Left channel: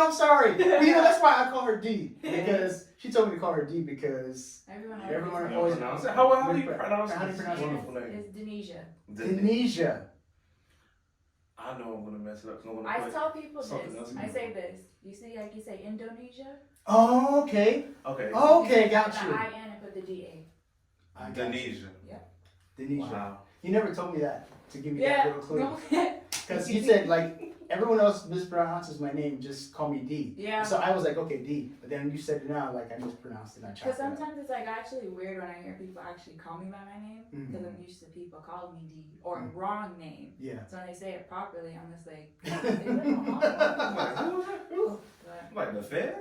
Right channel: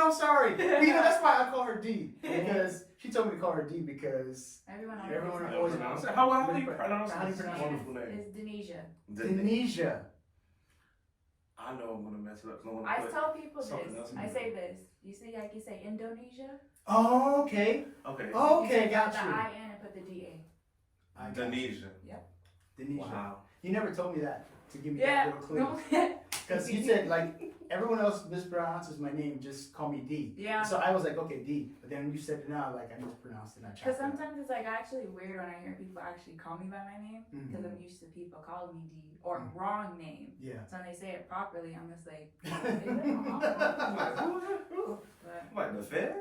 I'm sorry. Well, that's why I call her D, because she told me to call her D because everyone always pronounce it. How do you pronounce this wonderful name? It's Danesia. Danesia. I know I'm gonna mess it up. I tell people this. I say this. You see, like you say Indonesia. Oh, okay. Okay. Okay, got you. you. The I-N and put the D-A. Danesia. Yep. Danesia. Wow. You never told me that to give me that little clue. No. Because you said, like, everyone else mispronounces my name, just call me D. Yeah. So I was like, okay, D. But then you said it now, like, I mispronounced it. Because sometimes it's, like, actually weird when I hear people actually call me by my name. Because I'm used to people calling me D. Or wrong name. Yeah. So when they say it properly, I'm just like, is it wrong? I'm like, who is that? Who? I'm like, the Fed?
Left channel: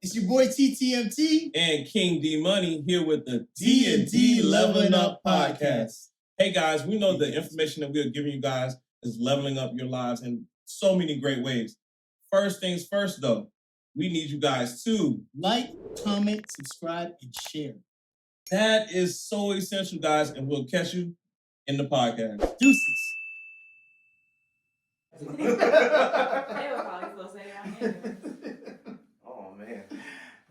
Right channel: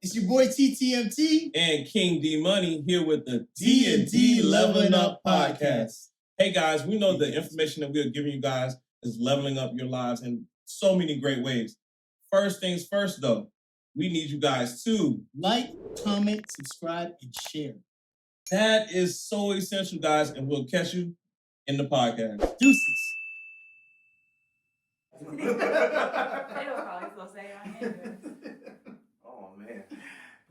It's your boy TTMT and King D Money here with the D&D Leveling Up Podcast. Hey guys, we know the information that we are giving you guys is leveling up your lives in so many great ways. First things first though, we need you guys to like, comment, subscribe, and share. That is so essential, guys, and we'll catch you in the podcast. Deuces. They were probably supposed to say it on here. Oh man.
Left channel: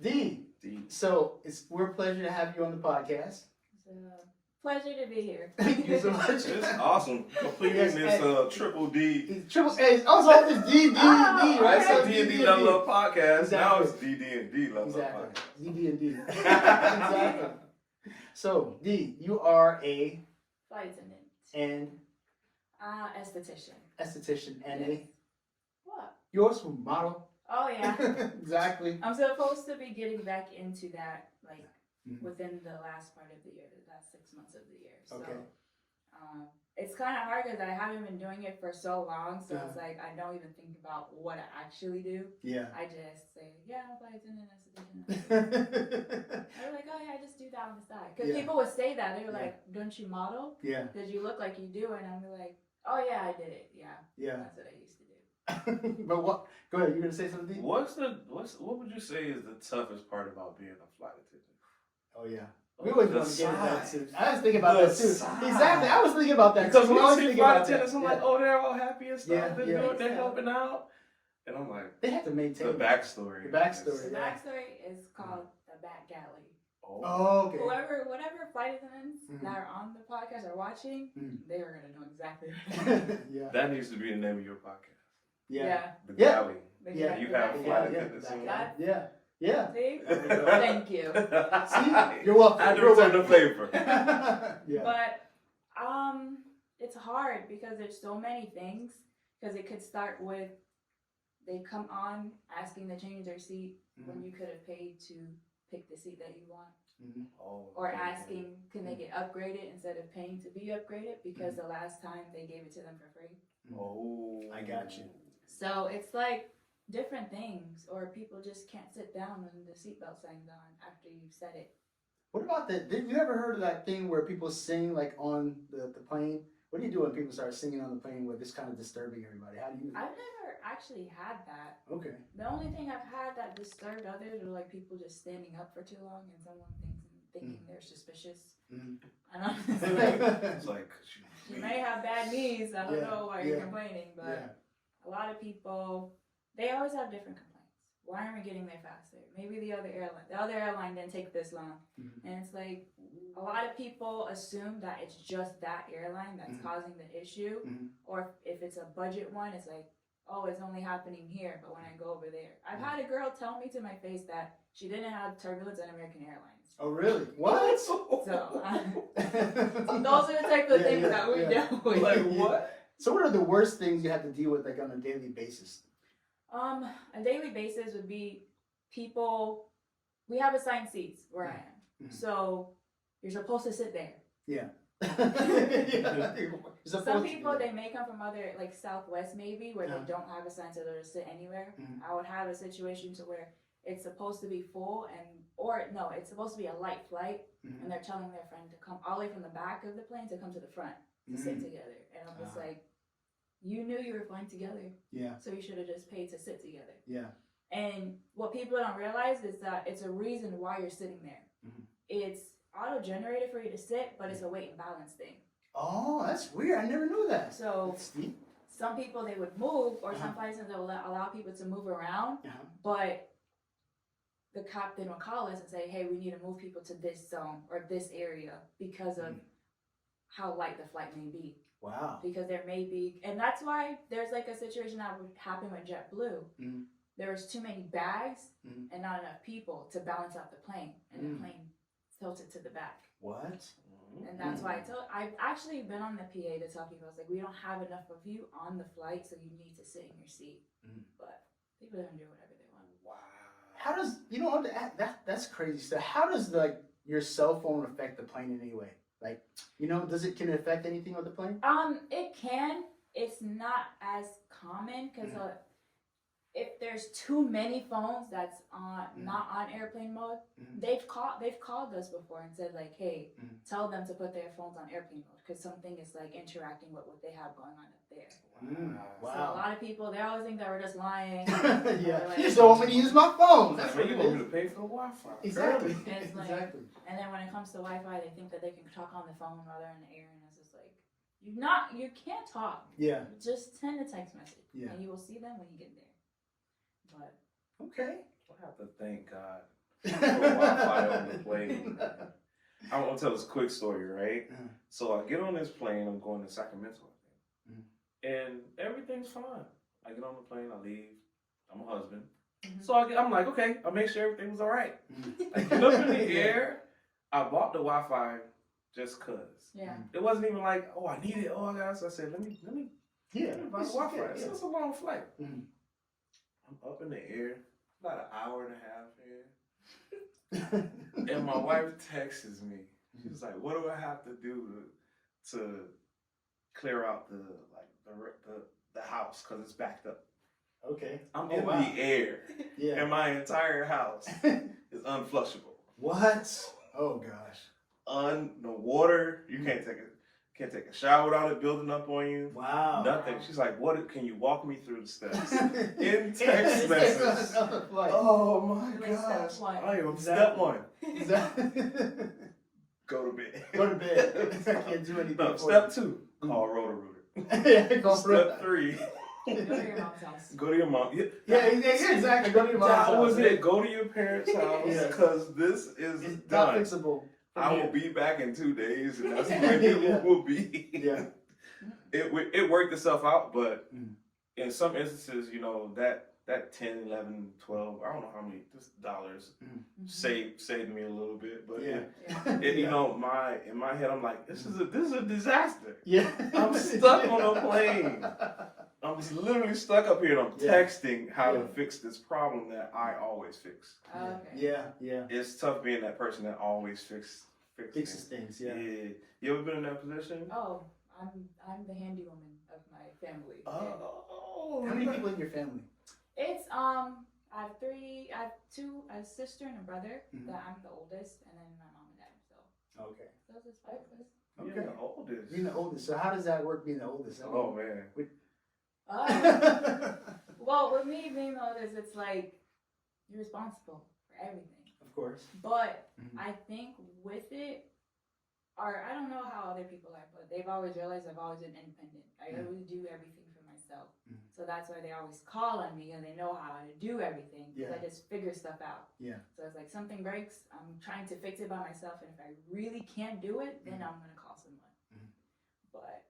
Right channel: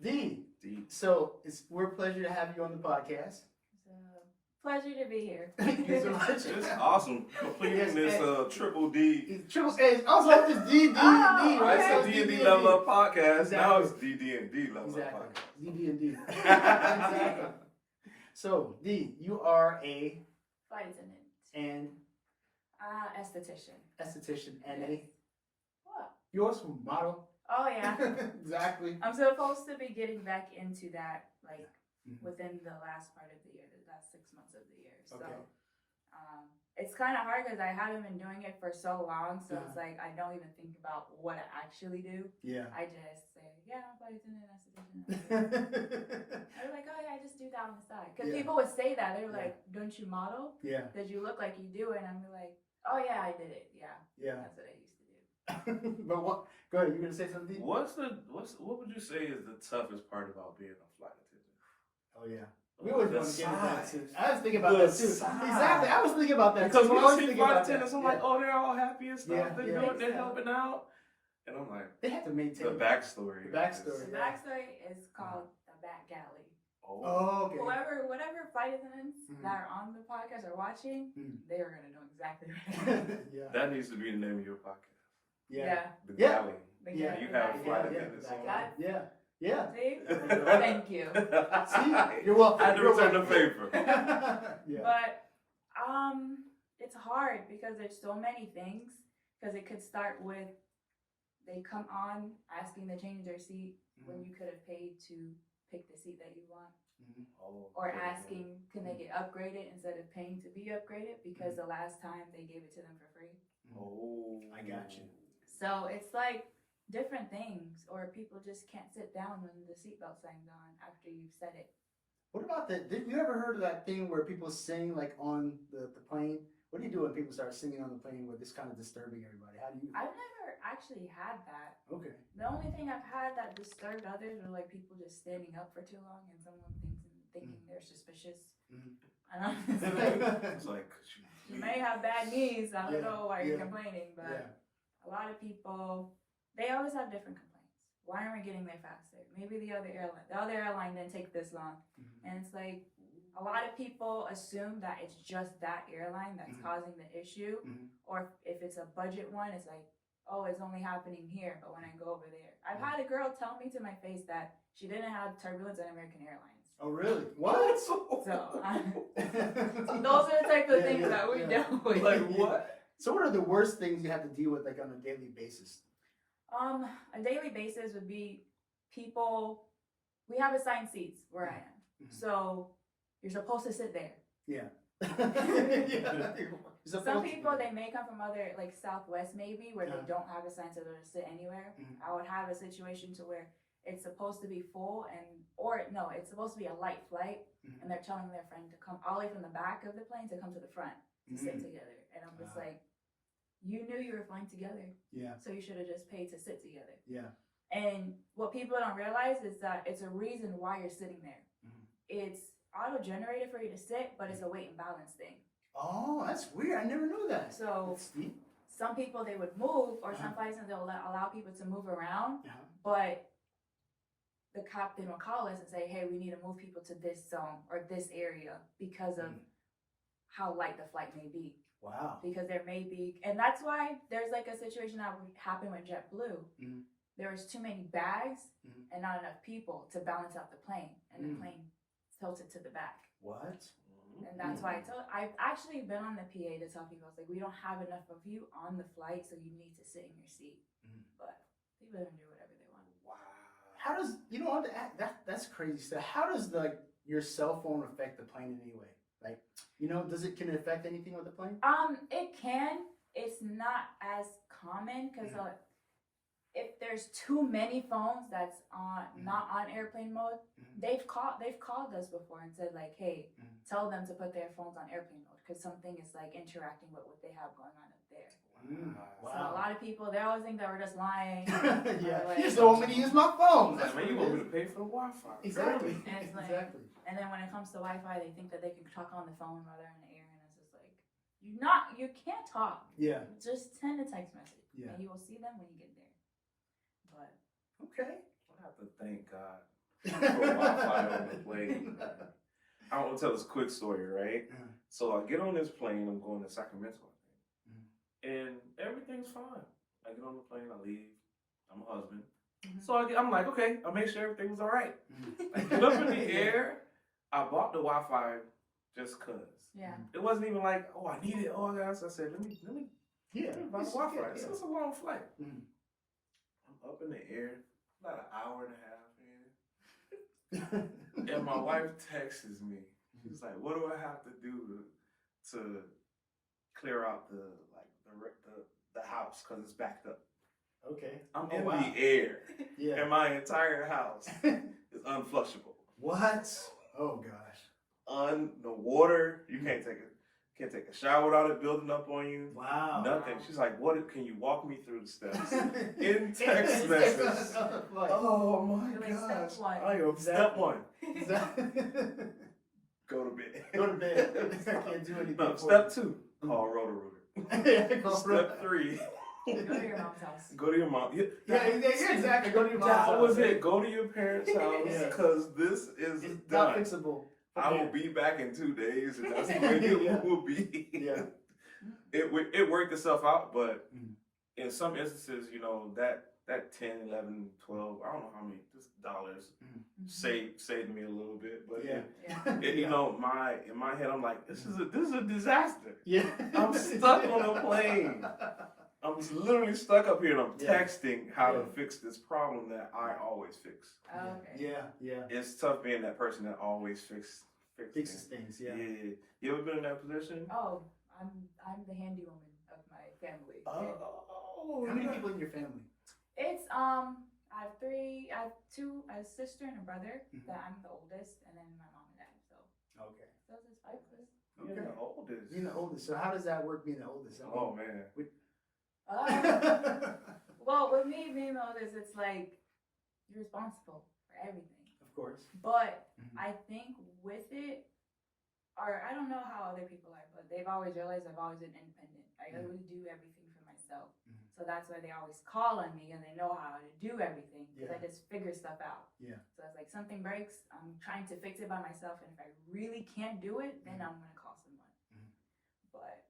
D. So we're a pleasure to have you on the podcast. It's a pleasure to be here. Thank you so much. It's awesome. Completing this triple D. Triple A. Also, it's D, right? That's a D&D Level Up Podcast. Exactly. Now it's D&D Level Up Podcast. D. Exactly. So, D, you are a flight attendant and aesthetician. And yes. a what? Yours from model. Oh yeah. Exactly. I'm supposed to be getting back into that within the last part of the year, the last 6 months of the year. So okay. It's kind of hard because I haven't been doing it for so long, so it's like I don't even think about what I actually do. Yeah. I just say, yeah, I'm a flight attendant, aesthetician. They're like, oh yeah, I just do that on the side. Because people would say that. They were like, don't you model? Yeah. Because you look like you do it. And I'm like, oh yeah, I did it. Yeah. Yeah. That's what I used to do. But what? Go ahead. You gonna say something? What would you say is the toughest part about being a flight attendant? Oh yeah. We always want to get into that too. I was thinking about that too. Exactly. I was thinking about that because too. when I see flight attendants, I'm like, oh, they're all happy and stuff. Yeah, They're helping out, and I'm like, they have to maintain the backstory. The backstory is called the back galley. Oh, okay. Whatever flight attendants that are on the podcast are watching, they are gonna know exactly. Yeah. That needs to be the name of your podcast. Yeah. The galley. Yeah. You have flight attendants. Yeah. Yeah. See? Thank you. See? You're welcome. I had to return the favor. Yeah. But it's hard because there's so many things. Because it could start with they come on asking to change their seat when you could have paid to pick the seat that you want. Or asking can they get upgraded instead of paying to be upgraded because the last time they gave it to them for free. Oh, I got you. So it's like different things, or people just can't sit down when the seatbelt sign's on after you've said it. What about that? Did you ever heard of that thing where people sing like on the plane? What do you do when people start singing on the plane where it's kind of disturbing everybody? How do you? I've never actually had that. Okay. The only thing I've had that disturbed others are like people just standing up for too long and someone thinking they're suspicious. And I'm just like, it's like you may have bad knees. I don't know why you're complaining, but a lot of people, they always have different complaints. Why aren't we getting there faster? Maybe the other airline didn't take this long. And it's like a lot of people assume that it's just that airline that's causing the issue. Or if it's a budget one, it's like, oh, it's only happening here, but when I go over there. I've had a girl tell me to my face that she didn't have turbulence on American Airlines. Oh, really? What? So those are the type of things that we deal with. Like what? So what are the worst things you have to deal with like on a daily basis? A daily basis would be people, we have assigned seats where I am. So you're supposed to sit there. Yeah. Some people, they may come from other, like Southwest maybe, where they don't have assigned so they'll sit anywhere. I would have a situation to where it's supposed to be full it's supposed to be a light flight, and they're telling their friend to come all the way from the back of the plane to come to the front to sit together. And I'm just like, you knew you were flying together. Yeah. So you should have just paid to sit together. Yeah. And what people don't realize is that it's a reason why you're sitting there. Mhm. It's auto-generated for you to sit, but it's a weight and balance thing. Oh, that's weird. I never knew that. So That's deep. some people, they would move, or Uh-huh. some places they'll allow people to move around, Uh-huh. but the captain will call us and say, hey, we need to move people to this zone or this area because of how light the flight may be. Wow. Because there may be, and that's why there's like a situation that would happen with JetBlue. Mhm. There was too many bags Mhm. and not enough people to balance out the plane, and the plane tilted to the back. What? And that's why I've actually been on the PA to tell people, I was like, we don't have enough of you on the flight, so you need to sit in your seat. But people don't do whatever they want. Wow. How does that's crazy stuff. How does like your cell phone affect the plane in any way? Like, can it affect anything on the plane? It can. It's not as common because if there's too many phones that's not on airplane mode, they've called us before and said like, hey, tell them to put their phones on airplane mode because something is like interacting with what they have going on up there. Wow. So a lot of people, they always think that we're just lying. Yeah. Like, You just don't want me to use my phone. That's why you want me to pay for the Wi-Fi. Exactly. And it's like, Exactly. and then when it comes to Wi-Fi, they think that they can talk on the phone while they're in the air, and it's just like, you can't talk. Yeah. Just send a text message, Yeah. and you will see them when you get there. But Okay. I have to thank God for Wi-Fi on the plane. I want to tell this quick story, right? So I get on this plane. I'm going to Sacramento, I think, and everything's fine. I get on the plane. I leave. I'm a husband. So I'm like, okay, I'll make sure everything was all right. I get up in the air. I bought the Wi-Fi just cause. yeah, It wasn't even like, oh, I need it. Oh, I got it. So I said, let me Yeah. buy the Wi-Fi. Yeah. So it's a long flight. Mhm. I'm up in the air, about an hour and a half in. And my wife texts me. She's like, "What do I have to do to clear out the house because it's backed up?" Okay. I'm Oh, in wow. the air, Yeah. and my entire house is unflushable. What? Oh gosh. The water, you can't take a shower without it building up on you. Wow. Nothing. She's like, "What? Can you walk me through the steps?" In It's text message. like, Oh my Doing gosh! step one. I am Exactly. step one. Exactly. Go to bed. Go to bed. I can't do anything. No, for step 2, call Roto-Rooter. you. Go for Step 3, go to your mom's house. go to your mom. Yeah, exactly. Go to your mom's That house, was right? it. Go to your parents' house Yeah. because this is It's not done. fixable. I will be back in 2 days, and that's when Yeah. it will be. Yeah. It worked itself out, but Mm. in some instances, that 10, 11, 12, I don't know how many just dollars saved me a little bit, but Yeah. Yeah. in my head, I'm like, this is a disaster. Yeah. I'm stuck on a plane. I'm literally stuck up here, and I'm Yeah. texting how to Yeah. fix this problem that I always fix. Okay. Yeah. It's tough being that person that always fixes Fixes things. Yeah. You ever been in that position? Oh, I'm the handy woman of my family. Oh. How many people in your family? It's I have a sister and a brother. That I'm the oldest, and then my mom and dad. So Okay. those is 5 of us. You're Okay. the oldest. Being the oldest. So how does that work? Being the oldest. Oh man. Well, with me being the oldest, it's like you're responsible for everything. Of course. But I think with it, or I don't know how other people are, but they've always realized I've always been independent. I always do everything for myself. So that's why they always call on me and they know how to do everything because I just figure stuff out. Yeah. So it's like something breaks, I'm trying to fix it by myself, and if I really can't do it, then I'm gonna call someone. But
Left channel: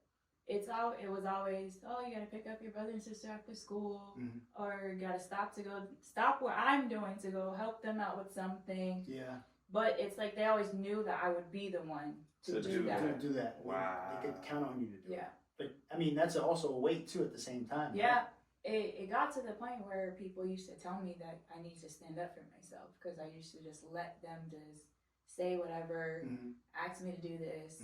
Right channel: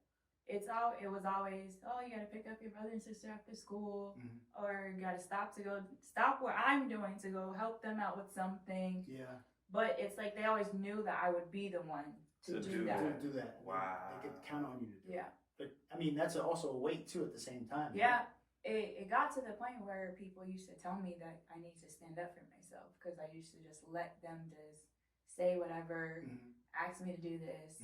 it was always, oh, you gotta pick up your brother and sister after school, or you gotta stop where I'm doing to go help them out with something. Yeah. But it's like they always knew that I would be the one to do that. To do that. Wow. They could count on you to do it. Yeah. But I mean, that's also a weight too at the same time. Yeah. Right? It got to the point where people used to tell me that I need to stand up for myself because I used to just let them just say whatever, ask me to do this,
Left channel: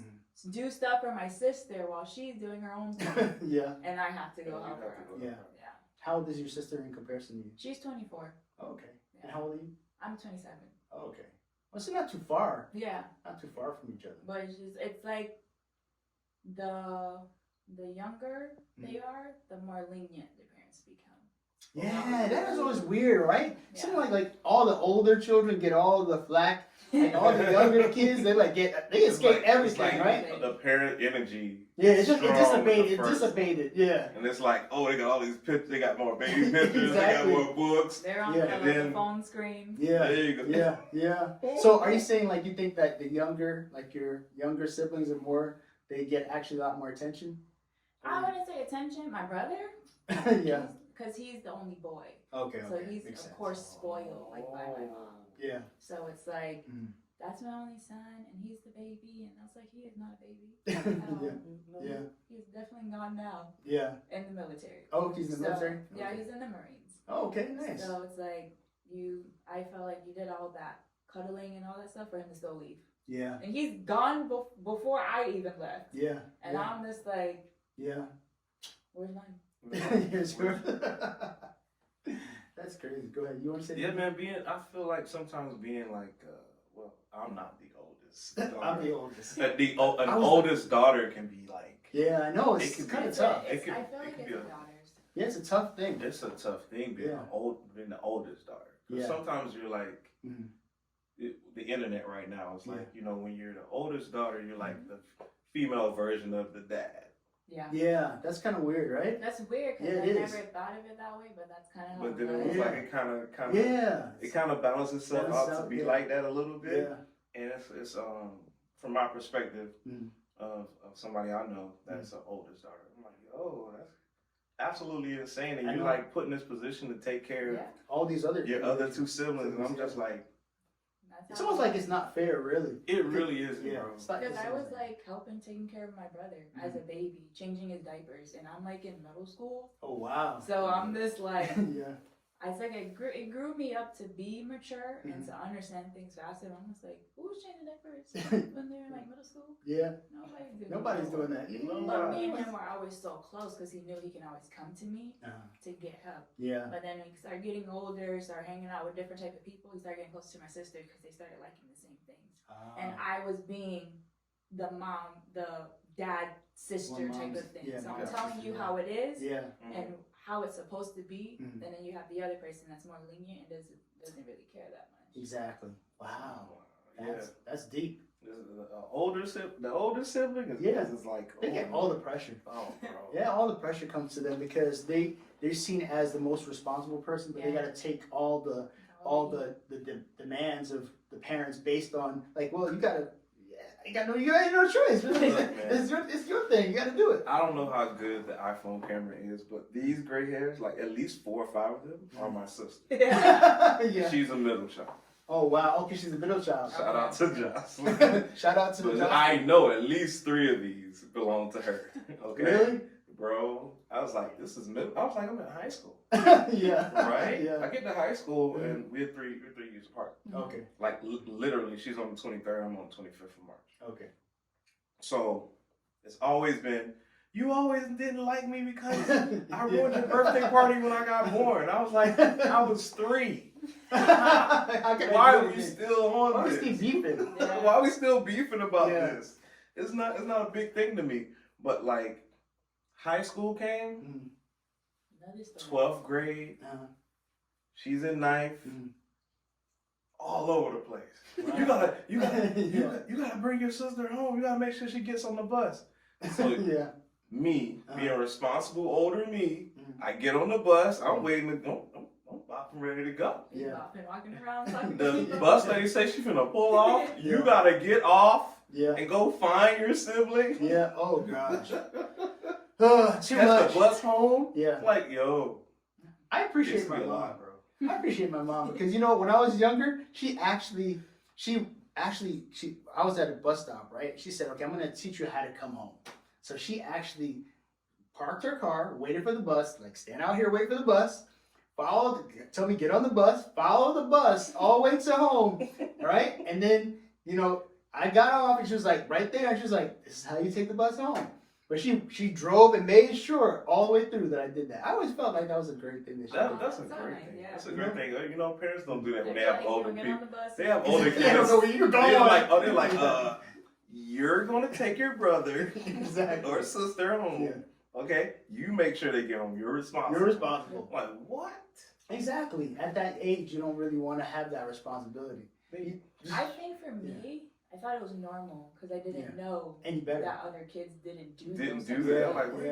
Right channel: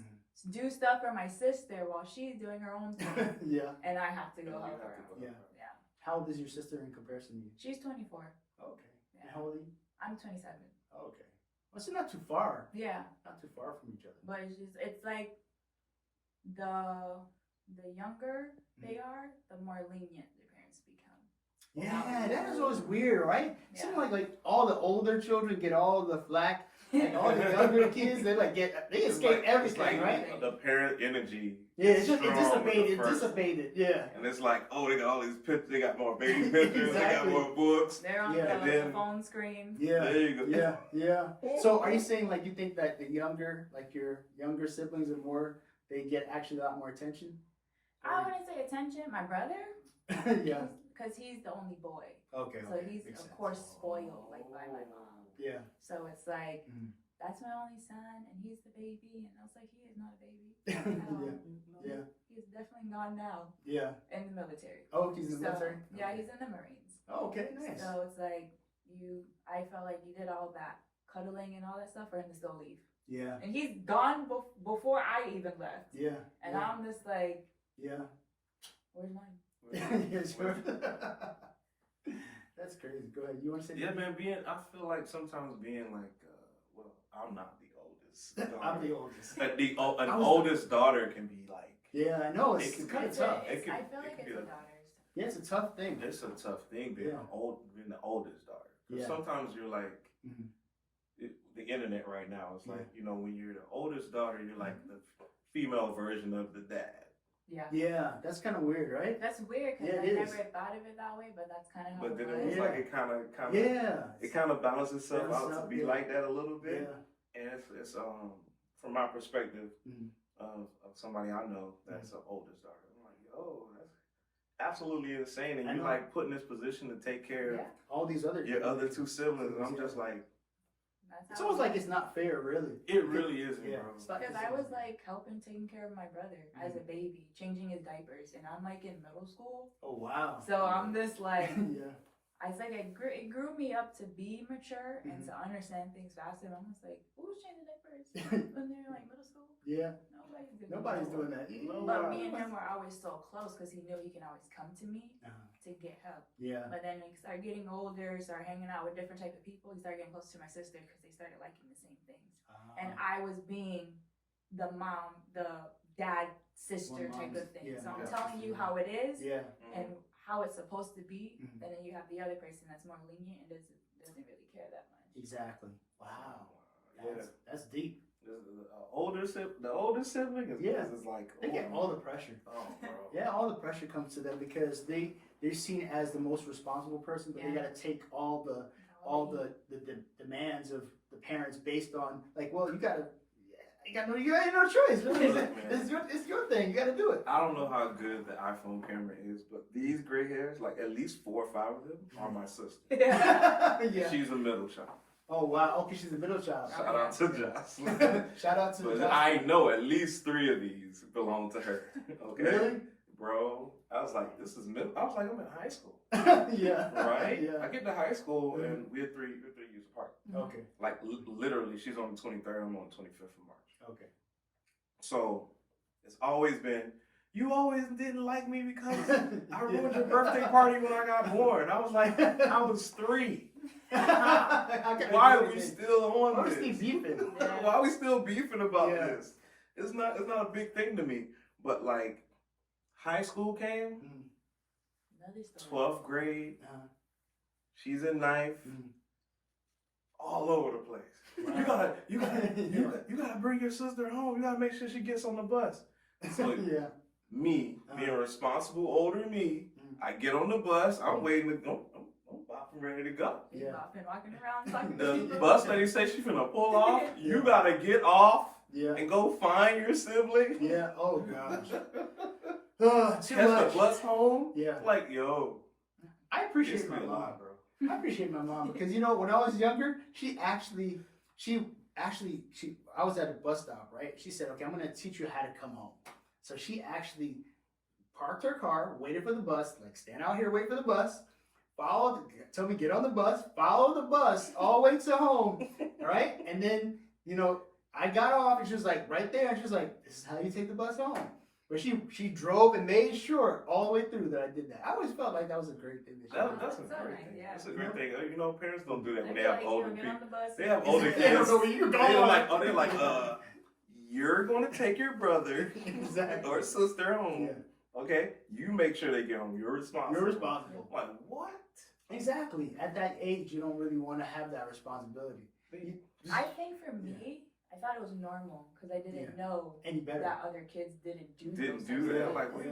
do stuff for my sister while she's doing her own thing. Yeah. And I have to go help her. Yeah. Yeah. How old is your sister in comparison to you? She's 24. Oh, okay. Yeah. And how old are you? I'm 27. Oh, okay. Well, so not too far. Yeah. Not too far from each other. But it's like the younger they are, the more lenient their parents become. Yeah, that is always weird, right? Yeah. Seems like all the older children get all the flack, and all the younger kids they escape everything, right? The parent energy. Yeah, it's strong with the it's first dissipated, yeah. And it's like, oh, they got all these pictures. They got more baby pictures. They got Exactly. more books. They're on Yeah. the phone screen. Yeah, There you go. yeah. So, are you saying like you think that your younger siblings are more? They get actually a lot more attention. I wouldn't say attention. My brother, Yeah. because he's the only boy, Okay. so Okay. he's Makes of sense. course spoiled like by my mom. Yeah. So it's like Mhm. that's my only son, and he's the baby, and I was like, he is not a baby. Yeah. He's definitely gone now Yeah. in the military. Oh, he's in the military. Yeah, Okay. he's in the Marines. Oh, okay. Nice. So it's like I felt like you did all that cuddling and all that stuff for him to still leave. Yeah. And he's gone before I even left. Yeah. And I'm just like, Yeah. where's mine? Here's yours. That's crazy. Go ahead. You want to say? Yeah, man. I feel like sometimes being like, well, I'm not the oldest. I'm the oldest. An oldest daughter can be like. Yeah, I know. It It's could kind be of tough. I It feel could like it's be the a- daughters. Yeah, it's a tough thing. It's a tough thing being being the oldest daughter. 'Cause Yeah. sometimes you're like, Mhm. the internet right now is like, Yeah. you know, when you're the oldest daughter, you're like the female version of the dad. Yeah. Yeah, that's kind of weird, right? That's weird because Yeah, I it never is. thought of it that way, but that's kind of how But then it it was was. Yeah. like it kind of Yeah. it kind of balances itself Balances out to out, be yeah. like that a little bit. Yeah. And it's from my perspective Mhm. of somebody I know that's the oldest daughter. I'm like, yo, that's absolutely insane, and I you're know. like put in this position to take care of Yeah. All these other your other two siblings, and I'm just like, That's It's how almost it like was. it's not fair, really. it really isn't, Yeah. bro. It's not Because just I was a- like helping taking care of my brother as a baby, changing his diapers, and I'm like in middle school. Oh wow. So I'm just like, Yeah. it's like it grew me up to be mature and to understand things faster. I'm just like, who's changing diapers when they're like middle school? Yeah. Nobody's doing Nobody's doing that. You know. But me and him were always so close because he knew he can always come to me to get help. Yeah. But then when he started getting older, started hanging out with different type of people, he started getting close to my sister because they started liking the same things. And I was being the mom, the dad, sister One type mom's- of thing. yeah, So I'm yeah, telling you sister, how it is Yeah. and how it's supposed to be. Mhm. And then you have the other person that's more lenient and doesn't really care that much. Exactly. Wow. Yeah. That's deep. The older sibling is, Yeah. is like, They get all the pressure. oh, bro. Yeah, all the pressure comes to them because they're seen as the most responsible person, but they Yeah. got to take all the demands of the parents based on like, well, you got no choice. It's your thing. You got to do it. I don't know how good the iPhone camera is, but these gray hairs, like at least 4 or 5 of them, are my sister. Yeah. She's a middle child. Oh wow. Okay, she's the middle child. Shout out to Jocelyn. Shout out to But the I know at least 3 of these belong to her. Okay, Really? bro. I was like, this is middle. I was like, I'm in high school, Yeah. right? Yeah. I get to high school and we're 3 years apart. Okay. Like literally, she's on the 23rd. I'm on the 25th of March. Okay. So it's always been, you always didn't like me because I ruined your birthday party when I got born. I was like, I was 3. Why are we still on Why are we this? still beefing? Yeah. Why are we still beefing about Yeah. this? It's not a big thing to me. But like high school came, Mm. Another story. 12th grade, Uh-huh. she's in 9th, Mm. all over the place. Wow. You gotta bring your sister home. You gotta make sure she gets on the bus. So Yeah. me, being Uh-huh. responsible older me, Mm. I get on the bus, I'm waiting I'm ready to go. He's Yeah. been walking around talking The to people. bus lady say she finna pull off. You Yeah. gotta get off Yeah. and go find your sibling. Yeah. Oh gosh. Too Catch much. the bus home. Yeah. Like, yo, I it's appreciate my me a mom. lot, bro. I appreciate my mom because when I was younger, I was at a bus stop, right? She said, "Okay, I'm gonna teach you how to come home." So she actually parked her car, waited for the bus, like stand out here, wait for the bus, tell me get on the bus, follow the bus all the way to home, all right? And then I got off and she was like right there, and she was like, "This is how you take the bus home." But she drove and made sure all the way through that I did that. I always felt like that was a great thing that she did. That's a That's great nice, thing. yeah. That's a great thing. You know, parents don't do that They when they feel have like, older get people. on the bus. They have older Yeah, I don't kids. know where you're going. They're like, you're gonna take your brother Exactly. or sister home. Yeah. Okay, you make sure they get home. You're responsible. You're responsible. Like, what? Exactly. At that age, you don't really want to have that responsibility. I think for me, I thought it was normal because I didn't know Any better. that other kids didn't do that. I'm like, what?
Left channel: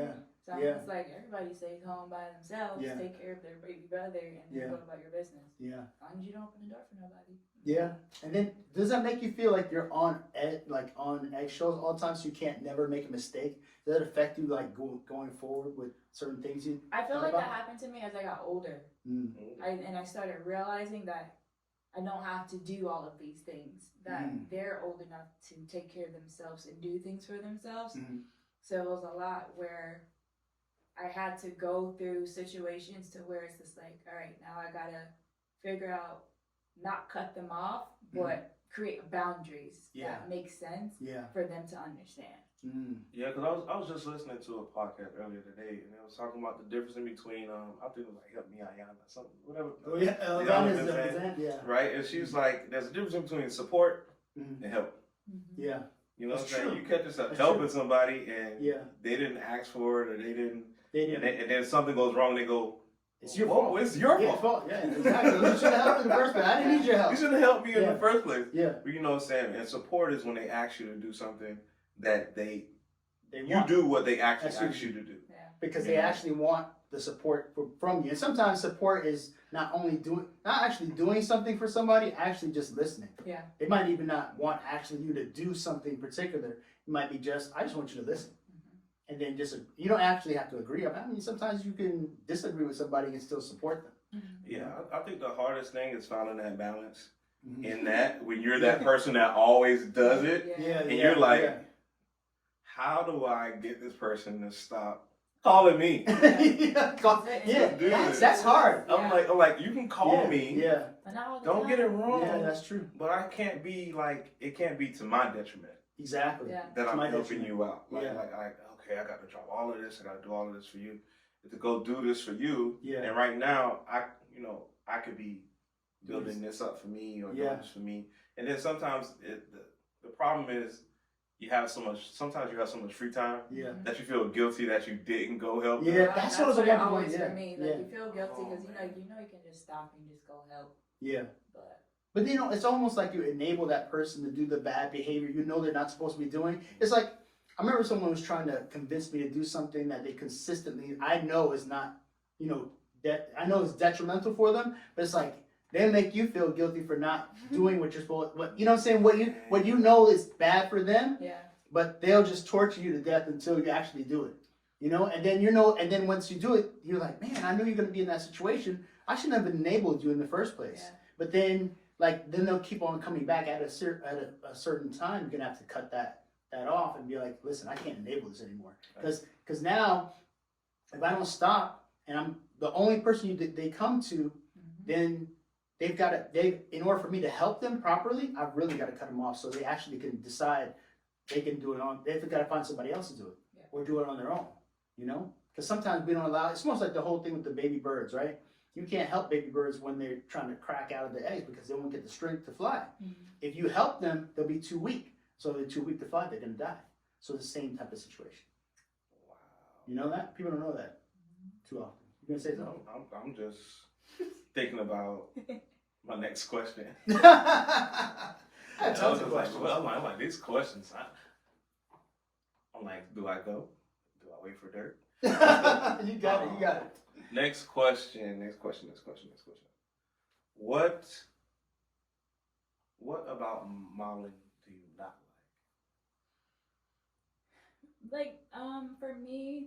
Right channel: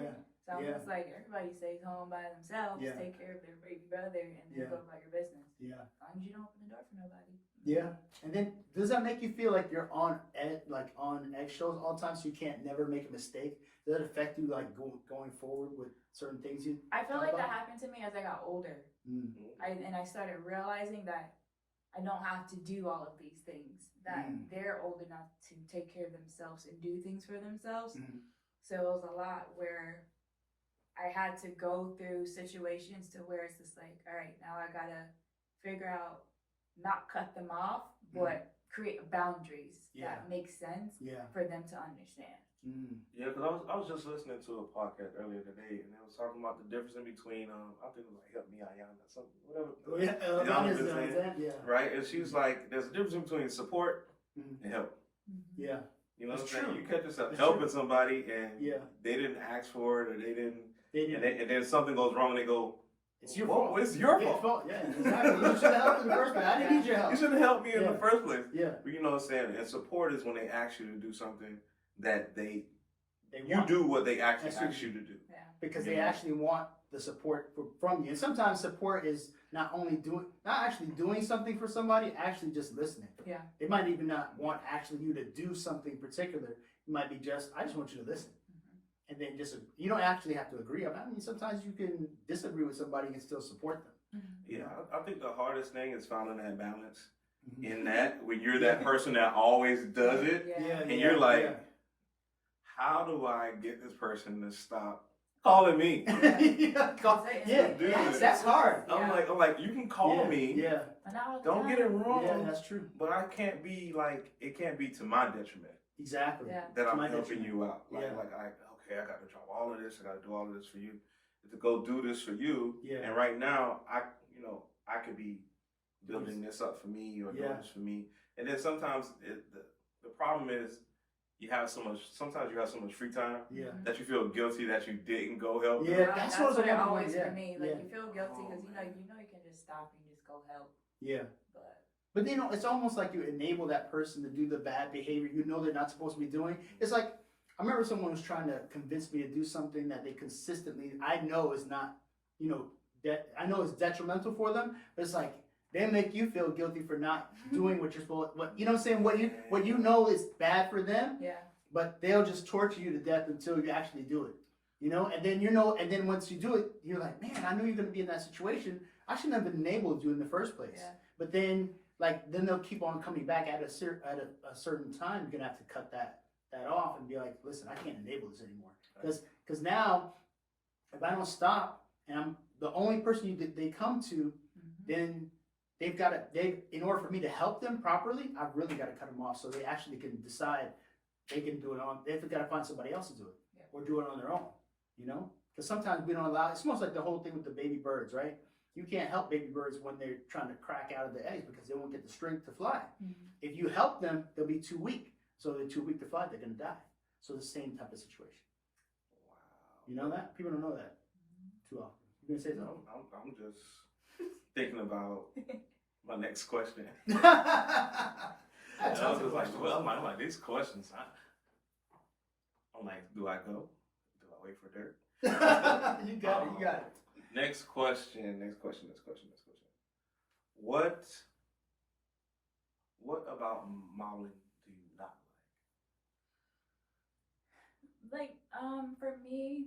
So Yeah. it's like everybody stays home by themselves, take care of their baby brother, and then go about your business. Yeah. As long as you don't open the door for nobody. Yeah. And then does that make you feel like you're on eggshells all the time, so you can't never make a mistake? Does that affect you like going forward with certain things you? I feel thought like about? that happened to me as I got older. I started realizing that I don't have to do all of these things. That they're old enough to take care of themselves and do things for themselves. So it was a lot where I had to go through situations to where it's just like, all right, now I gotta figure out, not cut them off, but create boundaries that make sense for them to understand. Yeah, because I was just listening to a podcast earlier today, and they was talking about the difference in between I think it was like Help Me Ayana, something, whatever. Oh yeah, right. And she's like, there's a difference between support and help. Yeah. You know That's what I'm saying? true. You catch yourself That's helping true. somebody, and they didn't ask for it, or they didn't. And then something goes wrong, and they go, it's your fault. fault. It's your fault. Yeah, exactly. You should have helped in the first place. I didn't need your help. You should have helped me in the first place. Yeah. But you know what I'm saying? And support is when they ask you to do something that you want. do what they actually ask you to do. Yeah. Because they actually want the support from you. And sometimes support is not actually doing something for somebody, actually just listening. Yeah. They might even not want actually you to do something particular. It might be just, I just want you to listen. And then you don't actually have to agree. I mean, sometimes you can disagree with somebody and still support them. Yeah, I think the hardest thing is finding that balance in that when you're that person that always does it, and you're like, how do I get this person to stop calling me? That's hard. I'm like, you can call me. Yeah. Don't get it wrong. Yeah, that's true. But I can't be like, it can't be to my detriment. Exactly. That I'm helping you out. Okay, I got to drop all of this. I got to do all of this for you. To go do this for you. Yeah. And right now, I could be building this up for me or doing this for me. And then sometimes the problem is sometimes you have so much free time that you feel guilty that you didn't go help. Yeah, that's what it always for me. Like you feel guilty because you can just stop and just go help. Yeah. But it's almost like you enable that person to do the bad behavior they're not supposed to be doing. It's like, I remember someone was trying to convince me to do something that they consistently, I know is not, that I know is detrimental for them, but it's like, they make you feel guilty for not doing what you're supposed to, you know what I'm saying? What you know is bad for them, but they'll just torture you to death until you actually do it, And then once you do it, you're like, man, I knew you're going to be in that situation. I shouldn't have enabled you in the first place. Yeah. But then they'll keep on coming back at a certain time. You're going to have to cut that off and be like, listen, I can't enable this anymore. Because now, if I don't stop and I'm the only person they come to, then in order for me to help them properly, I've really got to cut them off so they actually can decide they can do it they've got to find somebody else to do it or do it on their own, Because sometimes we don't allow, it's almost like the whole thing with the baby birds, right? You can't help baby birds when they're trying to crack out of the eggs because they won't get the strength to fly. If you help them, they'll be too weak. So they're too weak to fly, they're going to die. So the same type of situation. Wow. You know that? People don't know that too often. You're going to say something? I'm just thinking about my next question. I had tons of questions. I'm like, these questions, I'm like, do I go? Do I wait for dirt? You got it. Next question. What about modeling do you not like? For me,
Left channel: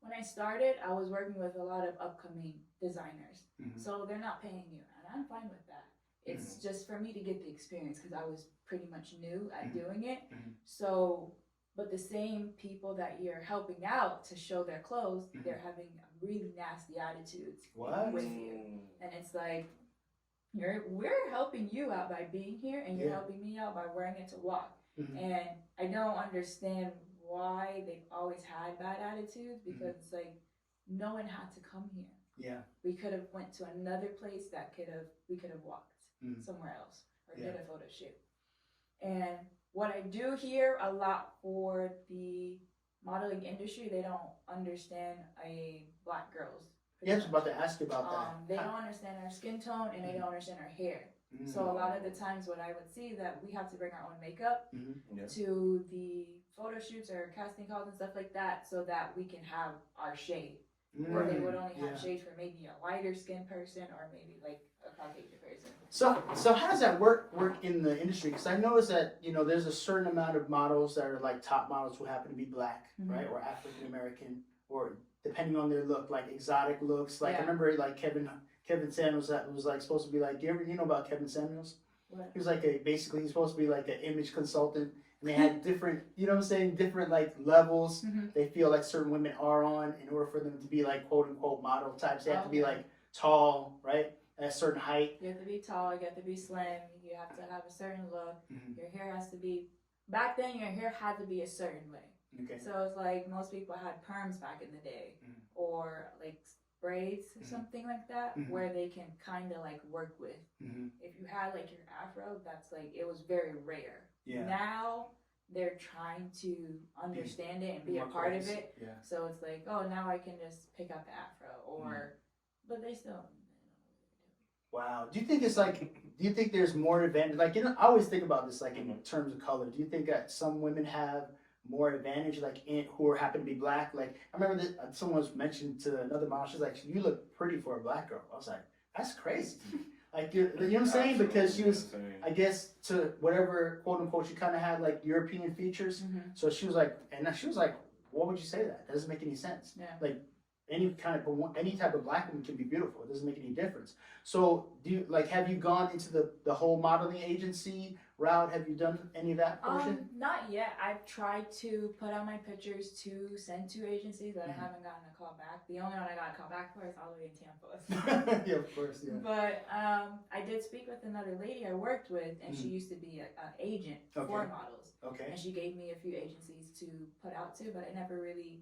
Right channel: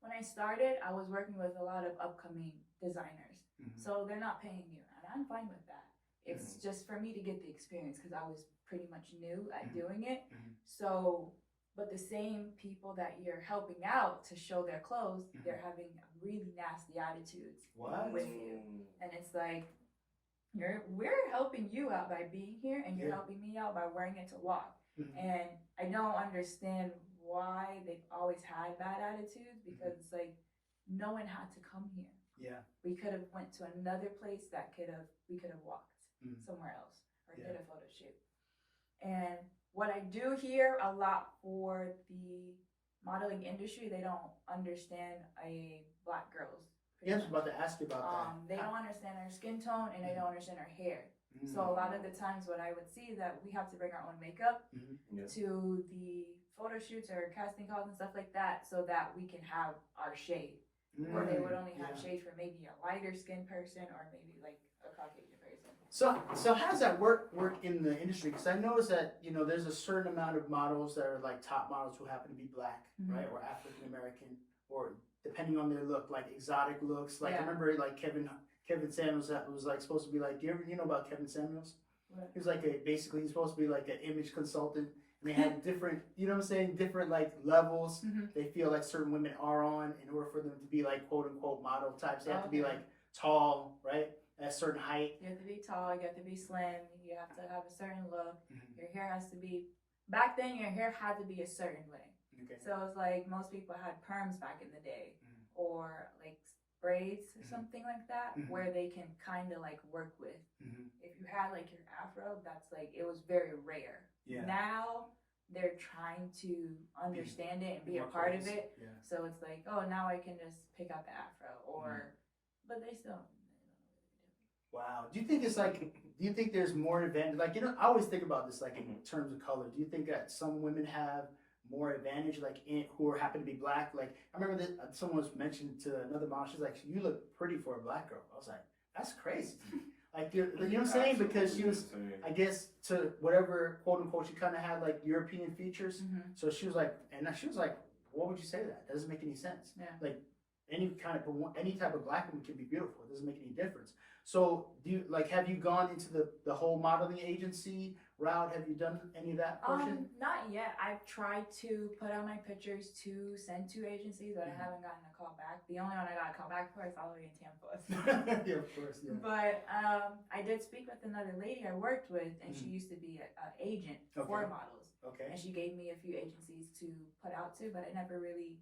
when I started, I was working with a lot of upcoming designers. So they're not paying you, and I'm fine with that. It's just for me to get the experience because I was pretty much new at doing it. So, but the same people that you're helping out to show their clothes, they're having really nasty attitudes with you. And it's like, we're helping you out by being here, and you're helping me out by wearing it to walk. And I don't understand why they've always had bad attitudes because it's like, no one had to come here. Yeah. We could have went to another place we could have walked somewhere else or did a photo shoot. And what I do here a lot for the modeling industry, they don't understand a black girl's. Yeah, I was about to ask you about that. They don't understand our skin tone and they don't understand our hair. So a lot of the times what I would see that we have to bring our own makeup to the photo shoots or casting calls and stuff like that so that we can have our shade. Or they would only have shade for maybe a lighter skinned person or maybe like a Caucasian person. So how does that work in the industry? Because I noticed that, you know, there's a certain amount of models that are like top models who happen to be black, right? Or African American, or depending on their look, like exotic looks. Like I remember like Kevin Samuels that was like supposed to be like, you know about Kevin Samuels? What? He was like basically he's supposed to be like an image consultant, and they had different, you know what I'm saying, different like levels they feel like certain women are on in order for them to be like quote unquote model types. They have to be like tall, right? At a certain height. You have to be tall, you have to be slim, you have to have a certain look. Your hair has to be, back then your hair had to be a certain way. Okay. So it's like most people had perms back in the day or like braids or something like that where they can kind of like work with. If you had like your afro, that's like, it was very rare. Now they're trying to understand it and be a part of it. So it's like, oh, now I can just pick out the afro or, but they still. Wow. Do you think it's like, do you think there's more advantage? Like, you know, I always think about this like in terms of color. Do you think that some women have more advantage, like who happen to be black? Like, I remember that someone was mentioned to another model. She's like, "You look pretty for a black girl." I was like, "That's crazy." Like, you know what I'm saying? Because she was, I guess, to whatever quote unquote, she kind of had like European features. So she was like, "What would you say that? That doesn't make any sense." Like, any type of black woman can be beautiful. It doesn't make any difference. So do you have you gone into the whole modeling agency route? Have you done any of that portion? Not yet. I've tried to put out my pictures to send to agencies, but I haven't gotten a call back. The only one I got a call back for is all the way in Tampa. Yeah, of course, yeah. But I did speak with another lady I worked with, and she used to be an agent for models. Okay. And she gave me a few agencies to put out to, but I never really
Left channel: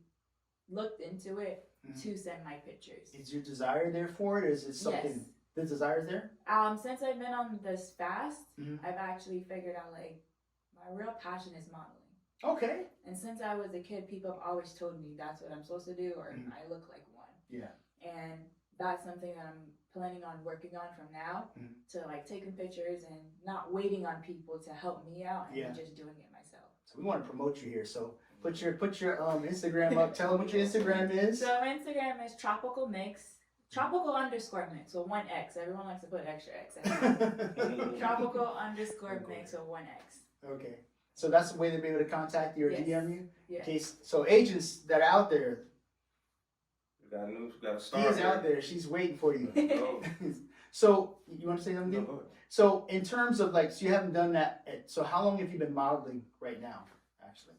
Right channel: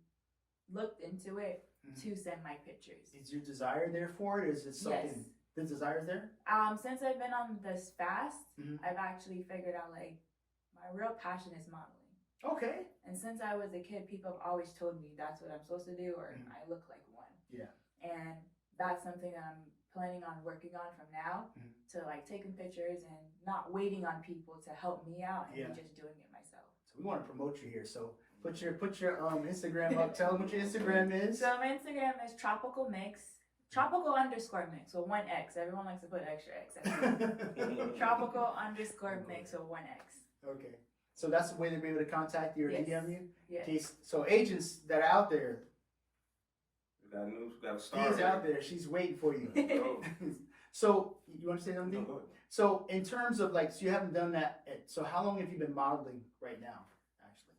looked into it to send my pictures. Is your desire there for it? Is it something? Yes. The desire's there? Since I've been on this fast, I've actually figured out like my real passion is modeling. Okay. And since I was a kid, people have always told me that's what I'm supposed to do, or I look like one. Yeah. And that's something that I'm planning on working on from now to like taking pictures and not waiting on people to help me out and me just doing it myself. So we want to promote you here. So put your Instagram up. Tell them what your Instagram is. So my Instagram is tropical mix. Tropical_mix, so 1X. Everyone likes to put extra X. Tropical_mix, so 1X. Okay. So that's the way to be able to contact you or DM you? Yes. So agents that are out there. Got to start. She's out there. She's waiting for you. So you want to say something? No, go ahead. So in terms of like, so you haven't done that. So how long have you been modeling right now, actually?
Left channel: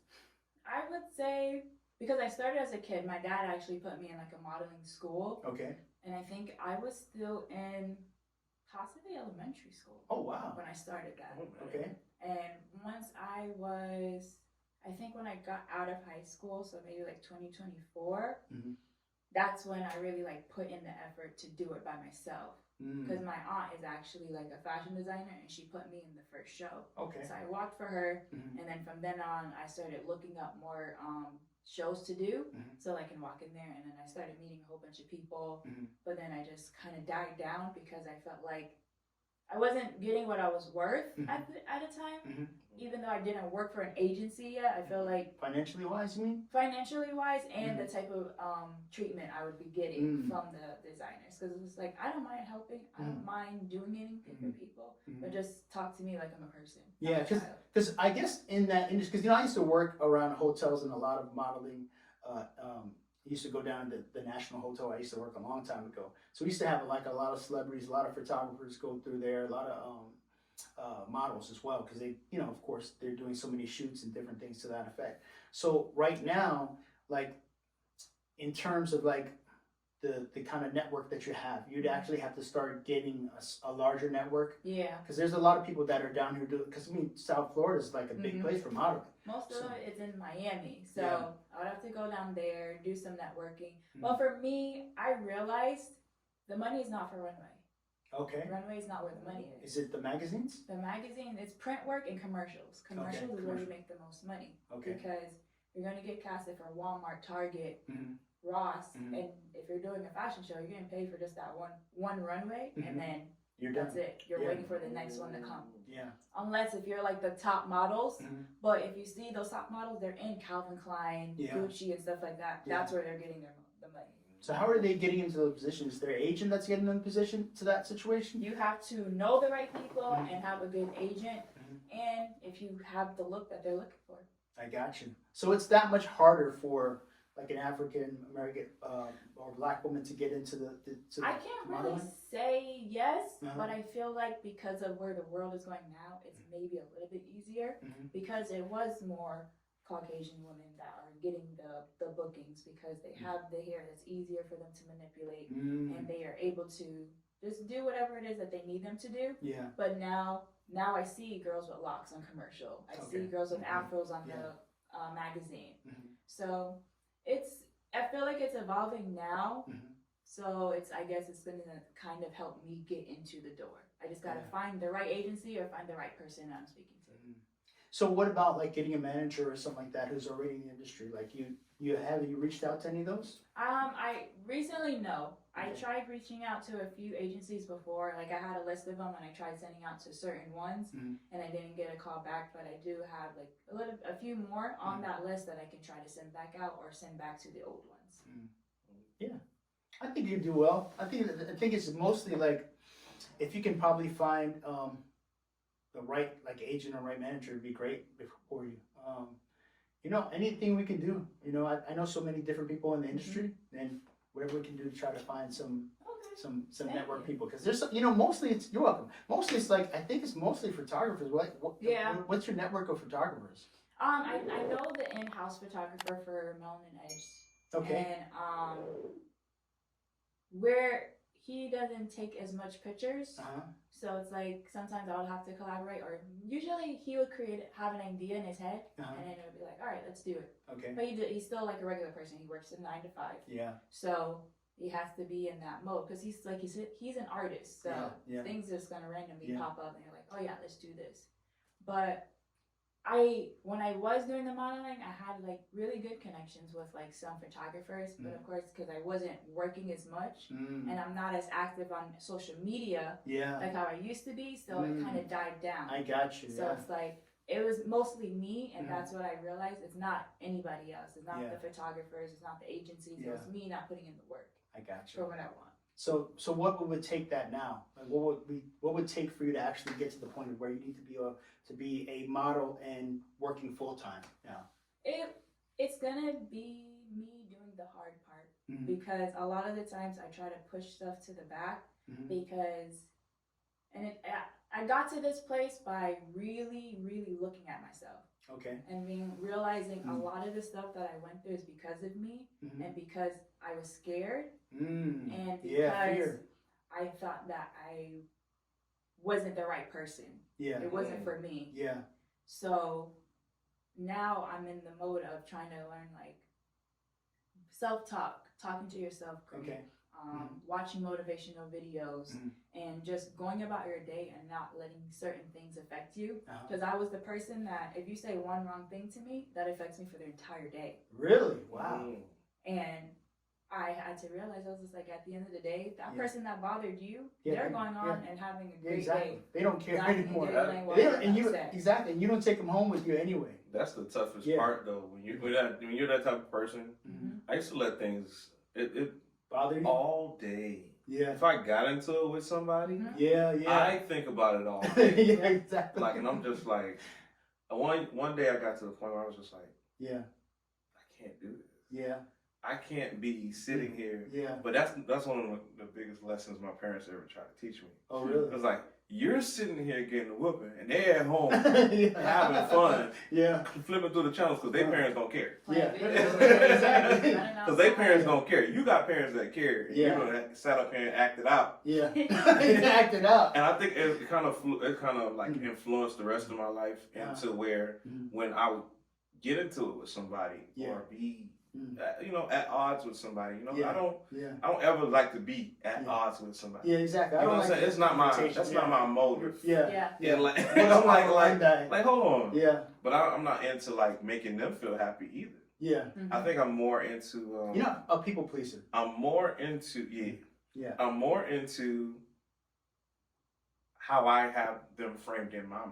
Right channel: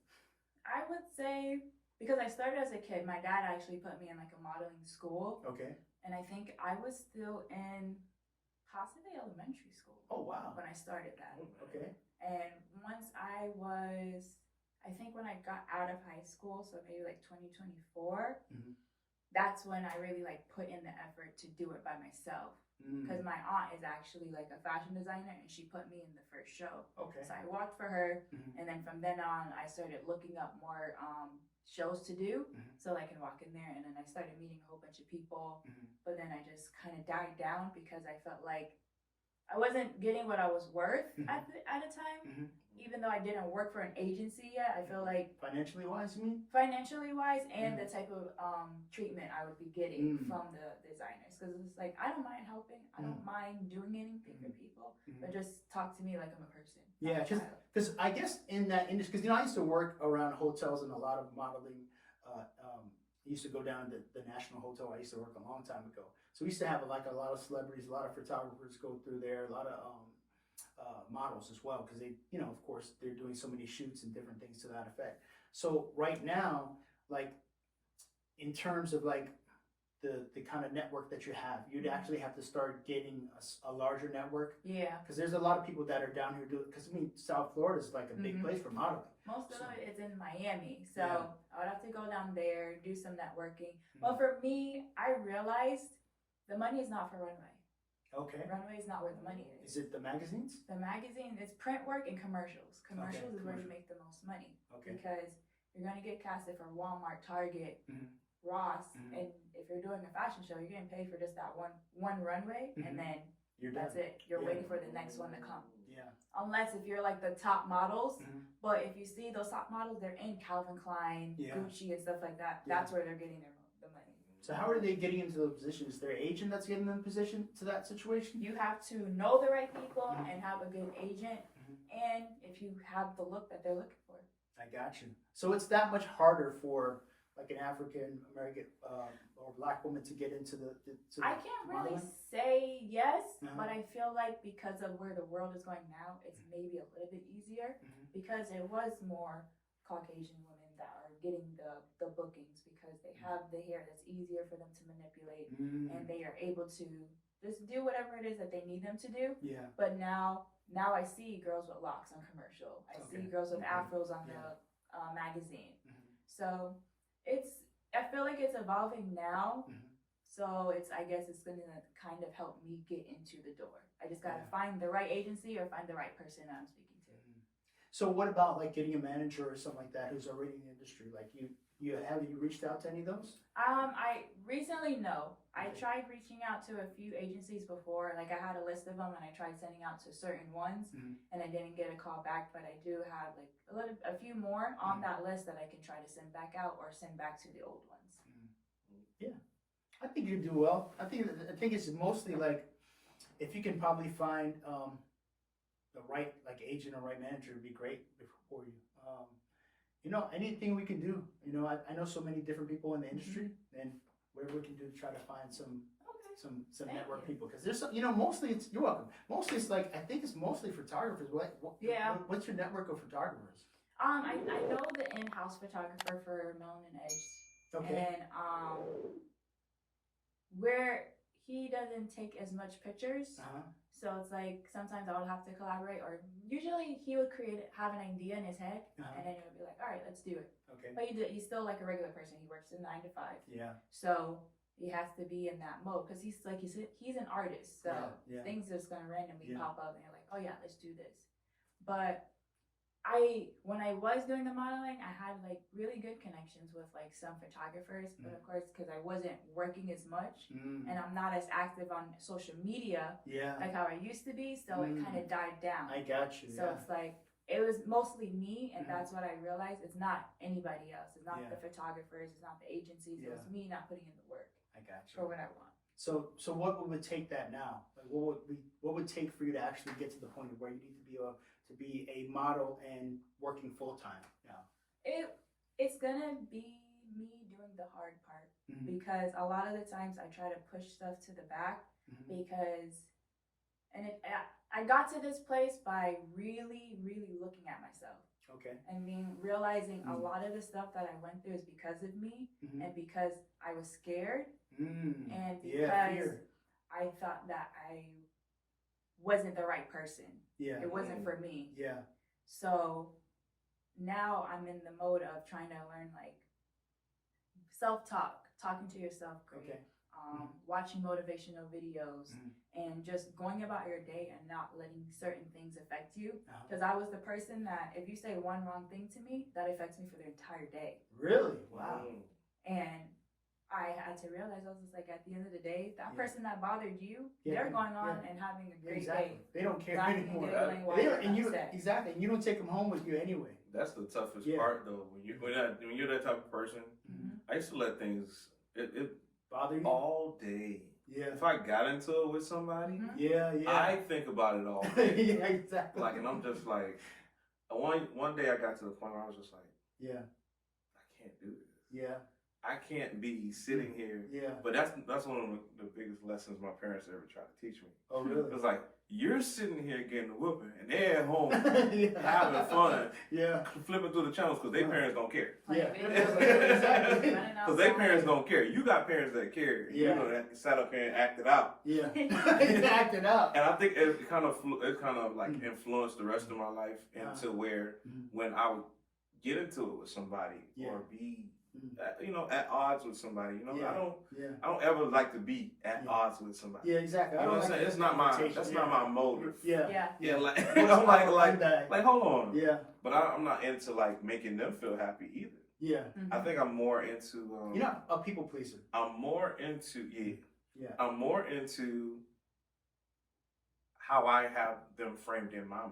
I would say, because I started as a kid, my dad actually put me in like a modeling school. Okay. And I think I was still in possibly elementary school. Oh, wow. When I started that. Okay. And once I think when I got out of high school, so maybe like 2024, that's when I really like put in the effort to do it by myself. Because my aunt is actually like a fashion designer and she put me in the first show. Okay. So I walked for her and then from then on I started looking up more shows to do so I can walk in there, and then I started meeting a whole bunch of people, but then I just kind of died down because I felt like I wasn't getting what I was worth at a time, even though I didn't work for an agency yet. I feel like financially wise, you mean? Financially wise, and the type of treatment I would be getting from the designers, because it was like, I don't mind helping, I don't mind doing anything for people, but just talk to me like I'm a person. Yeah, because I guess in that industry, because I used to work around hotels and a lot of modeling. I used to go down to the National Hotel. I used to work a long time ago, so we used to have like a lot of celebrities, a lot of photographers go through there, a lot of models as well, because they, you know, of course, they're doing so many shoots and different things to that effect. So right now, like in terms of like the kind of network that you have, you'd actually have to start getting a larger network. Yeah. Because there's a lot of people that are down here doing, because I mean, South Florida is like a big place for modeling. Most of it is in Miami. So I would have to go down there, do some networking. Well, for me, I realized the money is not for runway. Okay. Runway is not where the money is. Is it the magazines? The magazine, it's print work and commercials. Commercials is where you make the most money. Okay. Because you're going to get casted for Walmart, Target, Ross, and if you're doing a fashion show, you're getting paid for just that one runway, and then that's it. You're waiting for the next one to come. Yeah. Unless if you're like the top models, but if you see those top models, they're in Calvin Klein, Gucci, and stuff like that. That's where they're getting the money. So how are they getting into those positions? Is there an agent that's getting them position to that situation? You have to know the right people and have a good agent, and if you have the look that they're looking for. I got you. So it's that much harder for like an African American or Black woman to get into the I can't really modeling? say yes, but I feel like because of where the world is going now, it's maybe a little bit easier because it was more Caucasian women that are getting the bookings because they have the hair that's easier for them to manipulate and they are able to just do whatever it is that they need them to do. Yeah. But now I see girls with locks on commercial. I see girls with afros on the magazine. So I feel like it's evolving now. So I guess it's going to kind of help me get into the door. I just got to find the right agency or find the right person I'm speaking to. So what about like getting a manager or something like that who's already in the industry? Like you reached out to any of those? I recently no. I tried reaching out to a few agencies before. Like I had a list of them and I tried sending out to certain ones and I didn't get a call back, but I do have like a few more on that list that I can try to send back out or send back to the old ones. Yeah. I think you do well. I think it's mostly like if you can probably find the right like agent or right manager would be great for you. You know, anything we can do. You know, I know so many different people in the industry, and whatever we can do to try to find some network people, because there's some, you know, mostly it's, you're welcome. Mostly it's like I think it's mostly photographers. What's your network of photographers? I know the in-house photographer for Melanin Edge. Okay. And where he doesn't take as much pictures. So it's like sometimes I would have to collaborate, or usually he would have an idea in his head, and then it would be like, all right, let's do it. Okay. But he's still like a regular person. He works a 9 to 5. Yeah. So he has to be in that mode because he's an artist. So things just gonna randomly pop up, and you're like, oh yeah, let's do this. But when I was doing the modeling, I had like really good connections with like some photographers, but of course, because I wasn't working as much and I'm not as active on social media like how I used to be, so it kind of died down. I got you. So it's like, it was mostly me, and that's what I realized. It's not anybody else. It's not the photographers. It's not the agencies. It was me not putting in the work. I got you. For what I want. So what would take that now? Like what would take for you to actually get to the point of where you need to be a model and working full time now? It's gonna be me doing the hard part because a lot of the times I try to push stuff to the back because, I got to this place by really, really looking at myself. Okay. And realizing a lot of the stuff that I went through is because of me and because I was scared and because I thought that I wasn't the right person. Yeah. It wasn't for me. Yeah. So now I'm in the mode of trying to learn like self-talk, talking to yourself, Okay. watching motivational videos and just going about your day and not letting certain things affect you. Because I was the person that if you say one wrong thing to me, that affects me for the entire day. Really? Wow. And I had to realize, I was just like, at the end of the day, that person that bothered you, they're going on and having a great day. They don't care anymore. And you don't take them home with you anyway. That's the toughest part, though. When you're that type of person, I used to let things it bother you all day. Yeah. If I got into it with somebody, I think about it all day. Yeah, exactly. Like, and I'm just like, one day I got to the point where I was just like, I can't do this. Yeah. I can't be sitting here. Yeah. But that's one of the biggest lessons my parents ever tried to teach me. Oh, really? It was like, you're sitting here getting a whooping, and they're at home having fun, flipping through the channels because their parents don't care. Exactly. Because their parents don't care. You got parents that care. And you know, that sat up here and acted out. Yeah. Acted out. And I think it kind of like influenced the rest of my life into where when I would get into it with somebody or be at odds with somebody. I don't ever like to be at odds with somebody. Yeah, exactly. You know what I'm saying? It's not not my motive. Yeah. Like I'm like hold on. Yeah. But I'm not into like making them feel happy either. Yeah. I think I'm more into. You're not a people pleaser. I'm more into Yeah. I'm more into how I have them framed in my mind.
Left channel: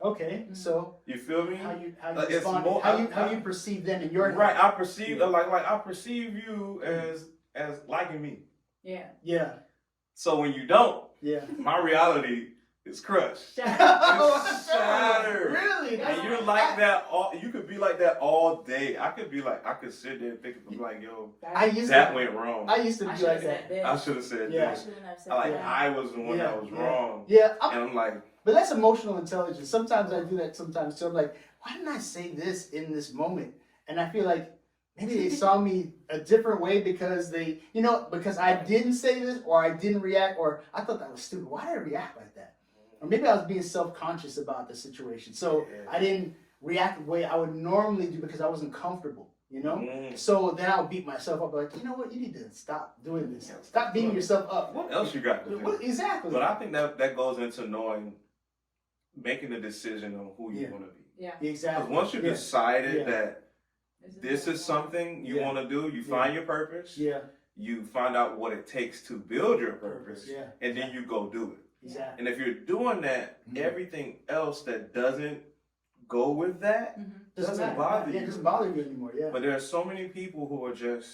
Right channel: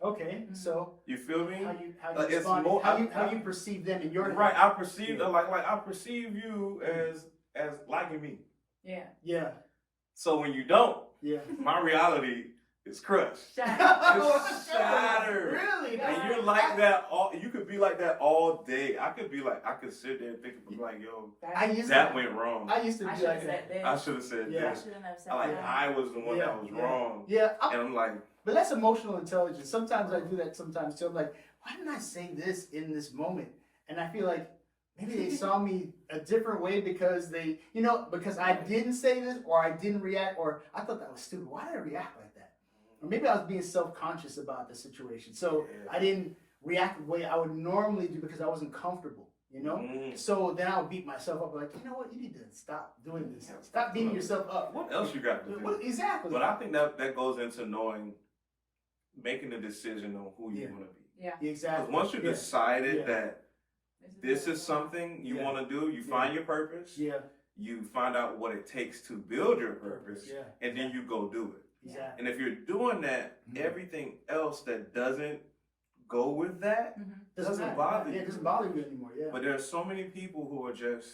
Okay, so You feel me? how you It's respond, more- how you perceive them in your Right. head. I perceive like I perceive you as liking me. Yeah. Yeah. So when you don't, Yeah. my reality is crushed. Shattered. Shattered. Really? And you're like that all. You could be like that all day. I could sit there and think of like, yo, that went wrong. I used to I be should like have that. said this. I should have said Yeah. I this. shouldn't have said Like that. I was the one that was wrong. Yeah. And I'm like, But that's emotional intelligence. Sometimes I do that sometimes too. I'm like, why didn't I say this in this moment? And I feel like maybe they saw me a different way because because I didn't say this or I didn't react or I thought that was stupid. Why did I react like that? Or maybe I was being self-conscious about the situation. So I didn't react the way I would normally do because I wasn't comfortable, So then I'll beat myself up like, you know what? You need to stop doing this. Stop beating yourself up. What else you got to do? Exactly. But I think that goes into making a decision on who you want to be. Yeah. Exactly. Because once you decided that this is what something you want to do, you find your purpose. Yeah. You find out what it takes to build your purpose. Yeah. And then you go do it. Exactly. And if you're doing that, everything else that doesn't go with that doesn't bother you. It doesn't bother you anymore. Yeah. But there are so many people who are just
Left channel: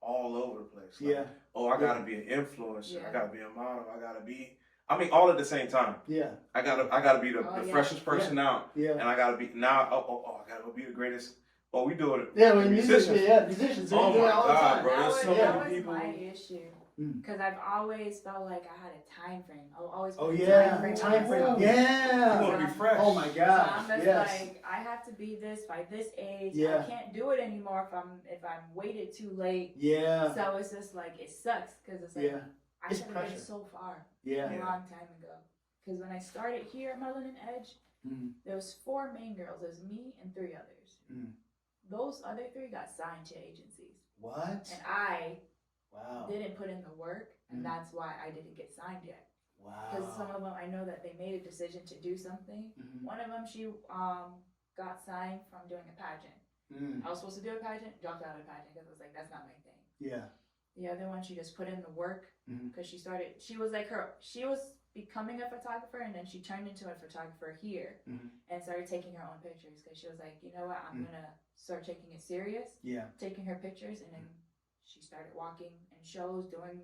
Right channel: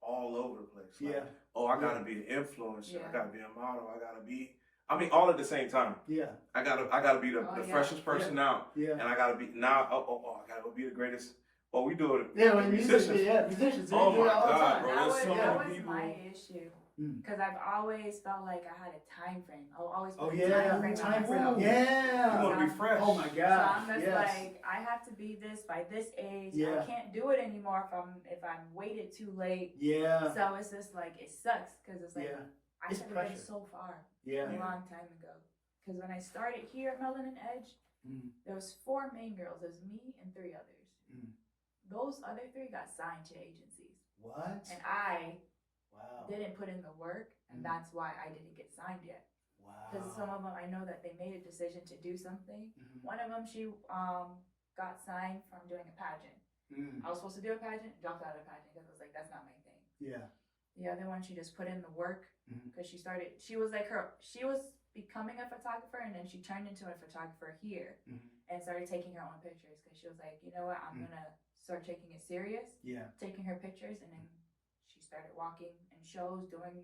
all over the place. Like, oh, I gotta be an influencer. Yeah. I gotta be a model. I gotta be. I mean, all at the same time. Yeah. I gotta be the freshest person out. Yeah. And I gotta be now. I gotta be the greatest. Well, we do it. Yeah, when musicians. Oh they do my it all the God, time. bro! There's so that many was people. my issue. Because I've always felt like I had a time frame. I always Oh put a yeah, time frame. time frame. You Yeah. want to be fresh. Oh my So God. I'm just Yes. like, I have to be this by this age. Yeah. I can't do it anymore if I'm waited too late. Yeah. So it's just like it sucks because it's like Yeah. I It's should have been pressure. so far Yeah. a long time ago. Because when I started here at Melanin Edge, there was 4 main girls. It was me and 3 others. Those other 3 got signed to agencies, What? and I Wow. didn't put in the work, and that's why I didn't get signed yet. Wow. Because some of them, I know that they made a decision to do something. One of them, she got signed from doing a pageant. I was supposed to do a pageant, dropped out of the pageant because I was like, that's not my thing. Yeah. The other one, she just put in the work because she was becoming a photographer, and then she turned into a photographer here and started taking her own pictures because she was like, you know what, I'm gonna start taking it serious. Yeah. Taking her pictures, and then she started walking in shows, doing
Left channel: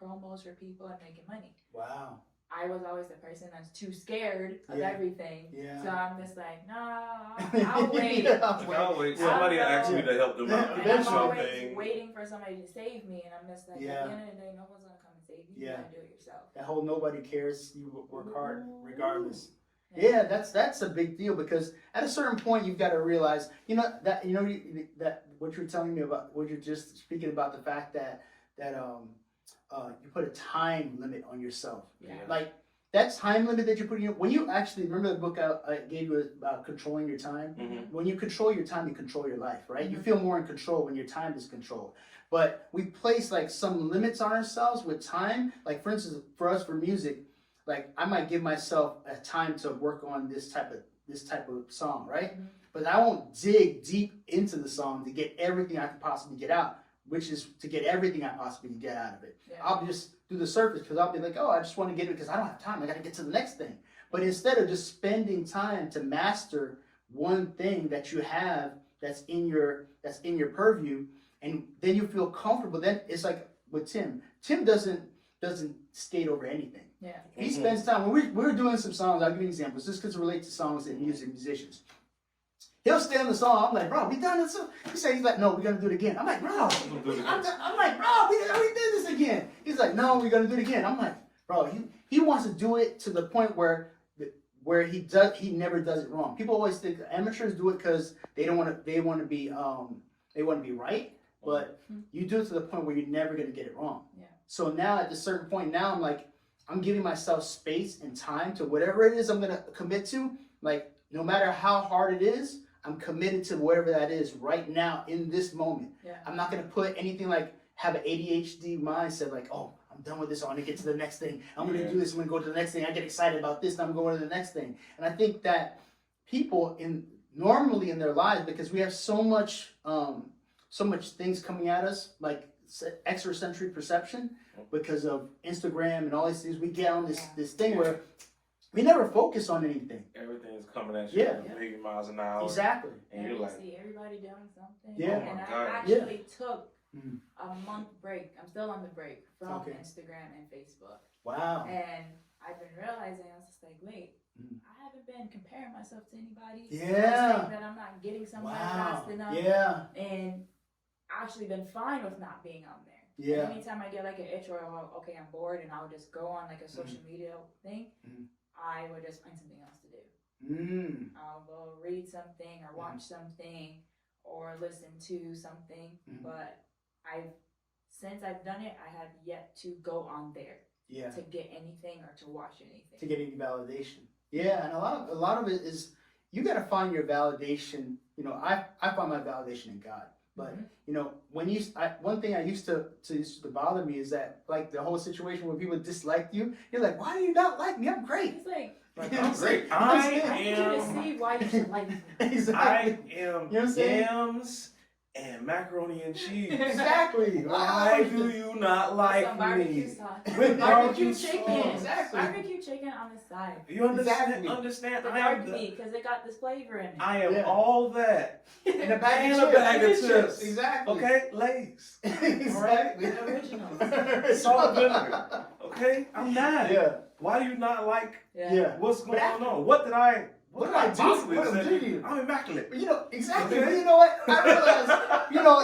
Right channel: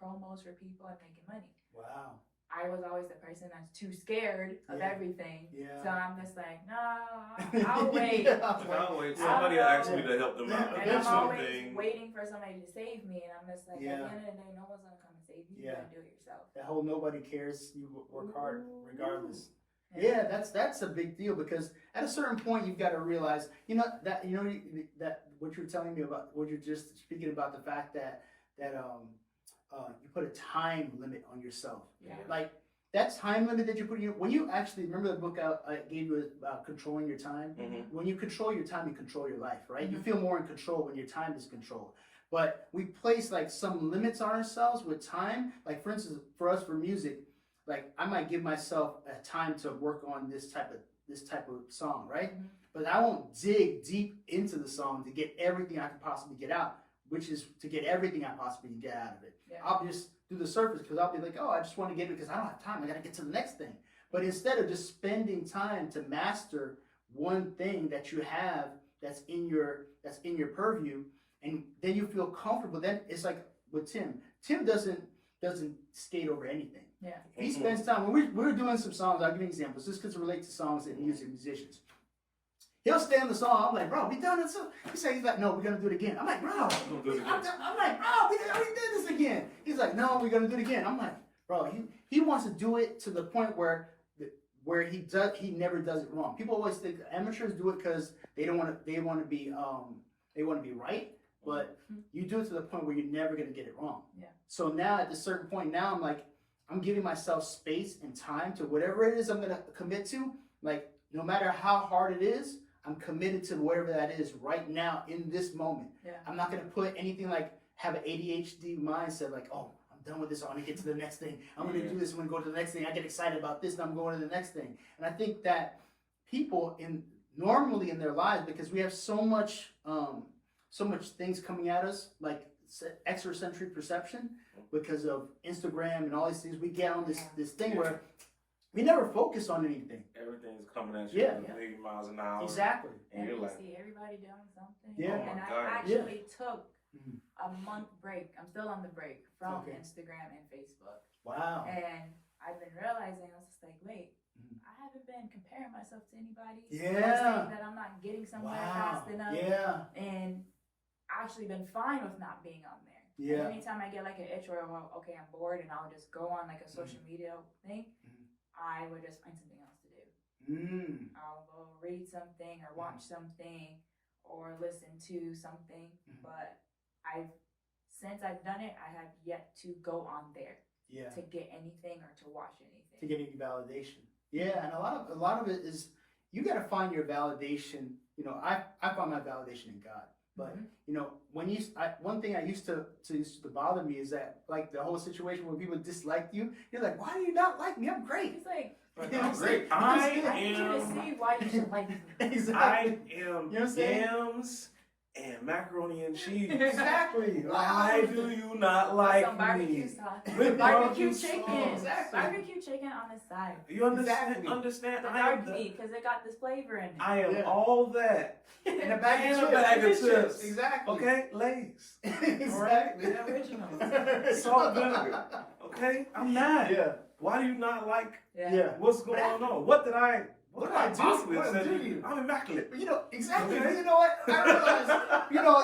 promos for people and making money. Wow. I was always the person that's too scared of everything. Yeah. So I'm just like, nah, I'll wait. I'll wait. Somebody asked me to help them out. And Do I'm always something. waiting for somebody to save me, and I'm just like, Yeah. at the end of the day, no one's gonna come and save you. You gotta do it yourself. That whole nobody cares. You work hard regardless. Yeah, that's a big deal because at a certain point you've got to realize, that what you're telling me about, what you're just speaking about, the fact that you put a time limit on yourself. Yeah. Like that time limit that you put in when you actually remember the book I gave you about controlling your time. When you control your time, you control your life, right? You feel more in control when your time is controlled. But we place like some limits on ourselves with time. Like for instance, for us for music, like I might give myself a time to work on this type of song, right? But I won't dig deep into the song to get everything I can possibly get out, which is to get everything I possibly can get out of it. Yeah. I'll just do the surface because I'll be like, oh, I just want to get it because I don't have time. I got to get to the next thing. But instead of just spending time to master one thing that you have that's in your purview, and then you feel comfortable, then it's like with Tim. Tim doesn't skate over anything. Yeah. He spends time when we're doing some songs. I'll give you examples just because it relates to songs and musicians. He'll stay on the song. I'm like, bro, we done this. He's like, no, we're gonna do it again. I'm like, bro, I'm like, bro, we did this again. He's like, no, we're gonna do it again. I'm like, bro, he wants to do it to the point where he never does it wrong. People always think amateurs do it because they want to be right, but you do it to the point where you're never gonna get it wrong. Yeah. So now at a certain point, now I'm like, I'm giving myself space and time to whatever it is I'm gonna commit to. Like no matter how hard it is, I'm committed to whatever that is right now in this moment. Yeah. I'm not gonna put anything like have an ADHD mindset like, oh, I'm done with this. I want to get to the next thing. I'm gonna do this. I'm gonna go to the next thing. I get excited about this. And I'm going to the next thing. And I think that people normally in their lives, because we have so much things coming at us, like extrasensory perception, because of Instagram and all these things. We get on this thing where we never focus on anything. Everything's coming at you at a million miles an hour. Exactly. And you're like, see everybody doing something. Yeah. And Oh my I God. actually took a month break. I'm still on the break from Instagram and Facebook. Wow. And I've been realizing, I was just like, wait, I haven't been comparing myself to anybody. Yeah. Saying that I'm not getting somewhere fast enough. Yeah. And actually been fine with not being on there. Yeah. And anytime I get like an itch or okay, I'm bored and I'll just go on like a social media thing, I would just find something else to do. I'll go read something or watch something or listen to something. But since I've done it, I have yet to go on there to get anything or to watch anything. To get any validation. Yeah, and a lot of it is you got to find your validation. You know, I find my validation in God. But you know, one thing I used to bother me is that, like, the whole situation where people dislike you, you're like, why do you not like me? I'm great. He's like, I'm great. I need you to see why you should like me. Exactly. I am You know what I'm saying? yams and macaroni and cheese. Exactly. Why do you not like some me? barbecue sauce. With Barbecue sauce. chicken. Exactly. Barbecue chicken on the side. You understand? Exactly. Understand? The I am dark meat, because it got this flavor in it. I am all that. And a And a bag of chips. Exactly. Okay, Lay's. Exactly. The original. Salt and vinegar. Okay, I'm not. Yeah. Why do you not like Yeah. what's going on? What did I? What did I do? possibly What did I say? do to you? I'm immaculate. You know, exactly. Okay. But you know what? I realized, you know,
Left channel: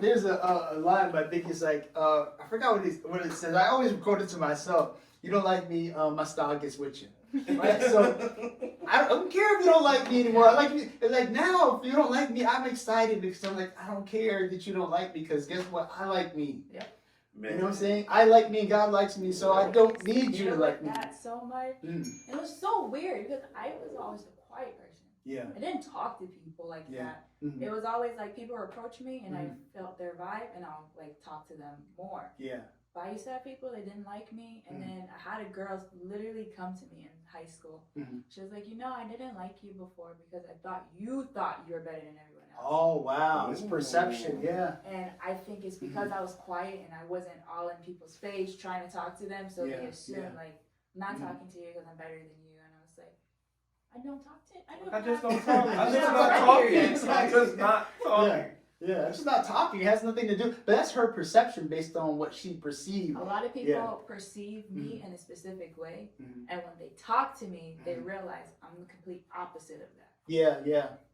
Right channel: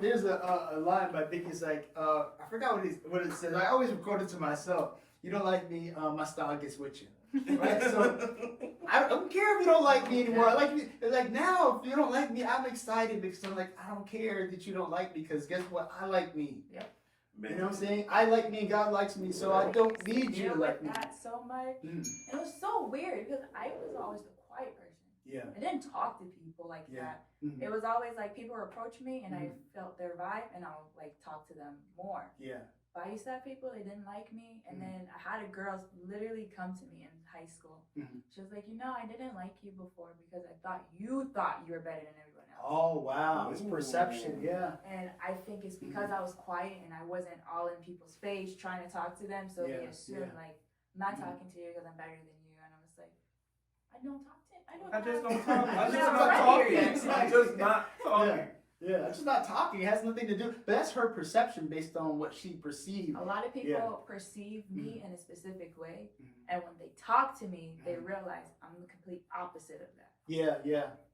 there's a line by Biggie. It's like, I forgot what it says. I always quote it to myself. You don't like me, my style gets with you. Right? So I don't care if you don't like me anymore. I like you. It's like, now, if you don't like me, I'm excited because I'm like, I don't care that you don't like me, because guess what? I like me. Yep. Man. You know what I'm saying? I like me and God likes me, so I don't need you to like me. That so much. It was so weird because I was always the quiet person. Yeah. I didn't talk to people like that. It was always like people would approach me and I felt their vibe and I'll like talk to them more. Yeah. But I used to have people that didn't like me, and then I had a girl literally come to me in high school. She was like, you know, I didn't like you before because I thought you were better than everyone else. Oh wow, it's perception. Yeah. And I think it's because I was quiet and I wasn't all in people's face trying to talk to them, so they assumed like, I'm not talking to you because I'm better than you, and I was like, I don't talk to. I just don't talk. I'm just not talking. I'm just not talking. Yeah, it's just not talking. It has nothing to do. But that's her perception based on what she perceived. A lot of people perceive me in a specific way, and when they talk to me, they realize I'm the complete opposite of that. Yeah,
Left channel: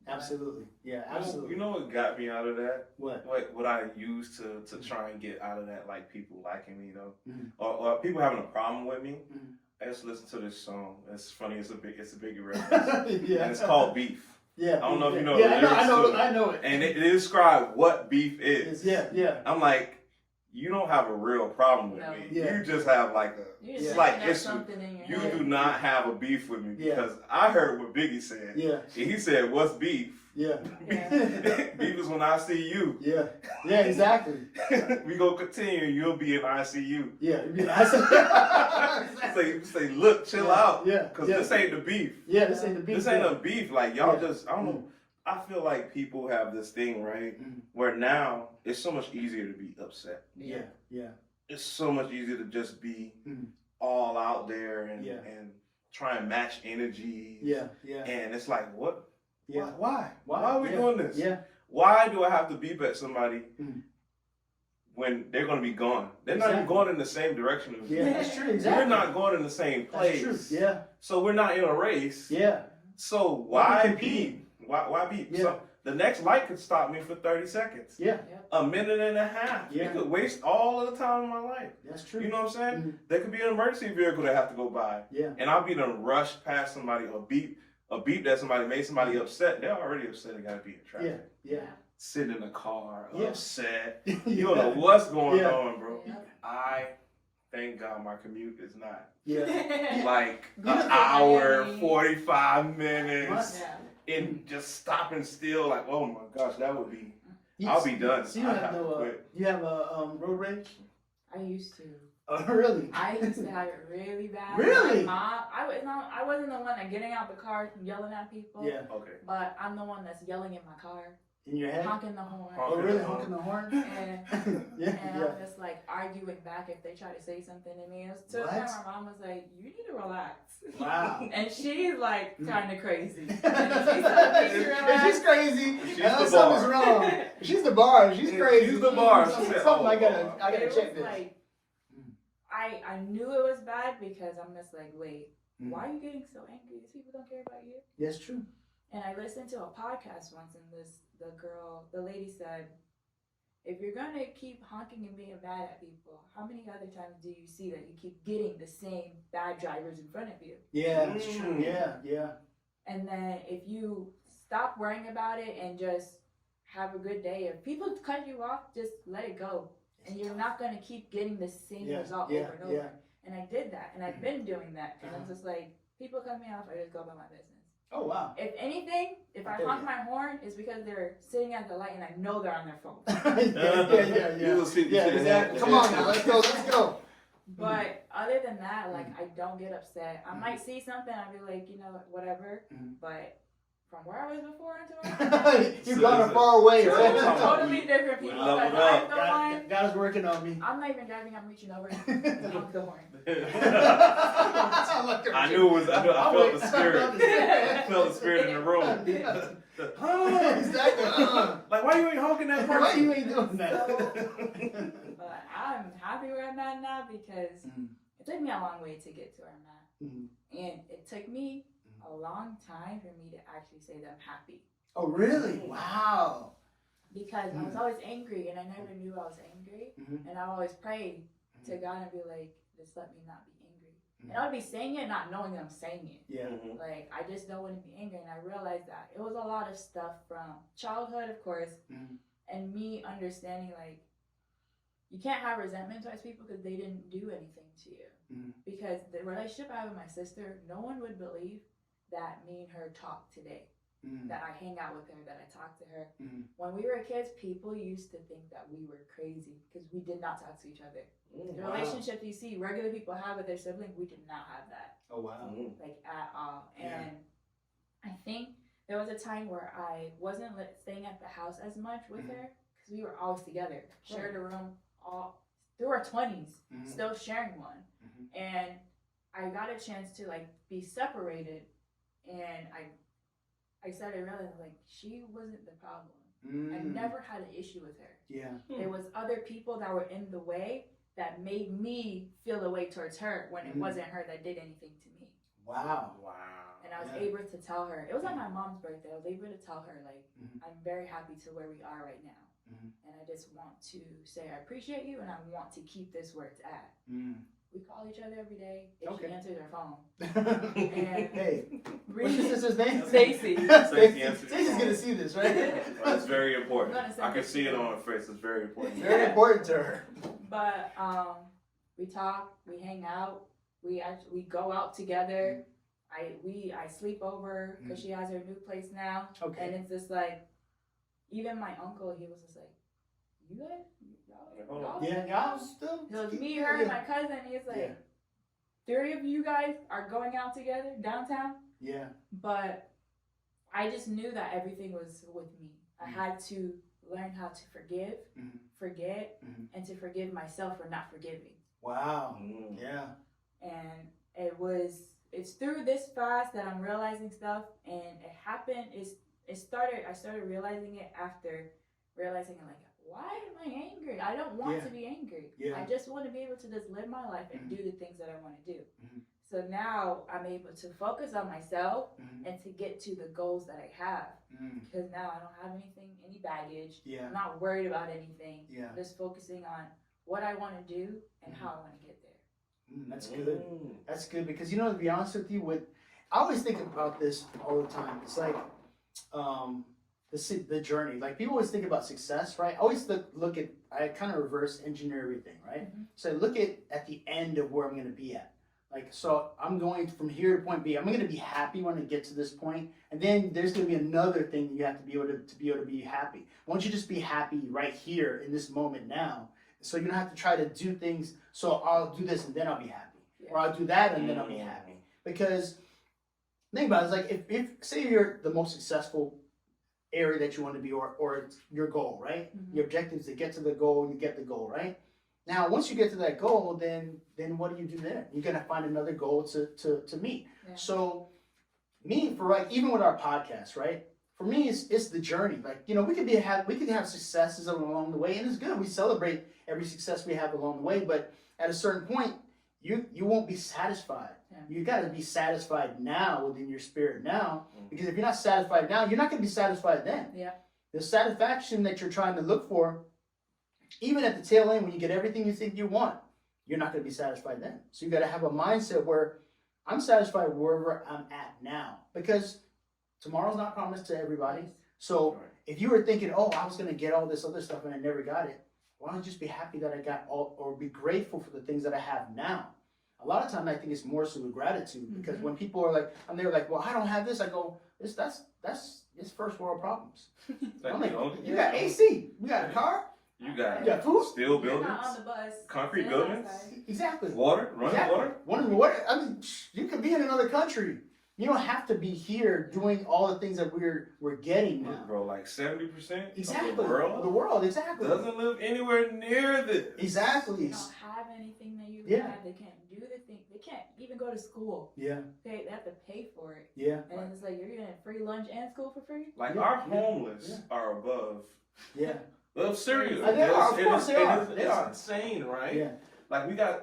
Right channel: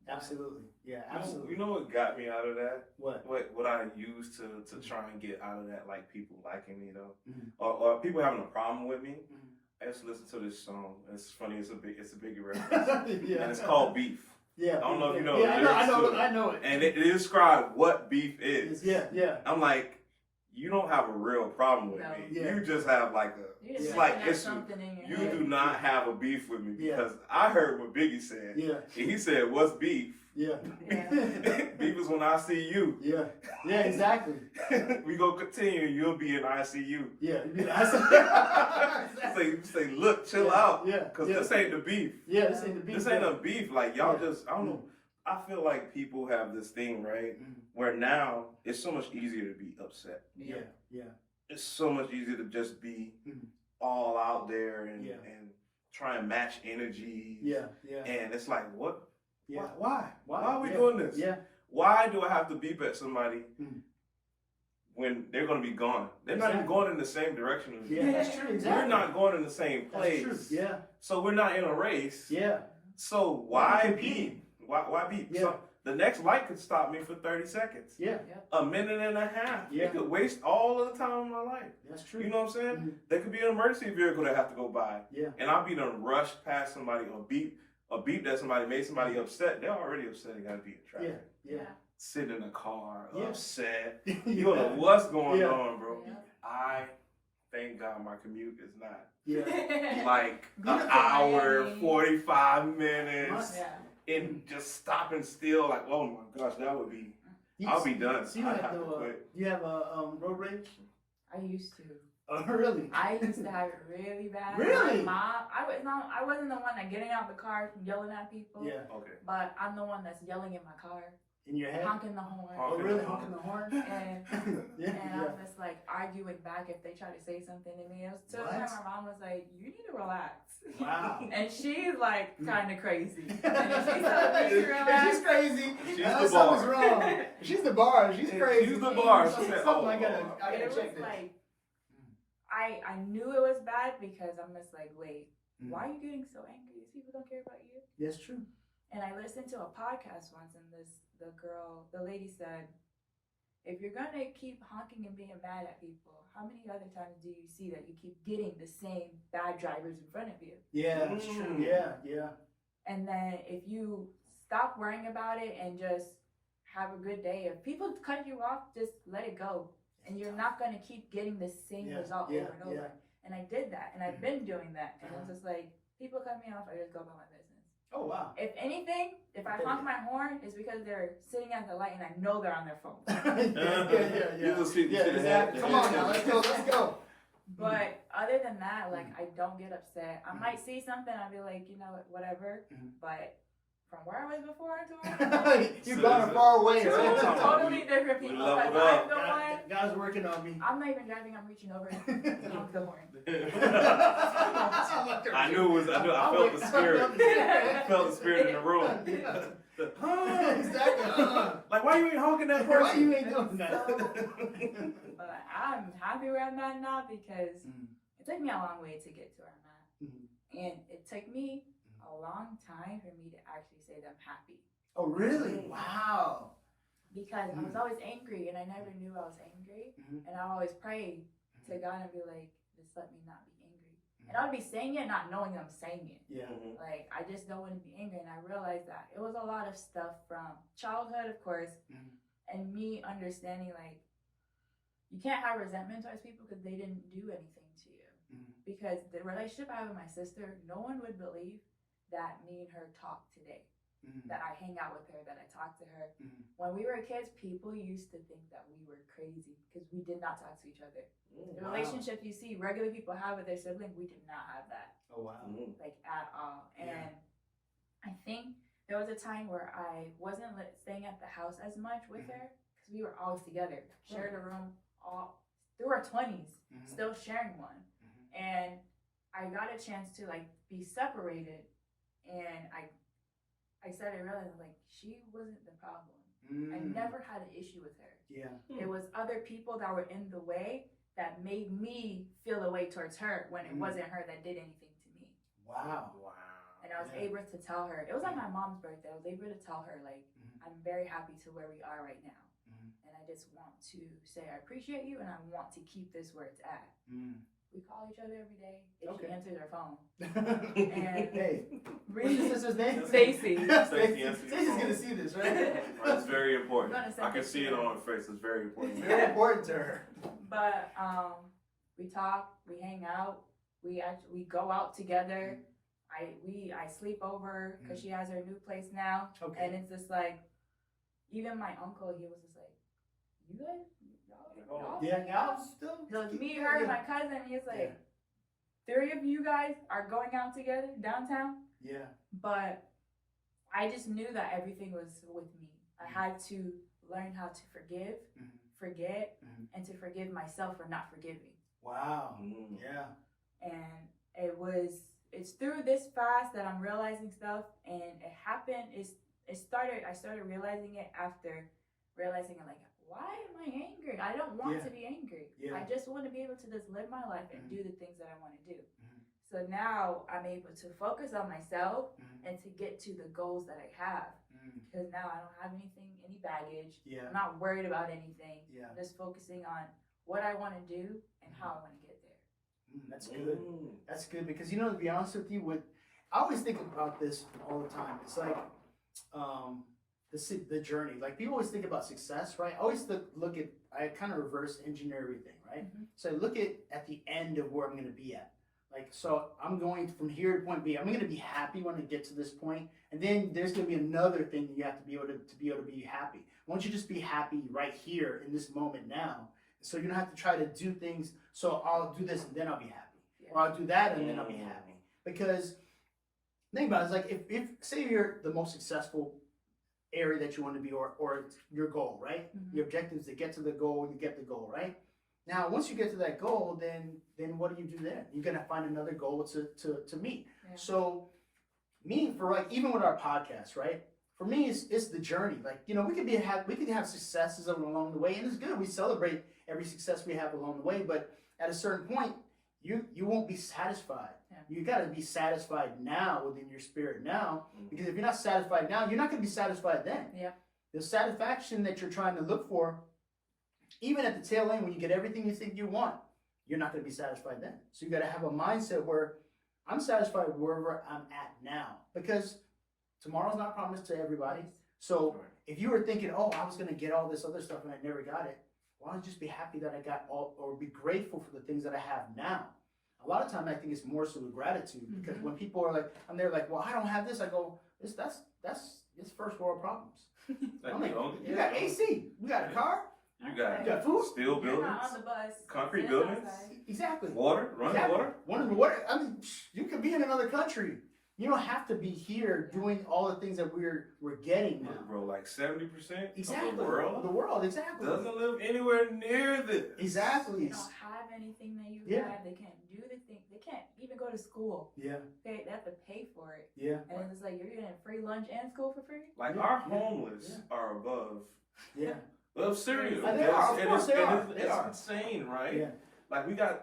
absolutely. Yeah, absolutely. You know what got me out of that? What I used to try and get out of that, like people liking me, or people having a problem with me. I just listened to this song. It's funny. It's a Biggie reference, and it's called Beef. Yeah, I don't know if you know. I know it. And it describes what beef is. Yeah. I'm like, you don't have a real problem with me. Yeah. You just have like a slight issue. You do not have a beef with me because I heard what Biggie said. Yeah. And he said, "What's beef?" Yeah. Beef is when I see you. Yeah, exactly. We go continue. You'll be in ICU. Yeah. Exactly. Say, look, chill out. Yeah. Because this ain't the beef. Yeah, this ain't the beef. This ain't a beef. Like, y'all just, I don't know. I feel like people have this thing, right? Where now it's so much easier to be upset. Yeah. It's so much easier to just be all out there and try and match energy. Yeah. And it's like, what? Yeah. Why are we doing this? Yeah. Why do I have to beep at somebody when they're going to be gone? They're not even going in the same direction as Yeah, me. that's true. Exactly. We're not going in the same place. That's true. Yeah. So we're not in a race. Yeah. So why beep? Why beep? Yeah. So the next light could stop me for 30 seconds. Yeah. A minute and a half. Yeah. It could waste all of the time of my life. That's true. You know what I'm saying? There could be an emergency vehicle that have to go by. Yeah. And I'll be done rush past somebody or a beep that somebody made somebody upset. They're already upset. They got to be in traffic. Yeah. Sitting in the car, upset. Yeah. You don't know what's going Yeah. on, bro. Yeah. I thank God my commute is not Yeah. like Yeah. an hour, 45 minutes, Yeah. and just stopping still. Like, oh my gosh, that would be. I'll be done. So you I'd have have to quit. you have a road rage? I used to. Oh, really? I used to have it really bad. Really? My mom, I I wasn't the one that getting out the car yelling at people. Yeah. Okay. But I'm the one that's yelling in my car, In your head? honking the horn. Oh, really? Honking the horn? And Yeah. I'm just like arguing back if they try to say something to me. It was to the point my mom was like, "You need to relax." Wow. And she's like kind of crazy. And If she's crazy, She's the something's bar. wrong. If she's the bar. She's crazy. She's the bar. She Something said, I gotta it was check this. like, I knew it was bad because I'm just like, wait, why are you getting so angry? These people don't care about you. Yes, true. And I listened to a podcast once, and the lady said, if you're gonna keep honking and being mad at people, how many other times do you see that you keep getting the same bad drivers in front of you? Yeah, that's true. Yeah. And then if you stop worrying about it and just have a good day, if people cut you off, just let it go. And you're not gonna keep getting the same result over and over. Yeah. And I did that, and I've been doing that. And it's just like, people cut me off, I just go about my business. Oh, wow. If anything, if I honk my horn, it's because they're sitting at the light and I know they're on their phone. Yeah. Exactly. Come on now, let's go. But other than that, like, I don't get upset. I might see something, I'll be like, you know, whatever. But from where I was before to where I'm You've gone far away. totally different people. Like, I'm the one. God is working on me. I'm not even driving, I'm reaching over to honk the horn. I knew it was. I felt the spirit. I felt the spirit in the room. Exactly. Like, why you ain't honking that person? Why you ain't doing that? But I'm happy where I'm at now because it took me a long way to get to where I'm at. And it took me a long time for me to actually say that I'm happy. Oh, really? Wow. Because I was always angry and I never knew I was angry. And I always prayed to God and be like, just let me not be angry. And I would be saying it not knowing I'm saying it. Yeah. Like, I just don't want to be angry. And I realized that it was a lot of stuff from childhood, of course, and me understanding, like, you can't have resentment towards people because they didn't do anything to you. Because the relationship I have with my sister, no one would believe that me and her talk today. That I hang out with her, that I talk to her. When we were kids, people used to think that we were crazy because we did not talk to each other. The relationships you see regular people have with their sibling, we did not have that. Oh, wow. Like, at all. And I think there was a time where I wasn't staying at the house as much with her because we were always together, shared a room all through our 20s, still sharing one. And I got a chance to, like, be separated, and I started realizing, like, she wasn't the problem. I never had an issue with her. Yeah. It was other people that were in the way that made me feel the way towards her when it wasn't her that did anything to me. Wow. And I was able to tell her, it was on my mom's birthday, I was able to tell her, like, I'm very happy to where we are right now. And I just want to say I appreciate you and I want to keep this where it's at. We call each other every day if she answers her phone. Hey, what's your sister's name? Stacy. Stacy's gonna see this, right? It's very important. I can see it on her face. It's very important. Very important to her. But we talk, we hang out, we go out together. I sleep over because she has her new place now. Okay. And it's just like, even my uncle, he was just like, you guys? Y'all still? So it's me, her, and my cousin. He's like, 3 of you guys are going out together downtown. Yeah. But I just knew that everything was with me. I had to learn how to forgive, forget, and to forgive myself for not forgiving. Wow. Yeah. And it's through this fast that I'm realizing stuff, and it happened. I started realizing it after realizing, I'm like, why am I angry? I don't want to be angry. Yeah. I just want to be able to just live my life and do the things that I want to do. So now I'm able to focus on myself and to get to the goals that I have. Because now I don't have any baggage. Yeah. I'm not worried about anything. Yeah. I'm just focusing on what I want to do and how I want to get there. That's good. That's good because, to be honest with you, I always think about this all the time. It's like the journey. Like, people always think about success, right? I always I kind of reverse engineer everything, right? So I look at the end of where I'm going to be at. Like, so I'm going from here to point B. I'm going to be happy when I get to this point, and then there's going to be another thing that you have to be able to be happy. Why don't you just be happy right here in this moment now? So you don't have to try to do things. So I'll do this and then I'll be happy, or I'll do that and then I'll be happy. Because think about it, it's like if say you're the most successful area that you want to be, or it's your goal, right? Mhm. Your objective is to get to the goal, you get the goal, right? Now, once you get to that goal, then what do you do there? You're gonna find another goal to meet. Yeah. So, me for like even with our podcast, right? For me, it's the journey. Like we could have successes along the way, and it's good. We celebrate every success we have along the way, but at a certain point, you won't be satisfied. Yeah. You got to be satisfied now within your spirit now, because if you're not satisfied now, you're not going to be satisfied then. Yeah. The satisfaction that you're trying to look for, even at the tail end when you get everything you think you want, you're not going to be satisfied then. So you got to have a mindset where I'm satisfied wherever I'm at now, because tomorrow's not promised to everybody. So if you were thinking, oh, I was going to get all this other stuff and I never got it, why don't you just be happy that I got all, or be grateful for the things that I have now? A lot of time I think it's more so with gratitude, because when people are like, and they're like, well, I don't have this, I go, that's first world problems. I'm like, you got AC, you got a car, you got food, steel buildings, You're not on the bus, concrete buildings, exactly, water, running water. Water. I mean, you could be in another country. You don't have to be here doing all the things that we're getting now. Bro, like 70% Exactly. of the world exactly. doesn't live anywhere near this. Exactly. They don't have anything that you Yeah. have. They can't do the thing. They can't even go to school. Yeah. They have to pay for it. Yeah. And then it's like you're getting free lunch and school for free. Like Yeah, our yeah, homeless yeah. are above cereal. They are, of course they are. It's They are. insane, right? Yeah. Like we got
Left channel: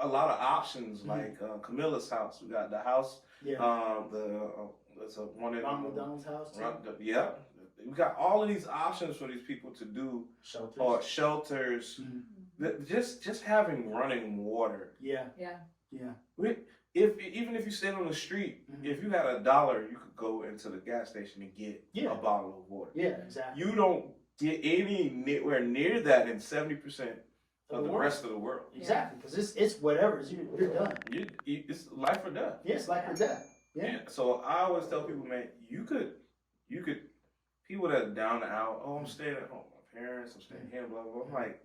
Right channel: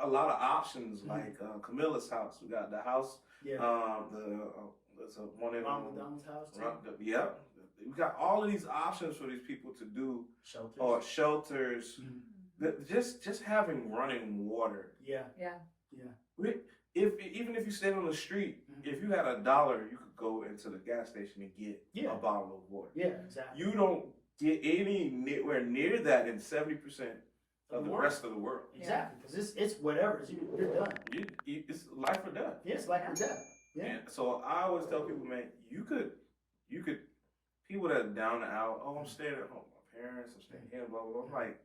a lot of options. Like Camilla's house, we got the house. Yeah. There's a one in Ronald McDonald's house. Too. Yeah, we got all of these options for these people to do, Shelters. or shelters. Just having running water. Yeah. Yeah. Yeah. Even if you stayed on the street, if you had $1, you could go into the gas station and get a bottle of water. Yeah. Exactly. You don't get anywhere near that in 70% of the rest of the world. Exactly, because it's whatever. You're done. It's life or death. Yes, life or death. Yeah. And so I always tell people, man, you could, people that are down and out, oh, I'm staying at home, my parents, I'm staying here, blah, blah, blah. I'm like,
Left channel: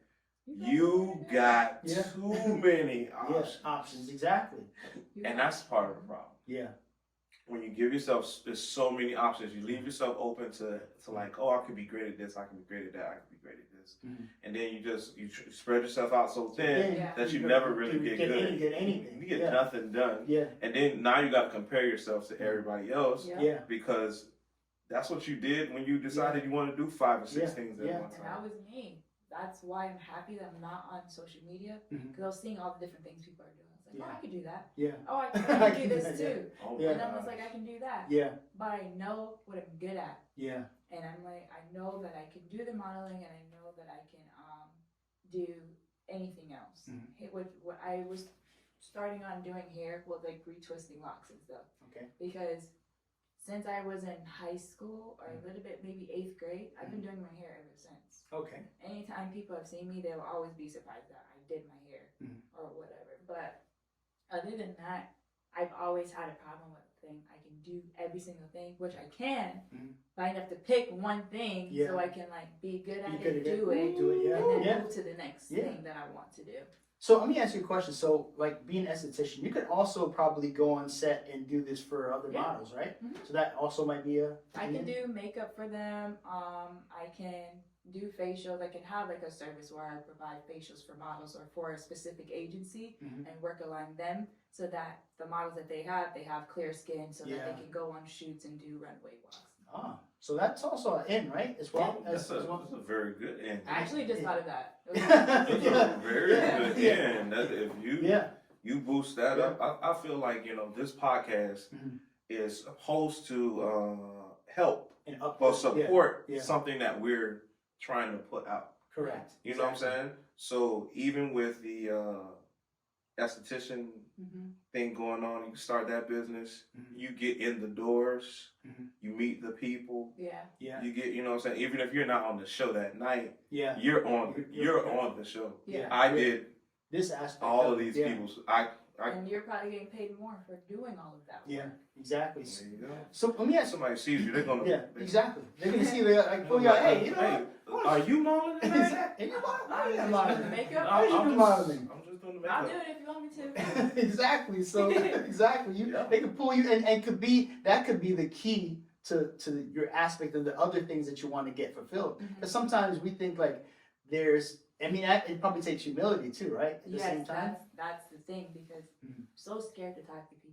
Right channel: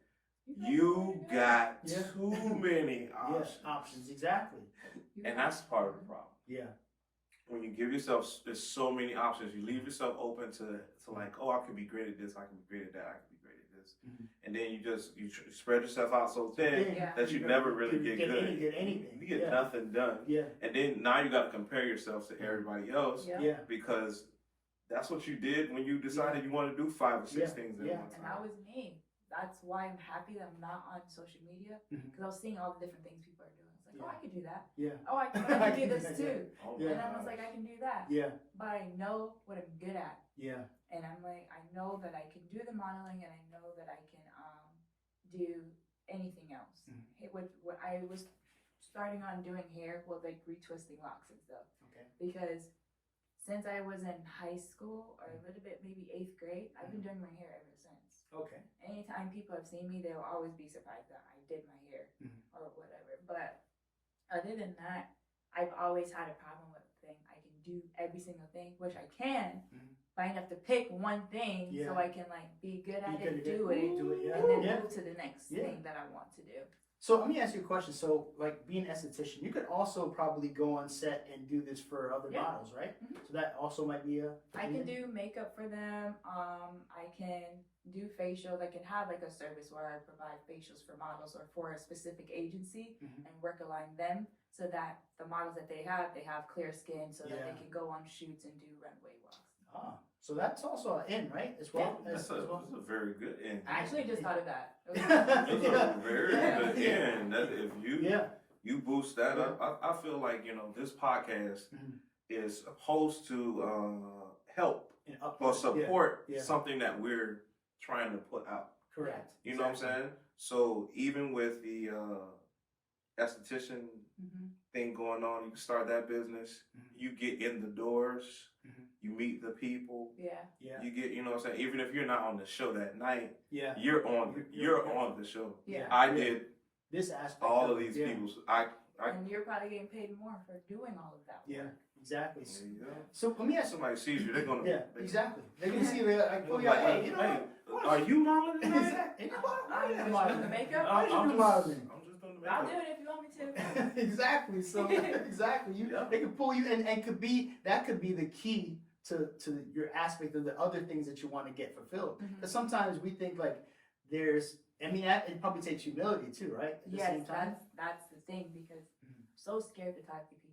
you got too many options. Yes, options, exactly. And that's part of the problem. Yeah. When you give yourself, there's so many options, you leave yourself open to like, oh, I could be great at this, I can be great at that, I can be great at this. And then you spread yourself out so thin that you never really get good. Get anything. You get nothing done. Yeah. And then now you got to compare yourself to everybody else. Yeah. Because that's what you did when you decided you wanted to do 5 or 6 things at one And time. that was me. That's why I'm happy that I'm not on social media, because I was seeing all the different things people are doing. I was like, oh, I could do that. Yeah. Oh, I can do this too. Oh, And I was like, I can do that. Yeah. But I know what I'm good at. Yeah. And I'm like, I know that I can do the modeling, and I know that I can do anything else. What I was starting on doing hair was like retwisting locks and stuff. Okay. Because since I was in high school, or a little bit maybe 8th grade, I've been doing my hair ever since. Okay. Anytime people have seen me, they will always be surprised that I did my hair or whatever. But other than that, I've always had a problem with the thing. I can do every single thing, which I can, but I have to pick one thing so I can like be good at it, do it, and then move to the next thing that I want to do. So let me ask you a question. So, like being an esthetician, you could also probably go on set and do this for other models, right? So that also might be I can do makeup for them. I can do facials. I can have like a service where I provide facials for models or for a specific agency and work along them, so that the models that they have clear skin, so that they can go on shoots and do runway walks. So that's also an in, right? As well. That's a very good end. I actually just thought of that. That's a very good end. That if you boost that up, I feel like this podcast is supposed to help or support something that we're trying to put out. Correct. You know what I'm saying? So even with the esthetician thing going on, you start that business, you get in the doors, you meet the people, you get, you know what I'm saying, even if you're not on the show that night, you're on the show. I did this aspect all of these people. And you're probably getting paid more for doing all of that. Yeah, exactly. There you go. So let me ask somebody sees you, they're gonna exactly. They're gonna see like, oh yeah, hey, you know, are you modeling tonight? Exactly. I'm just doing the makeup. I'm just doing the makeup. I'll do it if you want me too. Exactly. So exactly, they could pull you, and that could be the key to your aspect of the other things that you want to get fulfilled. Because sometimes we think like there's, it probably takes humility too, right? At the same time. That's the thing, because I'm so scared to talk to people.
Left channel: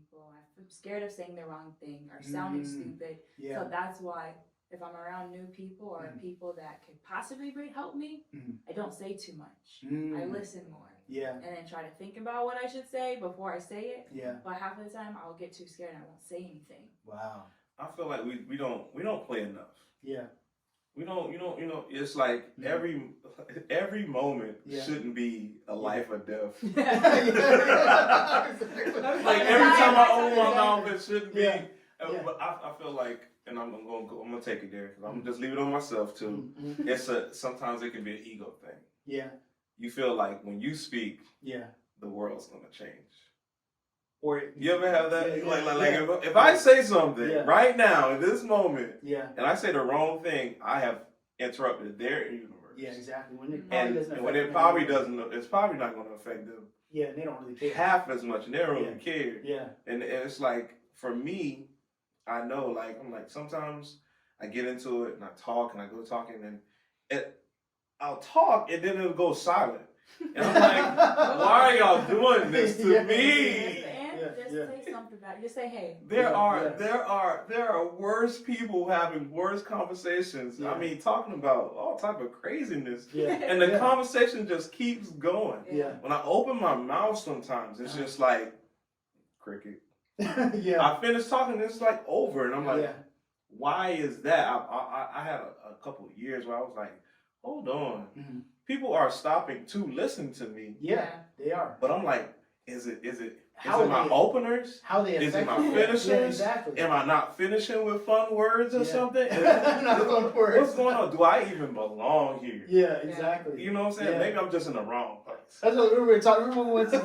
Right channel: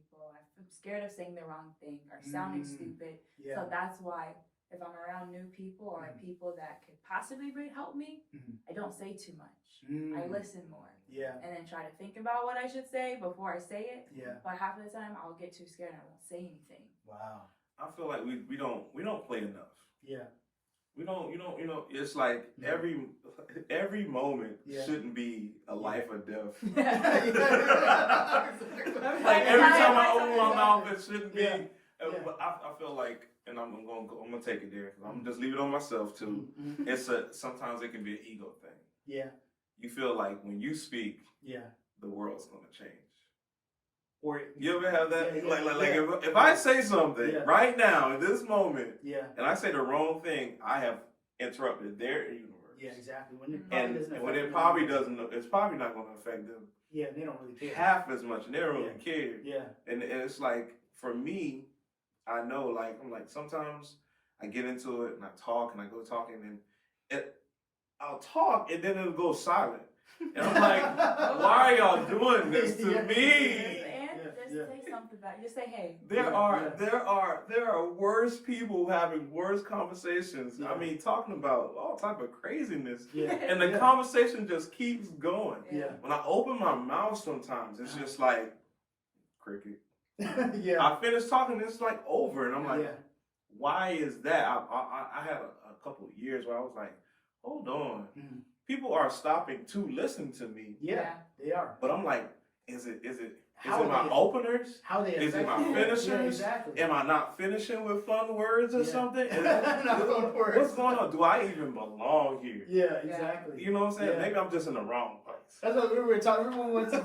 I'm scared of saying the wrong thing or sounding stupid. Yeah. So that's why if I'm around new people or people that could possibly help me, I don't say too much. I listen more. Yeah. And then try to think about what I should say before I say it. Yeah. But half of the time I'll get too scared and I won't say anything. Wow. I feel like we don't play enough. Yeah. We don't, it's like every moment shouldn't be a life or death. Like every time I open my mouth, it shouldn't be. But I feel like, and I'm gonna take it there because I'm gonna just leave it on myself too. Sometimes it can be an ego thing. Yeah. You feel like when you speak, the world's gonna change. Or you ever have that? If I say something right now in this moment, and I say the wrong thing, I have interrupted their universe. Yeah, exactly. When it probably doesn't, it's probably not going to affect them. Yeah, they don't really care half as much, and they don't really care. Yeah, and it's like for me, I know, like I'm like sometimes I get into it and I talk and I go talking and I'll talk and then it'll go silent. And I'm like, why are y'all doing this to me? Just say something about it. Just say, hey. There are worse people having worse conversations. Yeah. I mean, talking about all type of craziness. Yeah. And the conversation just keeps going. Yeah. When I open my mouth sometimes, it's just like cricket. Yeah. I finish talking, it's like over. And I'm like, why is that? I had a couple of years where I was like, hold on. Mm-hmm. People are stopping to listen to me. Yeah, they are. But I'm like, is it my openers? How they is it my finishers? Yeah, exactly. Am I not finishing with fun words or something? Fun words. What's going on? Do I even belong here? Yeah, exactly. You know what I'm saying? Maybe I'm just in the wrong place. That's what we were talking. Remember when we went to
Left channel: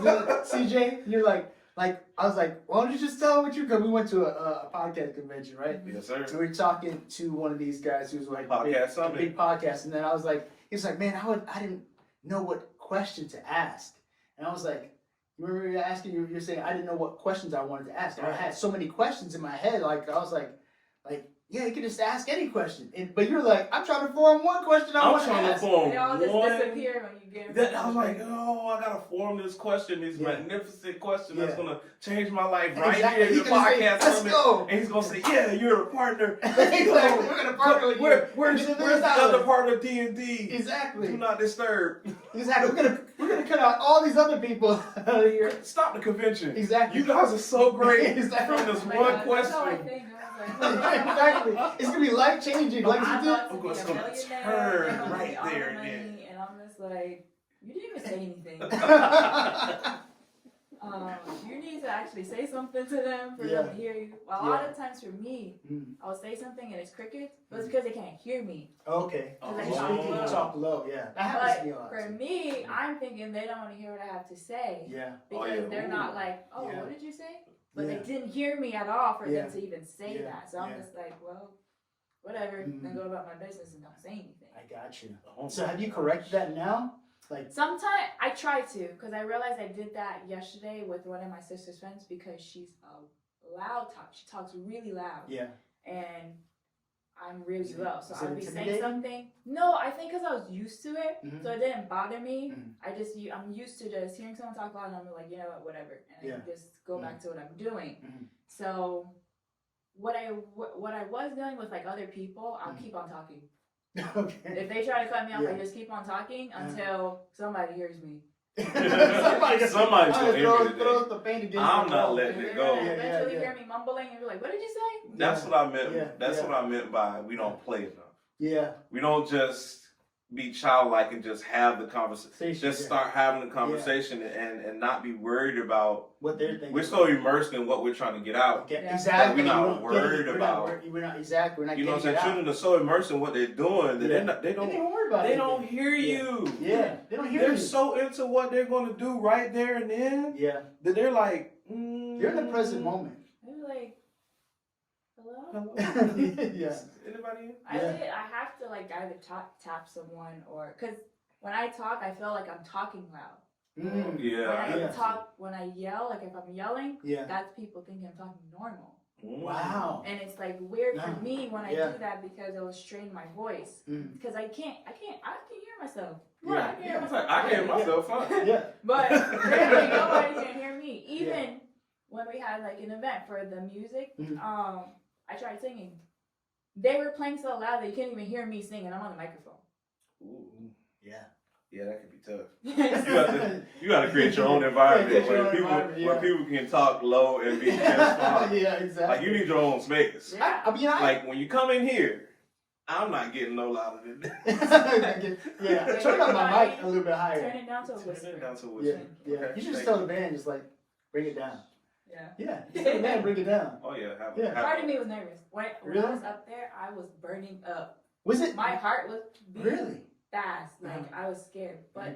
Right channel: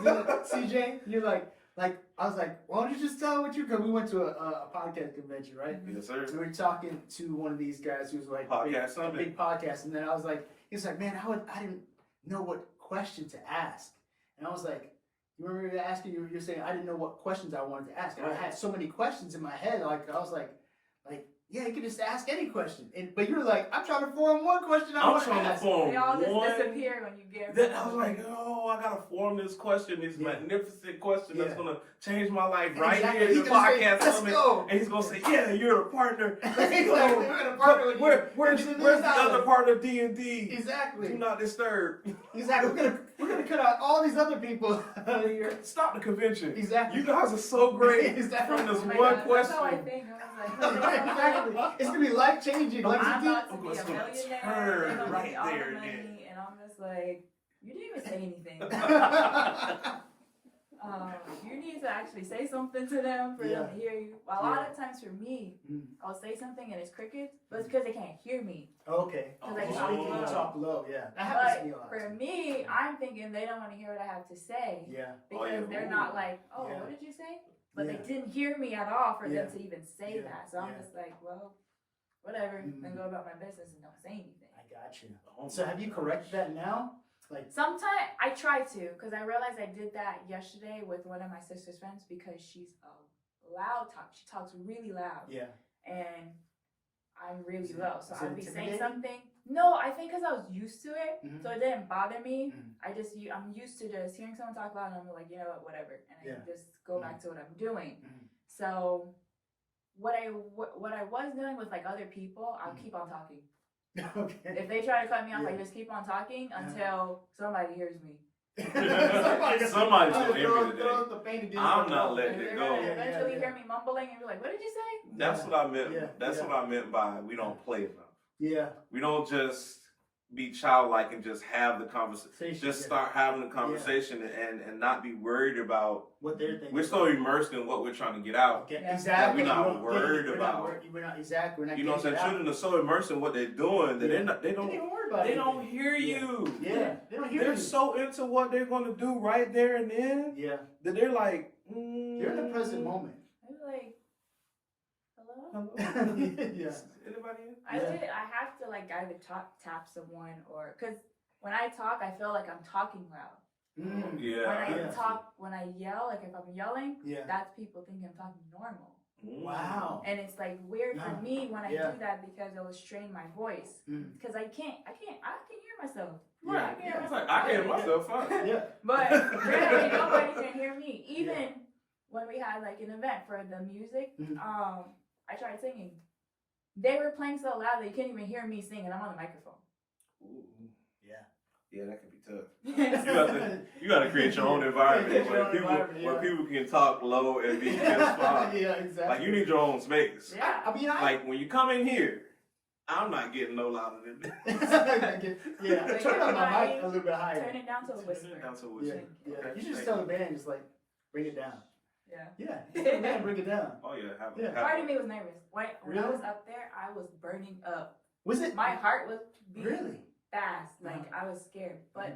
CJ? You're like I was like, why don't you just tell what you? Because we went to a podcast convention, right? Yes, sir. So we were talking to one of these guys who's like big podcast, and then I was like, he was like, man, I didn't know what question to ask, and I was like. You remember you asking? You're saying I didn't know what questions I wanted to ask, and I had so many questions in my head. Like I was like, yeah, you can just ask any question. But you're like, I'm trying to form one question. I'm trying to form they all one. Just disappear when you get. Then I was like, I gotta form this question, this magnificent question that's gonna change my life right here in the podcast. Let's go. And he's gonna say, yeah, you're a partner. Exactly. We're gonna partner with you. Where's the other part of D&D? Exactly. Do not disturb. Exactly. We're gonna cut out all these other people out of here. Stop the convention. Exactly. You guys are so great. Exactly. From this one question. Exactly. It's gonna be life changing. Like it's gonna turn right there and then. And I'm just like, you didn't even say anything. You need to actually say something to them for them to hear you. Well, a lot of times for me, I'll say something and it's crickets, but it's because they can't hear me. Okay. Because they talk low. Yeah. That happens to me a lot. For me, I'm thinking they don't want to hear what I have to say. Yeah. Because they're not like, what did you say? But they didn't hear me at all for them to even say that. So I'm just like, well, whatever. Then go about my business and don't say anything. I got you. So have you corrected that now? Like sometimes I try to, because I realized I did that yesterday with one of my sister's friends because she's a loud talk. She talks really loud. Yeah. And I'm really low, so I'll be saying something. No, I think because I was used to it, so it didn't bother me. I'm used to just hearing someone talk loud, and I'm like, you know what, whatever, and I just go back to what I'm doing. So what I was doing with like other people, I'll keep on talking. Okay. If they try to cut me off, I just keep on talking until somebody hears me. Somebody's gonna hear me today. I'm not letting it go. Eventually hear me mumbling and be like, what did you say? That's what I meant. That's what I meant by we don't play enough. Yeah. We don't just be childlike and just have the conversation. Just start having the conversation and not be worried about what they're thinking. We're so immersed in what we're trying to get out. Exactly. That we're not worried about. We're not exactly. We're not. You know what I'm saying? Children are so immersed in what they're doing that they don't hear you. Yeah. They don't hear you. They're so into what they're going to do right there and then. Yeah. That they're like. They're in the present moment. They're like, hello? Yeah. Anybody in? I have to like either tap someone or because when I talk, I feel like I'm talking loud. Yeah. When I talk, when I yell, like if I'm yelling, Yeah. that's people thinking I'm talking normal. Wow. And it's like weird for me when I Yeah. do that because it will strain my voice. Because I can hear myself. Yeah. I can hear It's myself. like, I hear myself fine. Yeah. But really, nobody can hear me. Even when we had like an event for the music, I tried singing. They were playing so loud that you can't even hear me sing, and I'm on the microphone. Ooh. Yeah. Yeah, that could be tough. You got to create your own environment where people can talk low and be just fine. Yeah, exactly. Like you need your own space. Yeah. I mean, like when you come in here, I'm not getting no louder than this. Yeah, turn on my mic a little bit higher. Turn it down to a whisper. Turn it down to a Yeah, whisper. yeah. Okay, You should just thank tell the band, just like bring it down. Yeah. Yeah, just tell the band, bring it down. Oh yeah, Part of me was nervous. When Really? I was up there, I was burning up. Was it? My heart was beating Really? fast. Like I was scared. But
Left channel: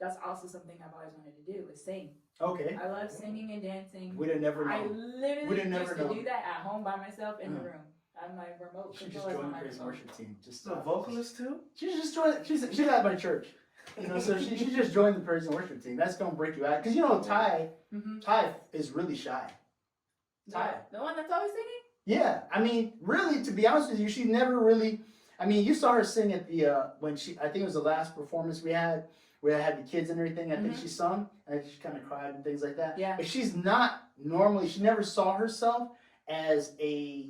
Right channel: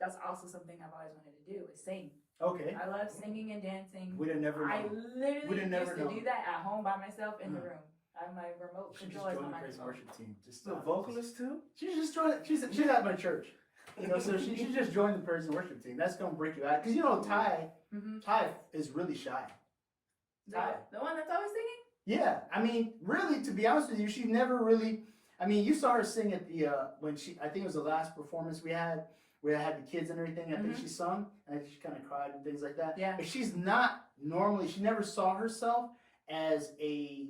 that's also something I've always wanted to do is sing. Okay. I love singing and dancing. We'd have never I known. literally never used to known. do that at home by myself in the room. I have my remote She just control as joined my the praise and microphone. worship team. Just The vocalist too? She just joined. She's at my church. You know, so she just joined the praise and worship team. That's gonna break you out because you know Ty is really shy. Ty. The one that's always singing? Yeah, I mean, really, to be honest with you, she never really. I mean, you saw her sing at the when I think it was the last performance we had where I had the kids and everything. I think she sung and she kind of cried and things like that. Yeah. But she's not normally. She never saw herself as a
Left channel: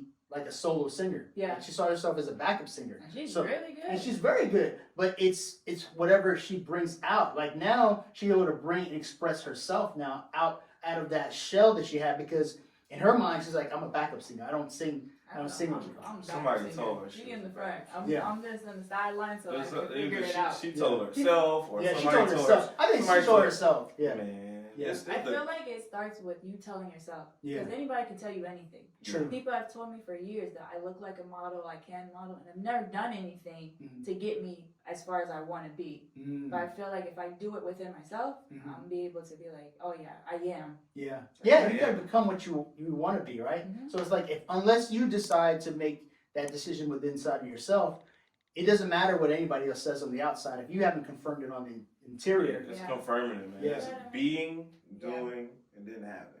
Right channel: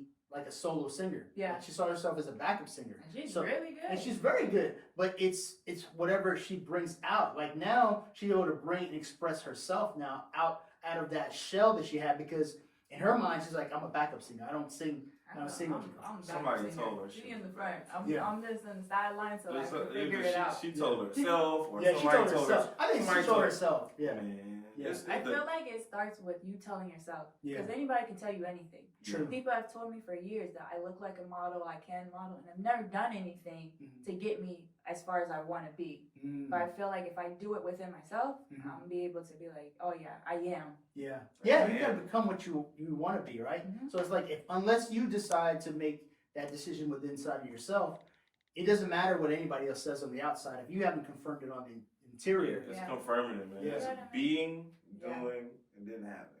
solo singer. Yeah. Like, she saw herself as a backup singer. And she's So- really good. And she's very good, but it's whatever she brings out. Like now, she's able to bring and express herself now out of that shell that she had because in her mind, she's like, I'm a backup singer. I don't sing. I don't sing with you. Somebody told her She she in the was front. I'm just on the sideline so I can Either figure it out. She told herself or Yeah, she somebody told herself. her. I think somebody she told her. herself. Yeah. Man, Yeah. I feel like it starts with you telling yourself. Yeah. Because anybody can tell you anything. True. People have told me for years that I look like a model, I can model, and I've never done anything to get me as far as I want to be. But I feel like if I do it within myself, I'm gonna be able to be like, oh yeah, I am. Yeah. Yeah, you gotta become what you want to be, right? So it's like unless you decide to make that decision within inside of yourself, it doesn't matter what anybody else says on the outside. If you haven't confirmed it on the interior, It's confirming it, man. Yeah. It's being, doing, and then having.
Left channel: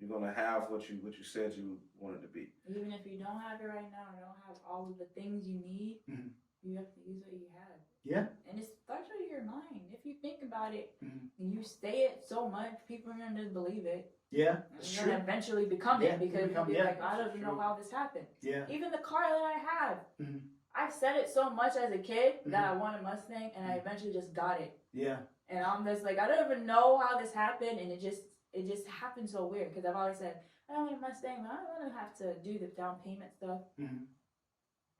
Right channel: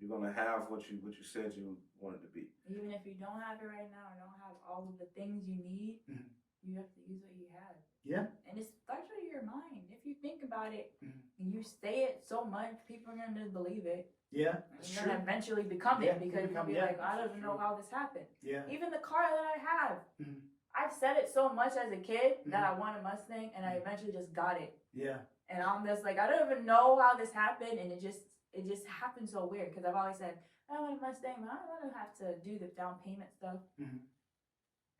You're gonna have what you said you wanted to be. Even if you don't have it right now, or don't have all of the things you need, you have to use what you have. Yeah. And it starts with your mind. If you think about it, and you say it so much, people are gonna believe it. Yeah, And it's you're true. gonna eventually become Yeah, it because become- you'll be yeah, like, I don't it's even know true. how this happened. Yeah. Even the car that I have, I've said it so much as a kid that I want a Mustang, and I eventually just got it. Yeah. And I'm just like, I don't even know how this happened, and it just happened so weird because I've always said, I don't want a Mustang, but I don't want to have to do the down payment stuff.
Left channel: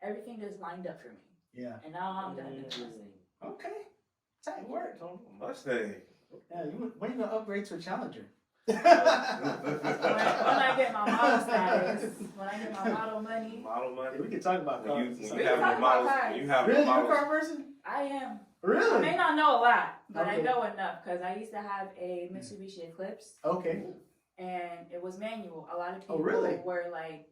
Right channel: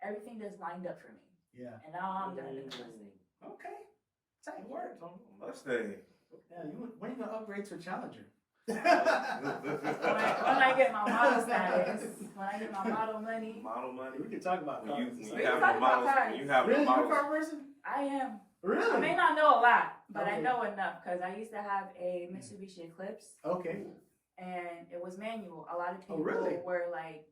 Everything just lined up for me. Yeah. And now I'm gonna do the Mustang. Okay. Tight work. Mustang. Yeah. When are you gonna upgrade to a Challenger? When I get my model status, when I get my model money. Model money. We can talk about cars. When you have the models, when you have really, the you're a models. car person? I am. Really? I may not know a lot, but I Okay. know enough because I used to have a Mitsubishi Eclipse. Okay. And it was manual. A lot of people really? were like,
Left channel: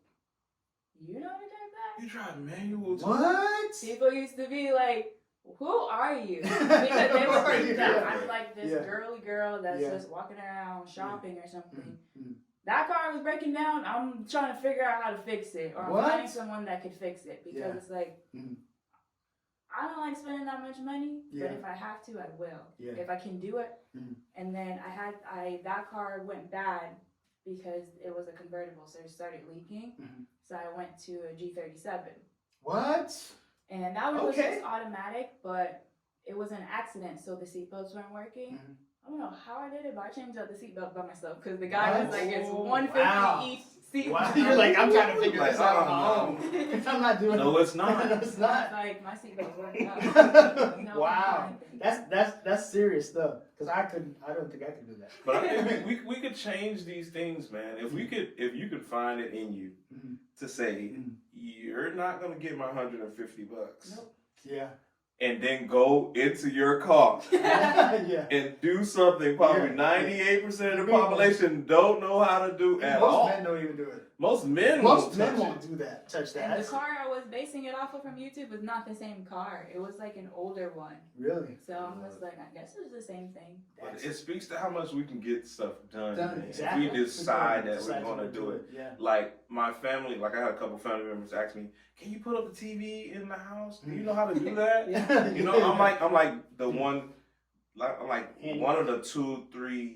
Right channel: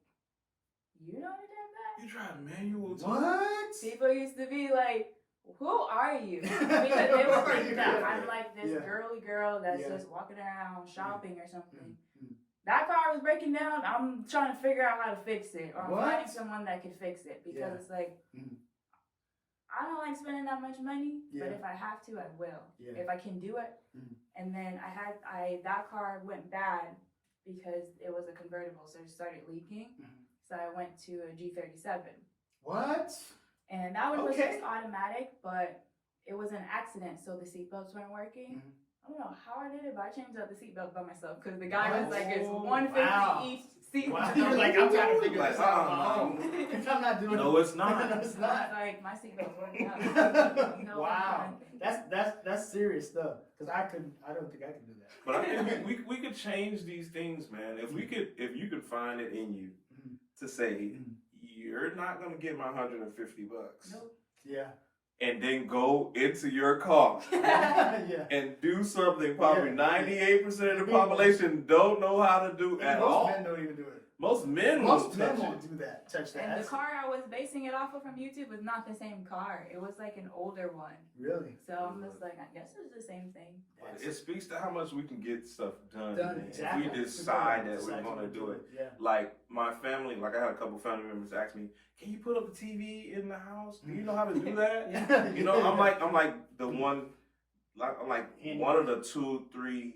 you know how to drive that? You drive manual too? What? People used to be like, who are you? Because they would think that Yeah. I'm like this Yeah. girly girl that's Yeah. just walking around shopping or something. That car was breaking down. I'm trying to figure out how to fix it, or I'm What? finding someone that could fix it because Yeah. it's like I don't like spending that much money, Yeah. but if I have to, I will. Yeah. If I can do it. And then that car went bad because it was a convertible, so it started leaking. So I went to a G37. What? And that one was Okay. just automatic, but it was an accident, so the seatbelts weren't working. I don't know how I did it, but I changed out the seatbelt by myself because the guy was like, it's $150 Wow. each seat. Wow. You're like, I'm trying to figure Like, this out on my oh, own. I'm not doing No, it's not. It's not. Like my seatbelts weren't out. Wow. That's serious stuff. Because I don't think I could do that. But I think we could change these things, man. If you could find it in you to say you're not gonna get my $150. Nope. Yeah. And then go into your car Yeah. and do something probably 98% of the population don't know how to do at Most all. men don't even do it. Most men Most won't men touch won't it. do that. Touch that. And the That's- car I was basing it off of from YouTube was not the same car. It was like an older one. Really? So I'm just like, I guess it's the same thing. But it speaks to how much we can get stuff done. Done, exactly. If we decide that Decide we're going to do it. Yeah. Like my family, like I had a couple family members ask me, "Can you put up the TV in the house? Do you know how to do that?" Yeah. You know, I'm like the one, like I'm like one of the 2-3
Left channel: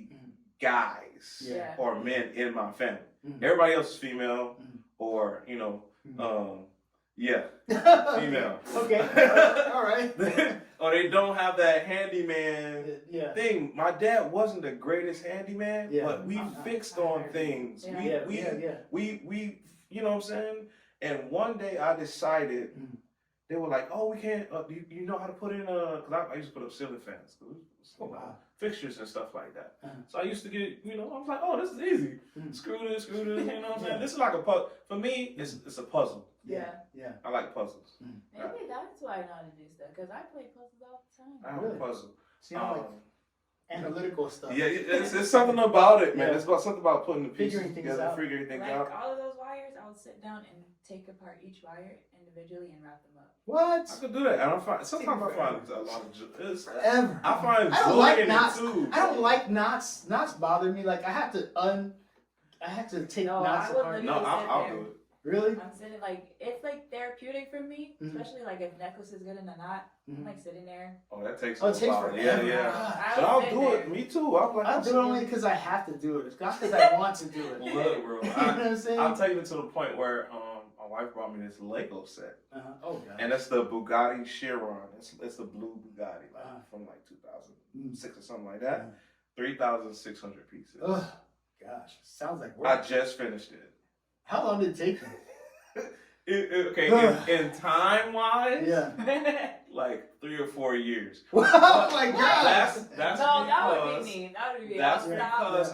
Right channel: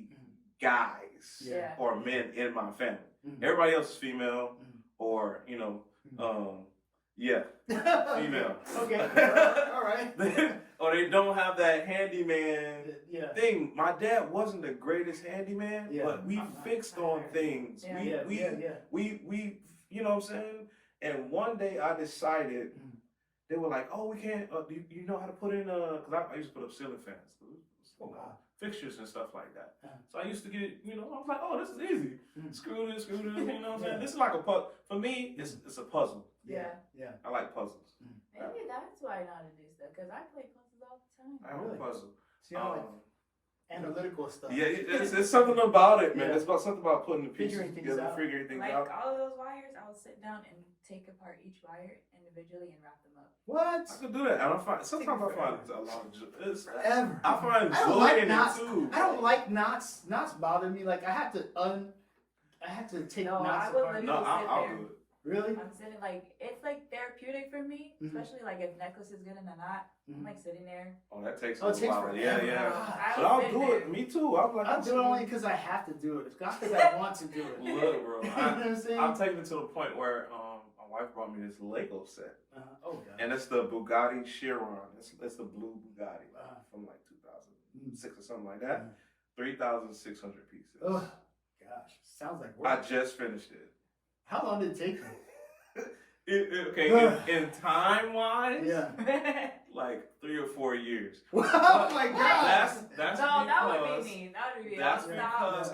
guys Yeah. or men in my family. Mhm. Everybody else is female, Mhm. or you know, yeah, Mm-hmm. female. Okay. All right. Or they don't have that handyman Yeah. thing. My dad wasn't the greatest handyman, Yeah. but we fixed on things. Yeah. We, you know what I'm saying? And one day I decided, Mhm. they were like, "Oh, we can't, you know how to put in because I used to put up ceiling fans. Oh, wow. Fixtures and stuff like that. Uh-huh. So I used to get, I was like, "Oh, this is easy. Mhm. Screw this, you know what I'm saying? Yeah. This is like a puzzle. For me, it's a puzzle. Yeah. Yeah. I like puzzles. Maybe that's why I know how to do stuff. Because I play puzzles all the time. I have Really? a puzzle. See, I like analytical stuff. Yeah, it's something about it, man. Yeah. It's about something about putting the pieces Figuring things together, out. figuring things Like out. all of those wires, I'll sit down and take apart each wire individually and wrap them up. What? I could do that, and sometimes I find a lot of Forever. I find I don't joy like in knots. it too. I don't like knots. Knots bother me. Like I have to take No, knots I would apart. No, sit I'll there. do it. Really? I'm sitting like it's like therapeutic for me, Mhm. especially like if necklace is good in a knot. Mhm. I'm like sitting there. Oh, that takes Oh, it a takes while. forever. Yeah. God. But I'll sit do there. it. Me too. I'm like, I do it only because I have to do it. It's not because I want to do it. Look, bro. You know what I'm saying? I'll take it to the point where my wife brought me this Lego set, Oh god. and it's the Bugatti Chiron. It's the blue Bugatti from like 2006 or something like that. 3,600 pieces. Oh gosh, sounds like I work. just finished it. How long did it take you? In time wise, Yeah. like 3 or 4 years. Oh my god. That's No, that would because be me. That would be me. that's I'll stop. because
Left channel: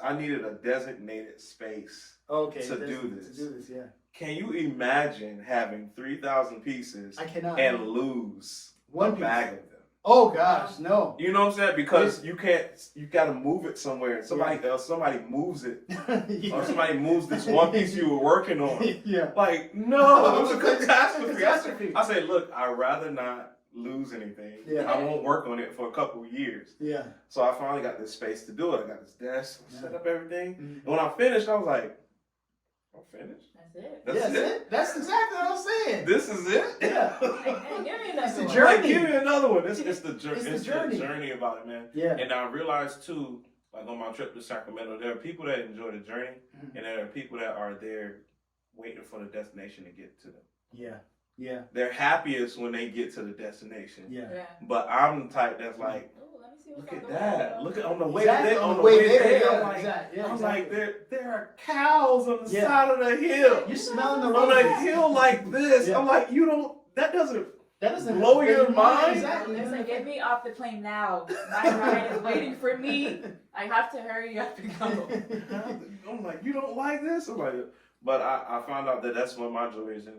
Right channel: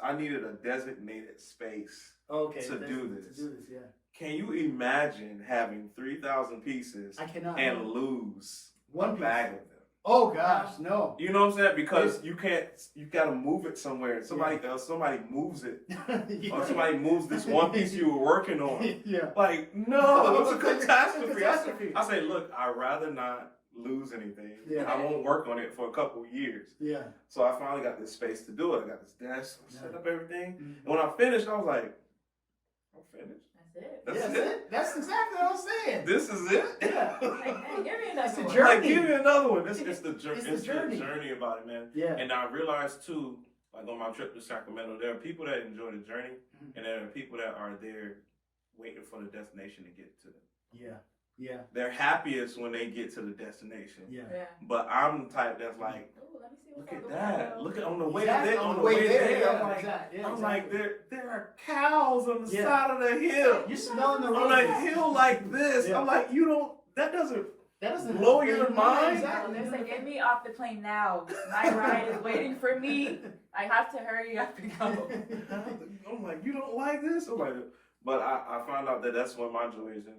I needed a designated space. Okay. to do this. To do this, yeah. Can you imagine having 3,000 pieces I cannot. and lose One a piece. bag of them? Oh gosh, no. You know what I'm saying? Because you gotta move it somewhere. Somebody moves it. Yeah. Or somebody moves this one piece you were working on. Yeah. Like, no, it's a catastrophe. Catastrophe. I say, look, I'd rather not lose anything. Yeah. I won't work on it for a couple of years. Yeah. So I finally got this space to do it. I got this desk, Yeah. set up everything. Mhm. And when I finished, I was like, I'm finished? That's it. That's Yeah, it? That's exactly what I'm saying. This is it? Yeah. Like, hey, give me It's another the one. journey. Like, give me another one. It's the It's the journey. journey. About it, man. Yeah. And I realized too, like on my trip to Sacramento, there are people that enjoy the journey, Mhm. and there are people that are there waiting for the destination to get to them. Yeah. Yeah. They're happiest when they get to the destination. Yeah. Yeah. But I'm the type that's like, Ooh, let me see what's look on at the that. way. Look at on the way Exactly, there. On the way there, yeah, I'm like, exactly, yeah, I'm exactly. like, there are cows on the Yeah. side of the hill. You're smelling the On a roses. hill like this. Yeah. I'm like, that doesn't That doesn't blow your mind? Exactly. It's like, get me off the plane now. My ride is waiting for me. I have to hurry up and go. I'm like, you don't like this? I'm like, but I found out that that's what my joy is in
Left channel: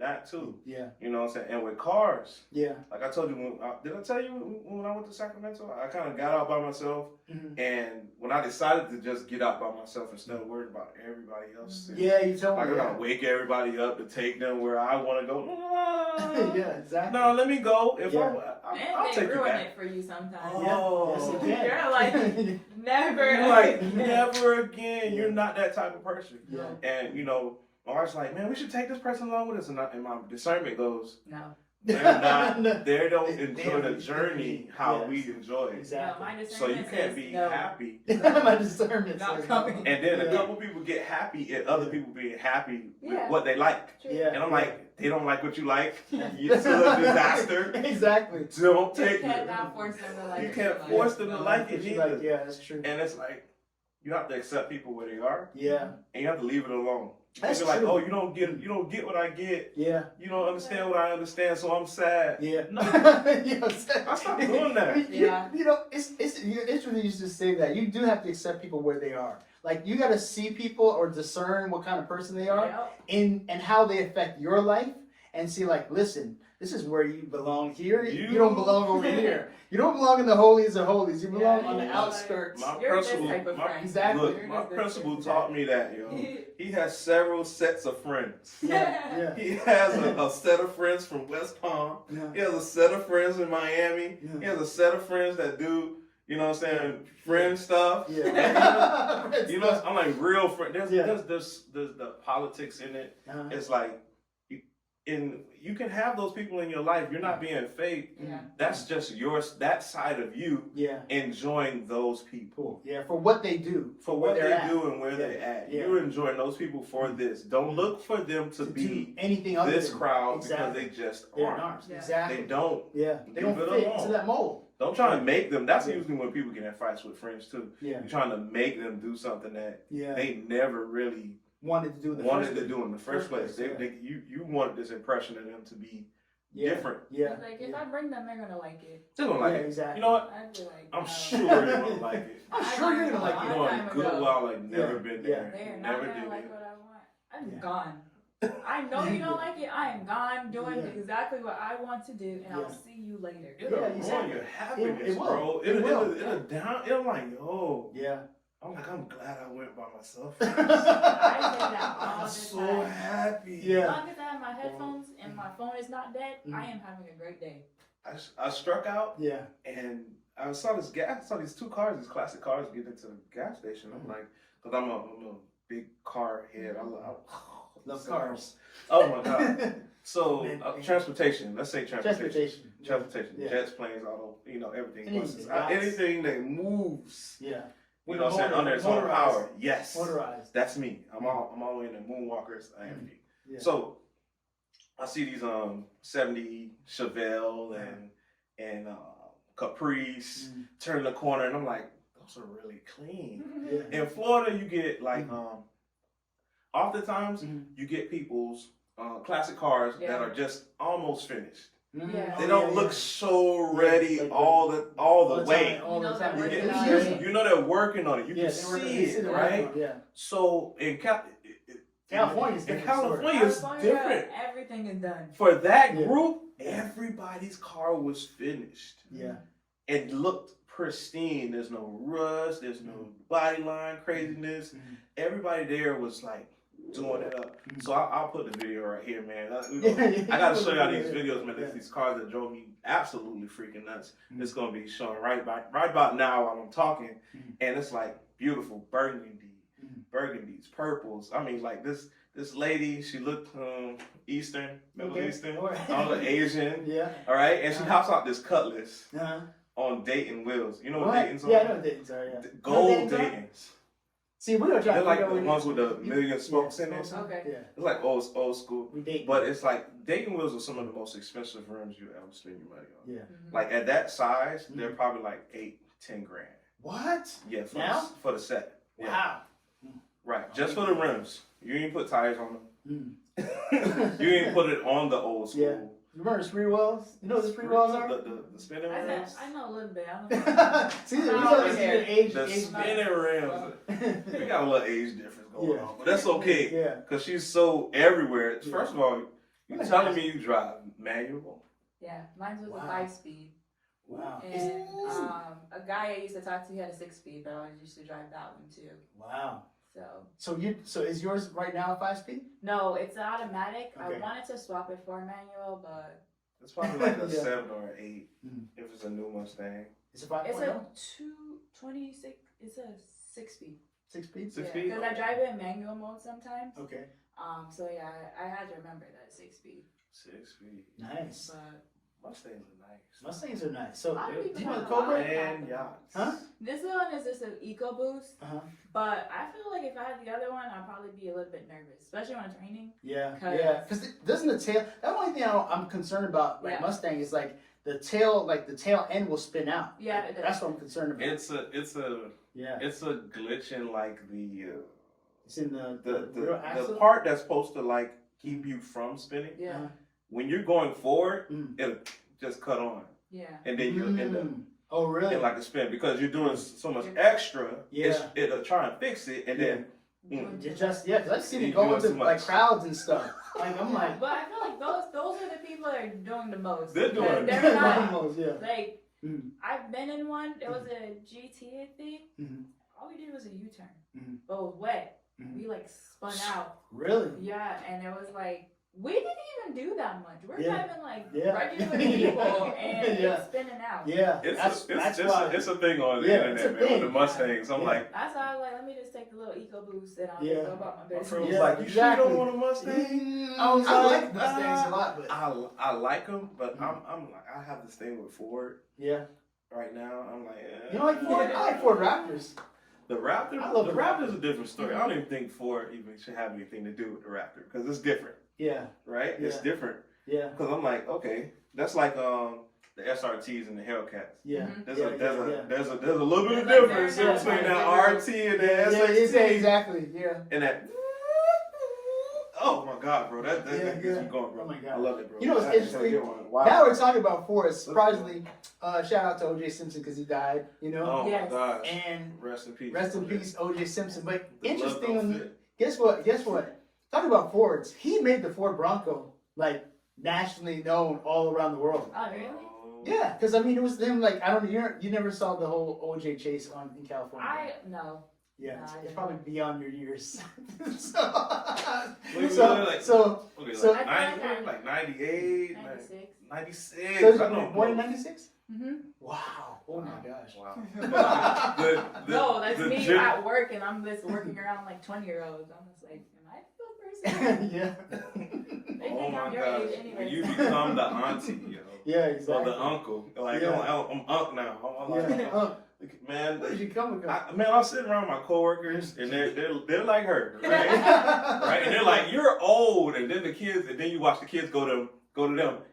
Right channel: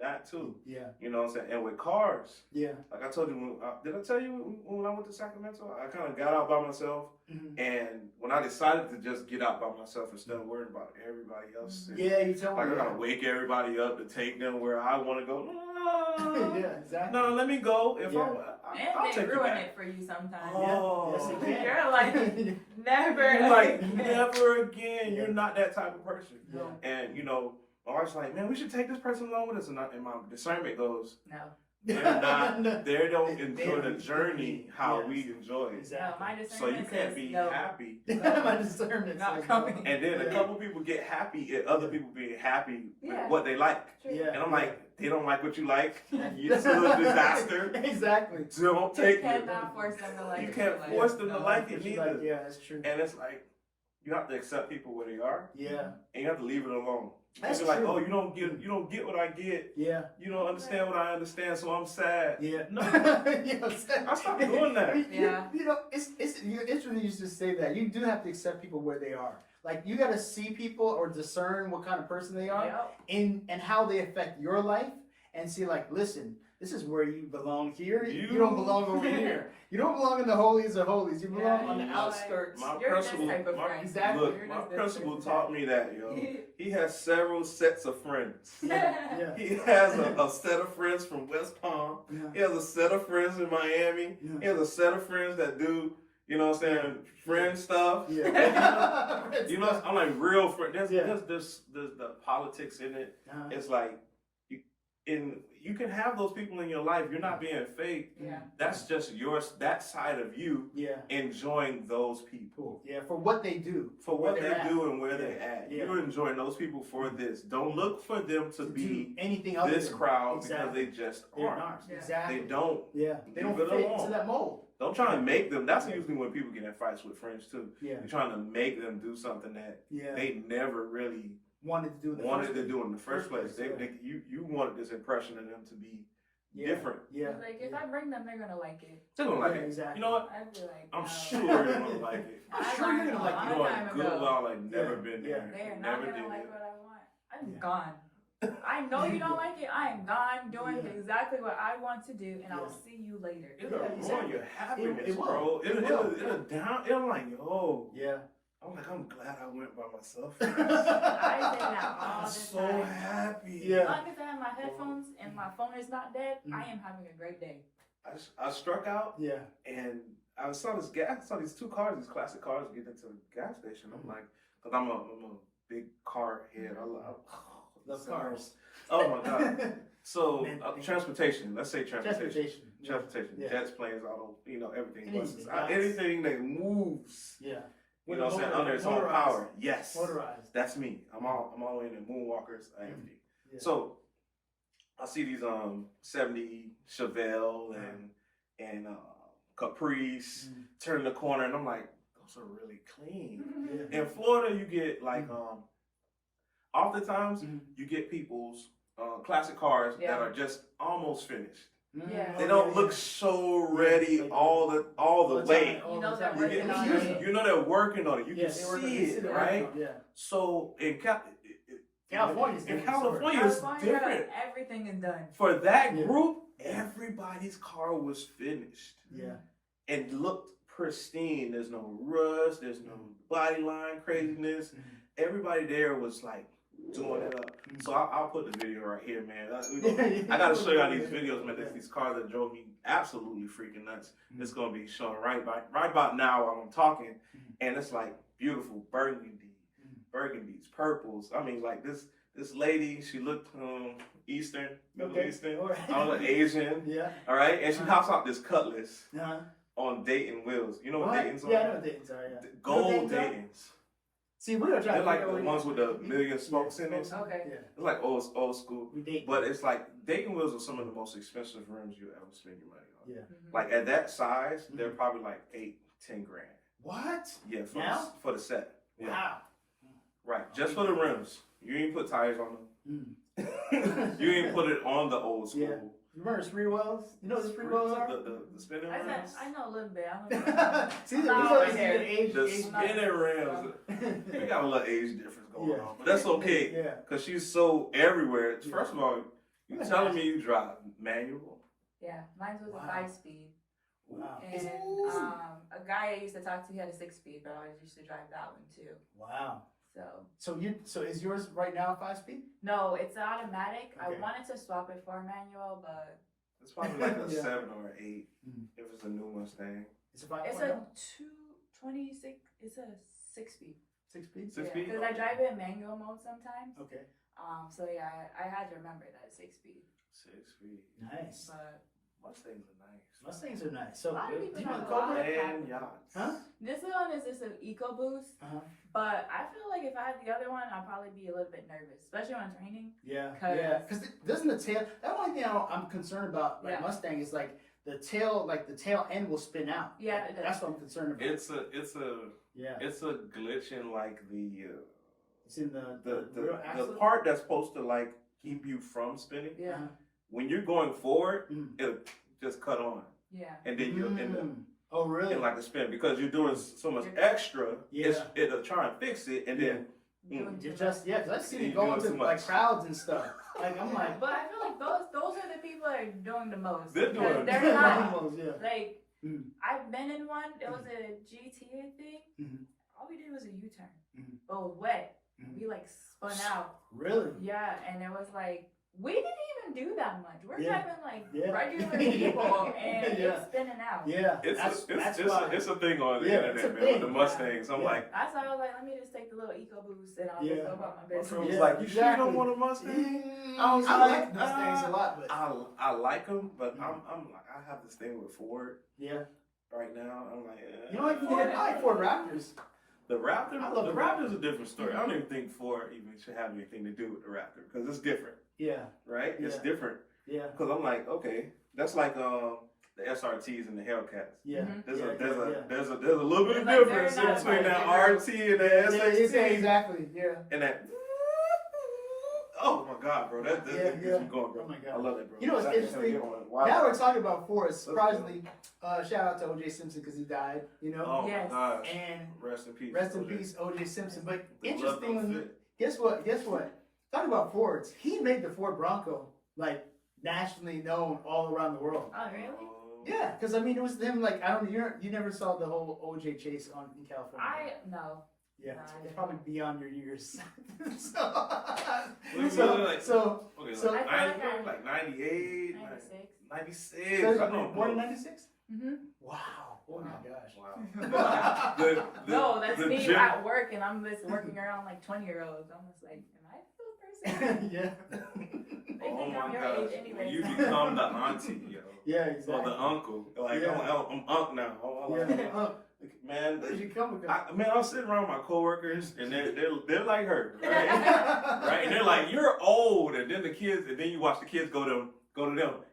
that too. Yeah. You know what I'm saying? And with cars, Yeah. like I told you, did I tell you when I went to Sacramento? I kind of got out by myself, Mhm. and when I decided to just get out by myself instead of worrying about everybody else, Yeah, you tell like me. I gotta wake everybody up to take them where I want to go. Yeah, exactly. No, let me go. If Yeah. I'll And take they you ruin back. it for you sometimes. Oh. Yes, it can. You're like, never. You're like, again. never again. Yeah. You're not that type of person. Yeah. And my wife's like, man, we should take this person along with us. And my discernment goes, No. they're not. They don't enjoy the They- journey how yes. we enjoy it. Exactly. No, my So you discernment can't says be no. happy. My discernment Not says coming. no. And then a Yeah. couple people get happy at other people being happy with Yeah. what they like. True. Yeah. And I'm like, they don't like what you like. You're still a disaster. Exactly. Don't You take cannot it. force them to like You it. can't Like, force them to no. like it She's neither. like, yeah, that's true. And it's like, you have to accept people where they are, Yeah. and you have to leave it alone. That's You're like, true. oh, you don't get what I get. Yeah. You don't understand what I understand, so I'm sad. Yeah. No. I stopped doing that. Yeah. It's interesting you just say that. You do have to accept people where they are. Like you got to see people or discern what kind of person they are Yep. and how they affect your life and see like, listen, this is where you belong here. You don't belong over here. You don't belong in the holies of holies. You belong on the outskirts. My You're principal, this type of friend. Exactly. look, my principal taught me that, yo. He has several sets of friends. Yeah. He has a set of friends from West Palm. Yeah. He has a set of friends in Miami. Yeah. He has a set of friends that do, you know what I'm saying, friend stuff. Yeah. You know, I'm like real friend. There's Yeah. the politics in it. Uh-huh. It's like, you can have those people in your life. You're not being fake. Yeah. That's just that side of you Yeah. enjoying those people. Cool. Yeah, for what they do. For what where they they're at. do and where they're at. Yeah. You're enjoying those people for this. Don't look for them to do be anything other this than crowd exactly. because they just They're aren't. not. Yeah. Exactly. They don't. Yeah. They don't Leave it fit alone. into that mold. Don't try to make them. That's Yeah. usually when people get in fights with friends too. Yeah. You're trying to make them do something that Yeah. they never really wanted to do in the wanted first to place. do in the first place. Yeah. You wanted this impression of them to be Yeah. different. Yeah. Like if I bring them, they're gonna like it. They're gonna like Yeah, it. exactly. You know what? I'd be like, I'm no. sure you're gonna like it. I'm sure you're gonna like You it. know, in Goodwill, like never Yeah. been Yeah. there. They are not Never gonna did like it. what I want. I'm Yeah. gone. I know you don't like it. I am gone doing Yeah. exactly what I want to do, and I'll Yeah. see you later. It'll Yeah, ruin exactly. your happiness, It will. bro. It will. It'll down. It'll like, yo. Yeah. I'm glad I went by myself. I say that all I'm the so time. happy. Yeah. As long as I have my headphones and my phone is not dead, Mm. I am having a great day. I struck out Yeah. and I saw these two cars, these classic cars, get into the gas station. I'm like, because I'm a big car head. I Love cars. Oh my god. So Man. transportation. Let's say transportation. Transportation. Yeah. Jets, planes, auto. You know everything. Anything, Buses. yachts. Anything that moves. Yeah. You know what I'm saying? Under its own Motorized. power. Yes. Motorized. That's me. I'm all the way in the moonwalkers. I am. Yeah. So I see these 70 Chevelle and Caprice turn the corner, and I'm like, those are really clean. Yeah. In Florida, you get like oftentimes you get people's classic cars that are just almost finished. Yeah. They don't look so ready Like all the way. All the You know time. they're Yeah. working on Yeah. it. You know they're working on it. You Yeah, can they work on see it. it, They're right? working on it. Yeah. So in California's in different California, it's California, different. everything is done. For that Yeah. group, everybody's car was finished Yeah. and looked pristine. There's no rust. There's no body line craziness. Mhm. Everybody there was like doing it up. So I'll put the video right here, man. Yeah. I gotta show y'all these videos, man. These cars that drove me absolutely freaking nuts. It's gonna be showing right about now while I'm talking, and it's like beautiful burgundies, purples. I mean, like this lady, she looked Eastern, Middle Eastern, All right. I don't know, Asian. Yeah. All right, and she hops out this Cutlass Uh-huh. on Dayton wheels. You know what What? Dayton's on? Yeah, I know what Dayton's are, yeah. Gold You know what Dayton's are? Daytons. See, we don't try They're to like figure out the what ones with the million spokes in it. Okay. Yeah. It's like old school. We date. But it's like Dayton wheels are some of the most expensive rims you ever spend your money on. Yeah. Like at that size, they're probably like 8-10 grand. What? Yeah, Now? for the set. Yeah. Wow. Right, just for the rims. You ain't put tires on Mm. them. You ain't put it on the old school. Yeah. Remember spree wells? You know what the spree wells are? The spinning rims. I know a little bit. I don't know. See, I'm not we over don't there. age. The age- spinning rims. We got a little age difference going Yeah. on, but that's okay. Yeah. Cause she's so everywhere. Yeah. First of all, you Look at telling that. me you drive manual? Yeah, mine was Wow. a 5-speed. Wow. And a guy I used to talk to, he had a 6-speed, but I always used to drive that one too. Wow. So So is yours right now a 5-speed? no, it's automatic. Okay. I wanted to swap it for a manual, but It's probably like a Yeah. 7 or an 8 Mhm. if it's a new Mustang. It's a 5.0? it's a 226. It's a 6-speed. 6-speed? 6-speed? Because I drive it in manual mode sometimes. Okay. So yeah, I had to remember that 6-speed. 6-speed. Nice. But Mustangs are nice. Mustangs are nice. So, A lot of do people you know the have a lot Cobra? of- And yachts. Huh? this one is just an EcoBoost. Uh-huh. But I feel like if I had the other one, I'd probably be a little bit nervous, especially when it's raining. Yeah. 'Cause- Yeah. Because doesn't the tail, the only thing I'm concerned about, like Yeah. Mustang, is like the tail end will spin out. Yeah, Like, it does. that's what I'm concerned about. It's a Yeah. glitch in like It's in the real axle. the part that's supposed to like keep you from spinning. Yeah, Uh-huh. When you're going forward, Mm. it'll just cut on, yeah. and then you end up Oh, really? in like a spin because you're doing so much Yeah. extra. Yeah. It'll try and fix it, and then Doing You too just, much. yeah, because I've seen You it go doing into too like much. crowds and stuff. Like, I'm like, But I feel like those are the people people are doing the most. They're doing They're not. Yeah. Like, Mhm. I've been in one. It was a GT, I think. Mhm. All we did was a U-turn, Mhm. but it was wet. Mhm. We like spun out. Really? Yeah, and it was like we didn't even do that much. We're Yeah. driving like Yeah. regular people, and Yeah. it's spinning out. Yeah. It's that's a why. it's a thing on the Yeah, it's a internet, man, with the thing. Mustangs. I'm Yeah. like, That's why I was like, let me just take the little eco boost and I'll Yeah. just go about my my business. friend was Yeah, like, you sure you exactly. don't want a Mustang? Mm, I was I like, like Mustangs a lot, but I like them, but Mhm. I'm like, I have this thing with Ford yeah. right now. I'm like, You know what? I like Ford Raptors. The Raptor. I love the the Raptor's Raptor. a different story. I don't even think Ford even should have anything to do with the Raptor because it's different, Yeah. right? It's Yeah. different Yeah. because I'm like, okay, that's like the SRTs and the Hellcats. Yeah. Mhm. There's Yeah, a there's yeah, a yeah. there's a there's a little bit of Like, difference they're not between that like RT and the Yeah, SXT exactly. Yeah. and that. Oh my God, bro! That Yeah, gets yeah. me going, bro. Oh my God. I love it, bro. You know what's That's interesting? gonna get one. Wow. Now we're talking about Ford. Let's Surprisingly, shout out to O.J. Simpson because he died. You know. Oh Yes. my gosh. And Rest in peace. rest in OJ. peace, O.J. Simpson. But The love interesting, don't when fit. guess what? Guess what? Talking about Fords, he made the Ford Bronco like nationally known all around the world. Oh, really? Yeah, because I mean, it was them. Like I don't, you never saw the whole O.J. chase in California. No. Yeah, No, I it's didn't. probably beyond your years. so, Wait, so, like- so, Okay, So- like, I feel 90, like 98, 96. 96. so I you don't were born in know. '96? Mm-hmm. Wow! Oh my gosh! Wow. No, that's the me gen- at work, and I'm just working around like 20-year-olds. I'm just like, am I still a person? Yeah. They Oh think my I'm your gosh. age anyway. When you become the auntie, yo. Yeah, Or exactly. the uncle. Like, Yeah. I'm uncle now. I'm like, Yeah. man, Where did you come from? I'm sitting around my coworkers, and they're like her, right? Right? And they're like, you're old. And then the kids, and then you watch the kids go to them.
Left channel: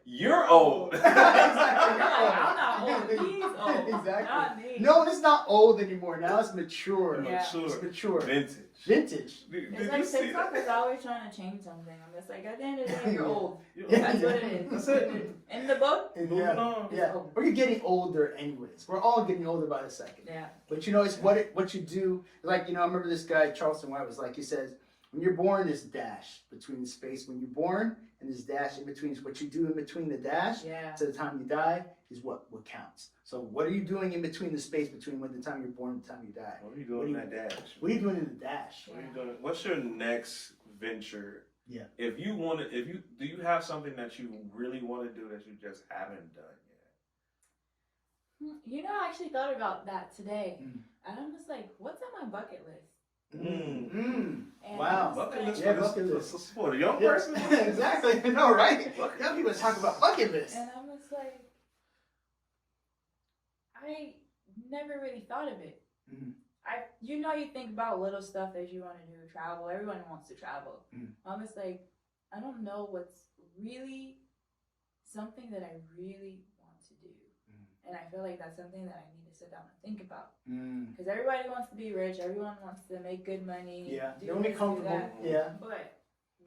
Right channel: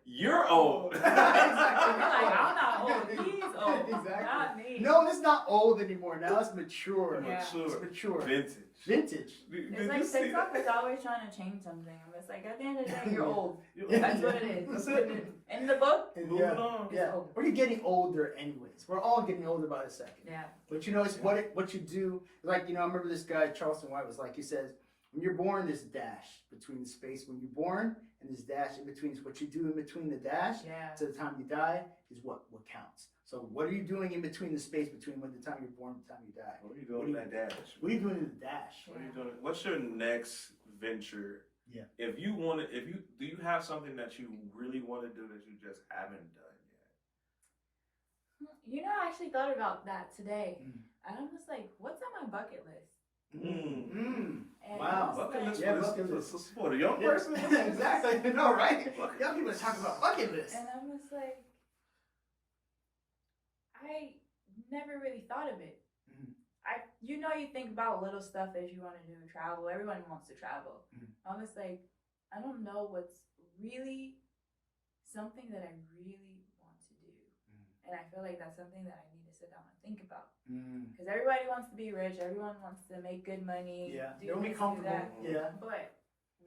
You're old. You're like, I'm not old. He's old. Exactly. Not me. No, it's not old anymore. Now it's mature. Yeah. It's mature. Vintage. Vintage. Did It's you like see TikTok that? is always trying to change something. I'm just like, at the end of the day, you're old. Yeah. That's what it is. That's it. In the book, And Moving yeah, on. yeah. old. We're getting older anyways. We're all getting older by the second. yeah. But you know, it's what you do. Like, you know, I remember this guy, Charleston White, was like, he says, when you're born, there's a dash between the space when you're born, and there's dash in between. So what you do in between the dash Yeah. to the time you die is what counts. So what are you doing in between the space between when the time you're born and the time you die? What are you doing in that dash? What are you doing in the dash? What are you doing? What's your next venture? Yeah. If you want to, do you have something that you really want to do that you just haven't done You know, I actually thought about that today. Mm. And I'm just like, what's on my bucket list? Mm. Mm. And Wow. I'm just Bucket like- list Yeah, for bucket this list. for the young Yeah, person. exactly. No, right? Young people talk about bucket lists. And I'm just like, I never really thought of it. Mhm. You think about little stuff that you want to do, travel. Everyone wants to travel. Mhm. I'm just like, I don't know what's really something that I really want to do. And I feel like that's something that I need to sit down and think about. Mm. Because everybody wants to be rich. Everyone wants to make good money. Yeah. do They want to be this, do comfortable. that. Yeah. But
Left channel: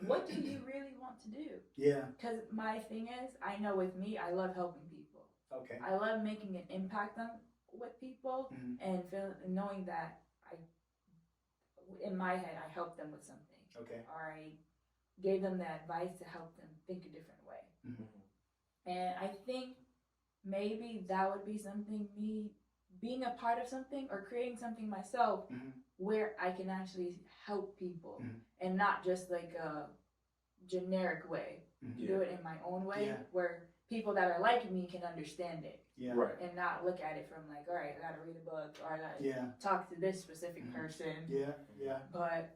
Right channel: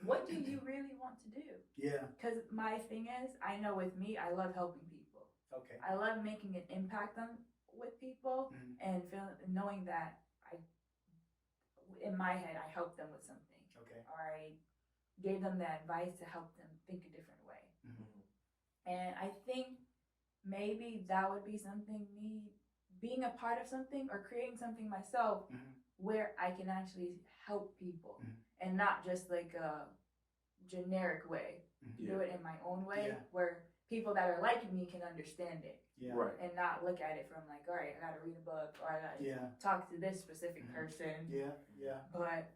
what do you really want to do? Yeah. Because my thing is, I know with me, I love helping people. Okay. I love making an impact with people Mhm. and knowing that in my head, I helped them with something. Okay. Or I gave them the advice to help them think a different way. Mhm. And I think maybe that would be something, me being a part of something or creating something myself Mhm. where I can actually help people Mhm. and not just like a generic way. Mhm. Do it in my own way Yeah. where people that are like me can understand it Yeah. Right. and not look at it from like, all right, I gotta read a book or I gotta Yeah. talk to this specific Mhm. person. Yeah. Yeah. But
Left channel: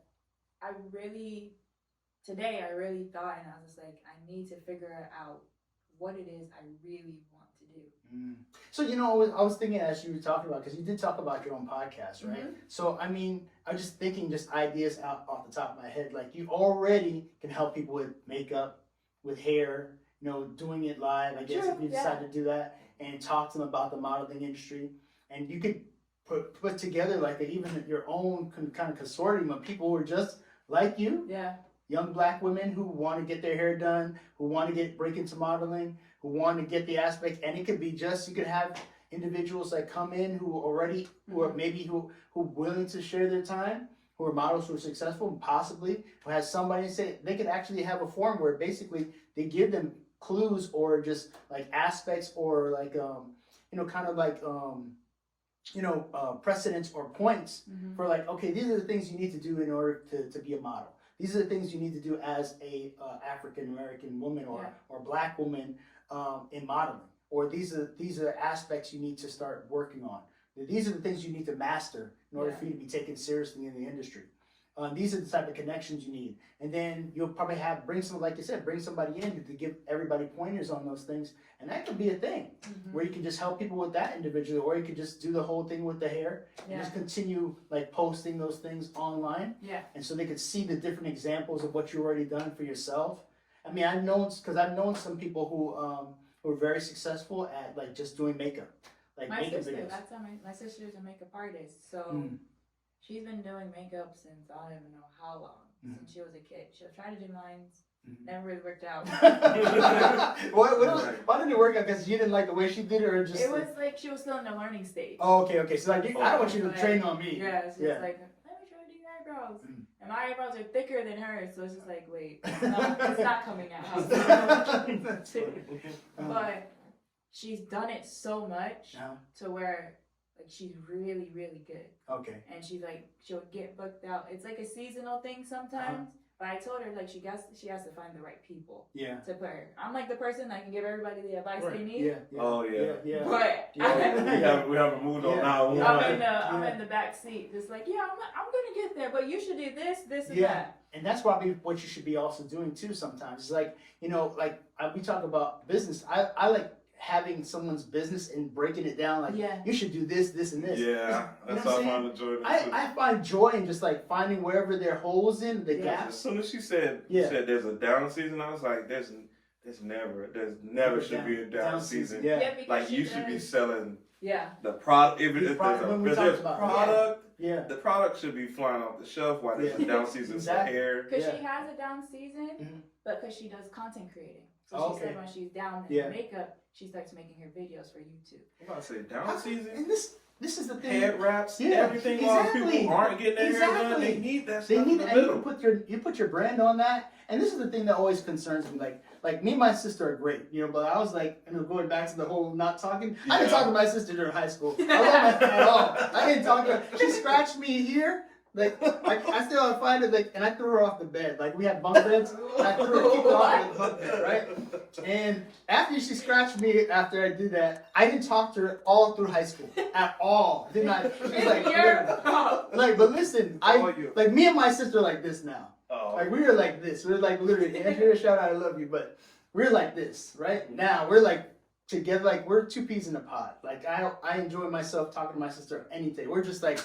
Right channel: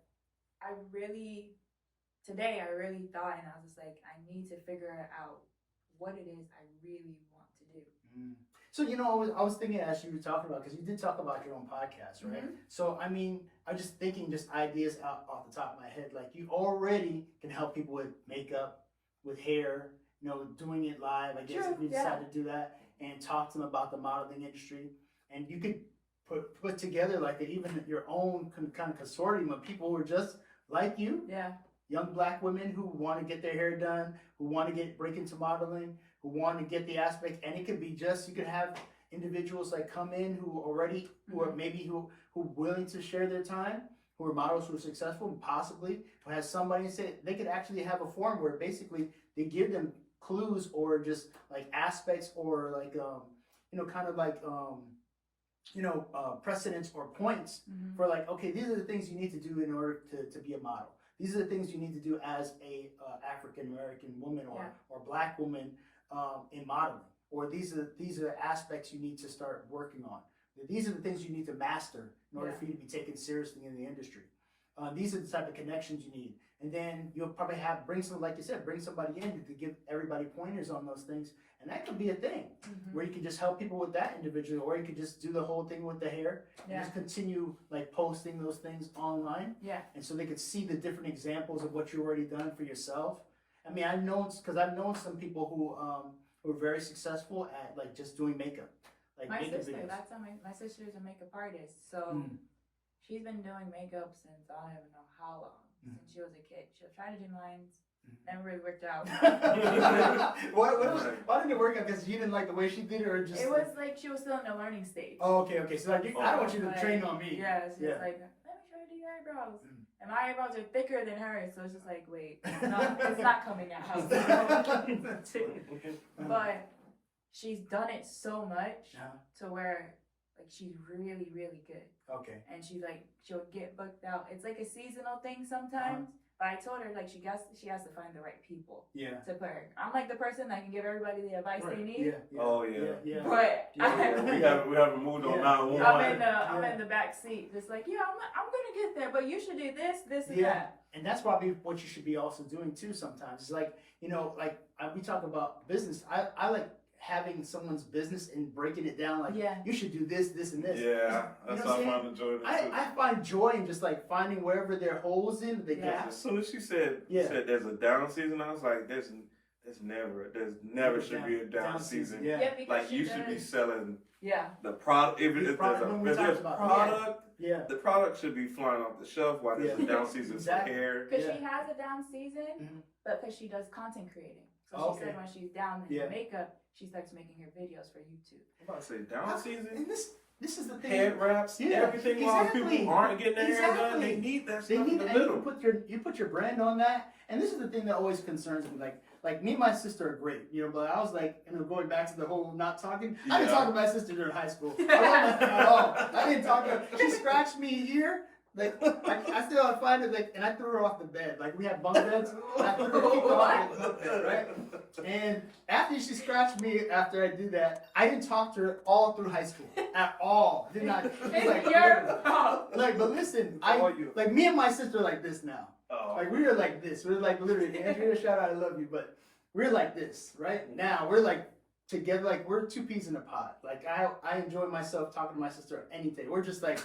today I really thought, and I was just like, I need to figure out what it is I really want to do. Mm. So, you know, I was thinking as you were talking about, because you did talk about your own podcast, right? Mhm. So, I mean, I was just thinking just ideas out off the top of my head. Like, you already can help people with makeup, with hair, you know, doing it live, I guess, True, if you yeah. decide to do that, and talk to them about the modeling industry. And you could put together, like, even your own kind of consortium of people who are just like you, Yeah. young black women who want to get their hair done, who want to break into modeling, who want to get the aspect, and it could be just, you could have individuals like come in who are maybe who willing to share their time, who are models who are successful, and possibly who has somebody say they could actually have a forum where basically they give them clues or just like aspects or like kind of like precedents or points for like, okay, these are the things you need to do in order to be a model. These are the things you need to do as a African American woman or Black woman in modeling. Or these are aspects you need to start working on. These are the things you need to master in order for you to be taken seriously in the industry. These are the type of connections you need. And then you'll probably bring somebody in to give everybody pointers on those things. And that could be a thing where you can just help people with that individually, or you could just do the whole thing with the hair and just continue like posting those things online. Yeah. And so they could see the different examples of what you've already done for yourself. I mean, I've known some people who are very successful at like just doing makeup. Like my makeup sister, videos. my sister's a makeup artist, so she's been doing makeup since I don't even know how long. Since she was a kid. She'll try to do mine. Never really worked out. Why didn't it work out? Because you didn't like the way she did it, or just? It was like she was still in the learning stage. Oh, okay. So like, I don't want you to train on me. Yeah, it's just like, let me try to do your eyebrows. And my eyebrows are thicker than hers, so it's just like, wait, no, it's not coming out. But she's done it so much to where like she's really, really good. Okay. And she'll get booked out. It's like a seasonal thing sometimes. But I told her like she has to find the right people. Yeah. To put her. I'm like the person that can give everybody the advice they need. Yeah. Oh yeah. But we haven't moved on now. I'm in the back seat, just like I'm gonna get there, but you should do this, and that. And that's probably what you should be also doing too. Sometimes it's like we talk about business. I like having someone's business and breaking it down like you should do this and this. Yeah, that's how I find the joy. I find joy in just like finding wherever there are holes in the gaps. As soon as she said there's a down season, I was like, there's never should be a down season. Yeah, like you should be selling the product. If there's a product, the product should be flying off the shelf while there's a down season for hair. Because she has a down season, but because she does content creating. So she said when she's down in makeup, she starts making her videos for YouTube. I'm about to say down season. And this is the thing. Head wraps, everything. While people aren't getting their hair done, they need that stuff in the middle. You put your brand on that, and this is the thing that always concerns me. Like me and my sister are great, but I was like, going back to the whole not talking. I didn't talk to my sister during high school. At all. I didn't talk to her. She scratched me here. Like I still find it and I threw her off the bed. Like we had bunk beds. I threw her off the bunk bed, right? And after she scratched me, after I did that, I didn't talk to her all through high school at all. Did not. But listen, me and my sister are like this now. Oh. Like we are like this. We're like literally. Andrea, shout out, I love you, but we're like this right now. We're like together. Like we're two peas in a pod. Like I enjoy myself talking to my sister any day. We're just like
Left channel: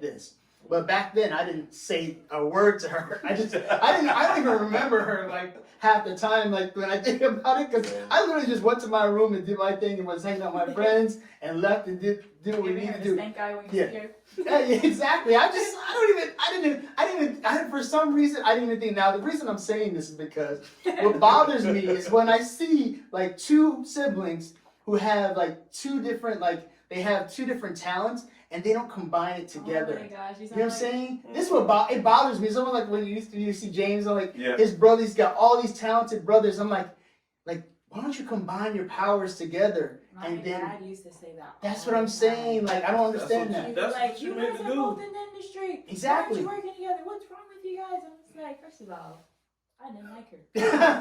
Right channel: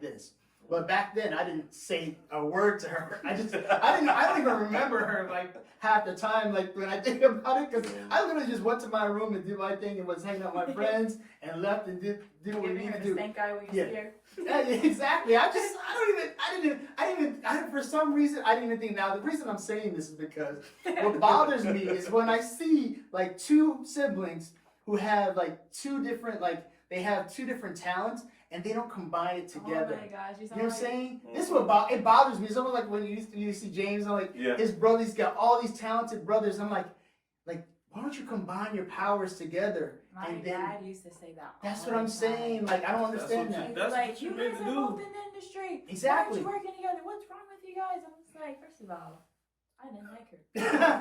this. But back then, I didn't say a word to her. I don't even remember her like half the time. Like when I think about it, because I literally just went to my room and did my thing and was hanging out with my friends and left and did what we needed to do. Yeah, exactly. For some reason, I didn't even think. Now the reason I'm saying this is because what bothers me is when I see like two siblings who have like two different talents. And they don't combine it together. Oh my gosh, you know what I'm saying? This is what it bothers me. Someone like when you see James, I'm like, his brother, he's got all these talented brothers. I'm like, why don't you combine your powers together? My dad used to say that. That's what I'm saying. Like I don't understand that. That's like what you guys are both in the industry. Exactly. Why aren't you working together? What's wrong with you guys? I'm just like, first of all, I didn't like her.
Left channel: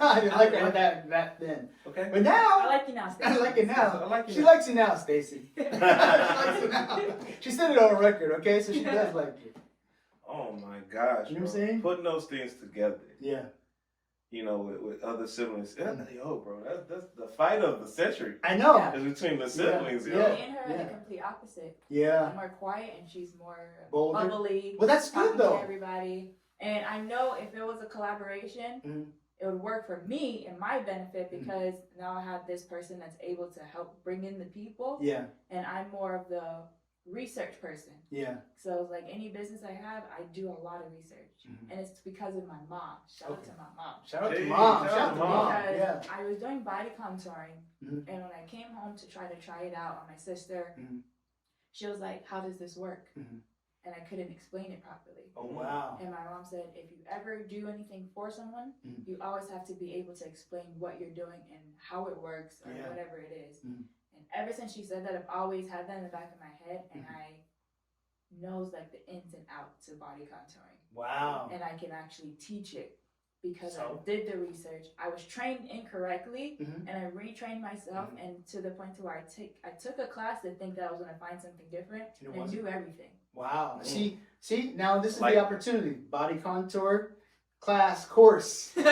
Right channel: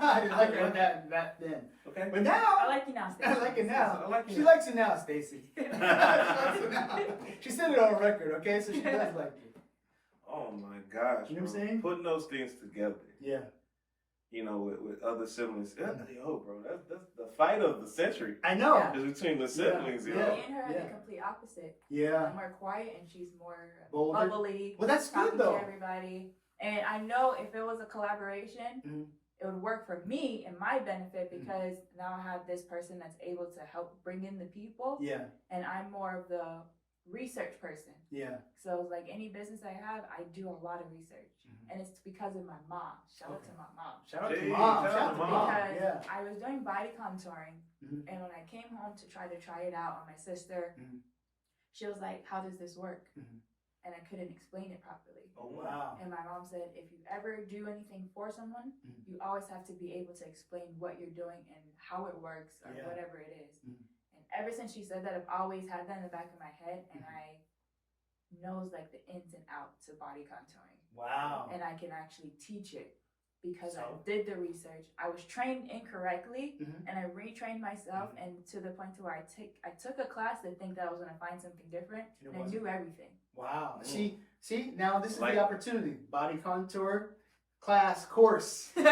I didn't like her back then. Okay. But now I like you now, Stacey. I like it now. She likes you now, Stacey. She likes you now. She said it on record, okay? So she does like you. Oh my gosh. You know what I'm saying? Putting those things together. Yeah. With other siblings. Yo, bro, that's the fight of the century. I know. It's between the siblings. Me and her are the complete opposite. Yeah. I'm more quiet and she's more bolder. Bubbly. Well, that's good though. To everybody. And I know if it was a collaboration, it would work for me and my benefit because now I have this person that's able to help bring in the people. Yeah. And I'm more of the research person. Yeah. So like any business I have, I do a lot of research. And it's because of my mom. Shout out to my mom. Shout out to mom. Shout out to mom. Because I was doing body contouring and when I came home to try it out on my sister, she was like, how does this work? and I couldn't explain it properly. Oh, wow. And my mom said, if you ever do anything for someone, you always have to be able to explain what you're doing and how it works or whatever it is. And ever since she said that, I've always had that in the back of my head, and I knows like the ins and outs of body contouring. Wow. And I can actually teach it because I did the research. I was trained incorrectly, and I retrained myself, and to the point to where I took a class to think that I was going to find something different, and I knew everything. Wow. See, now this is the opportunity. Body contour class course. Go to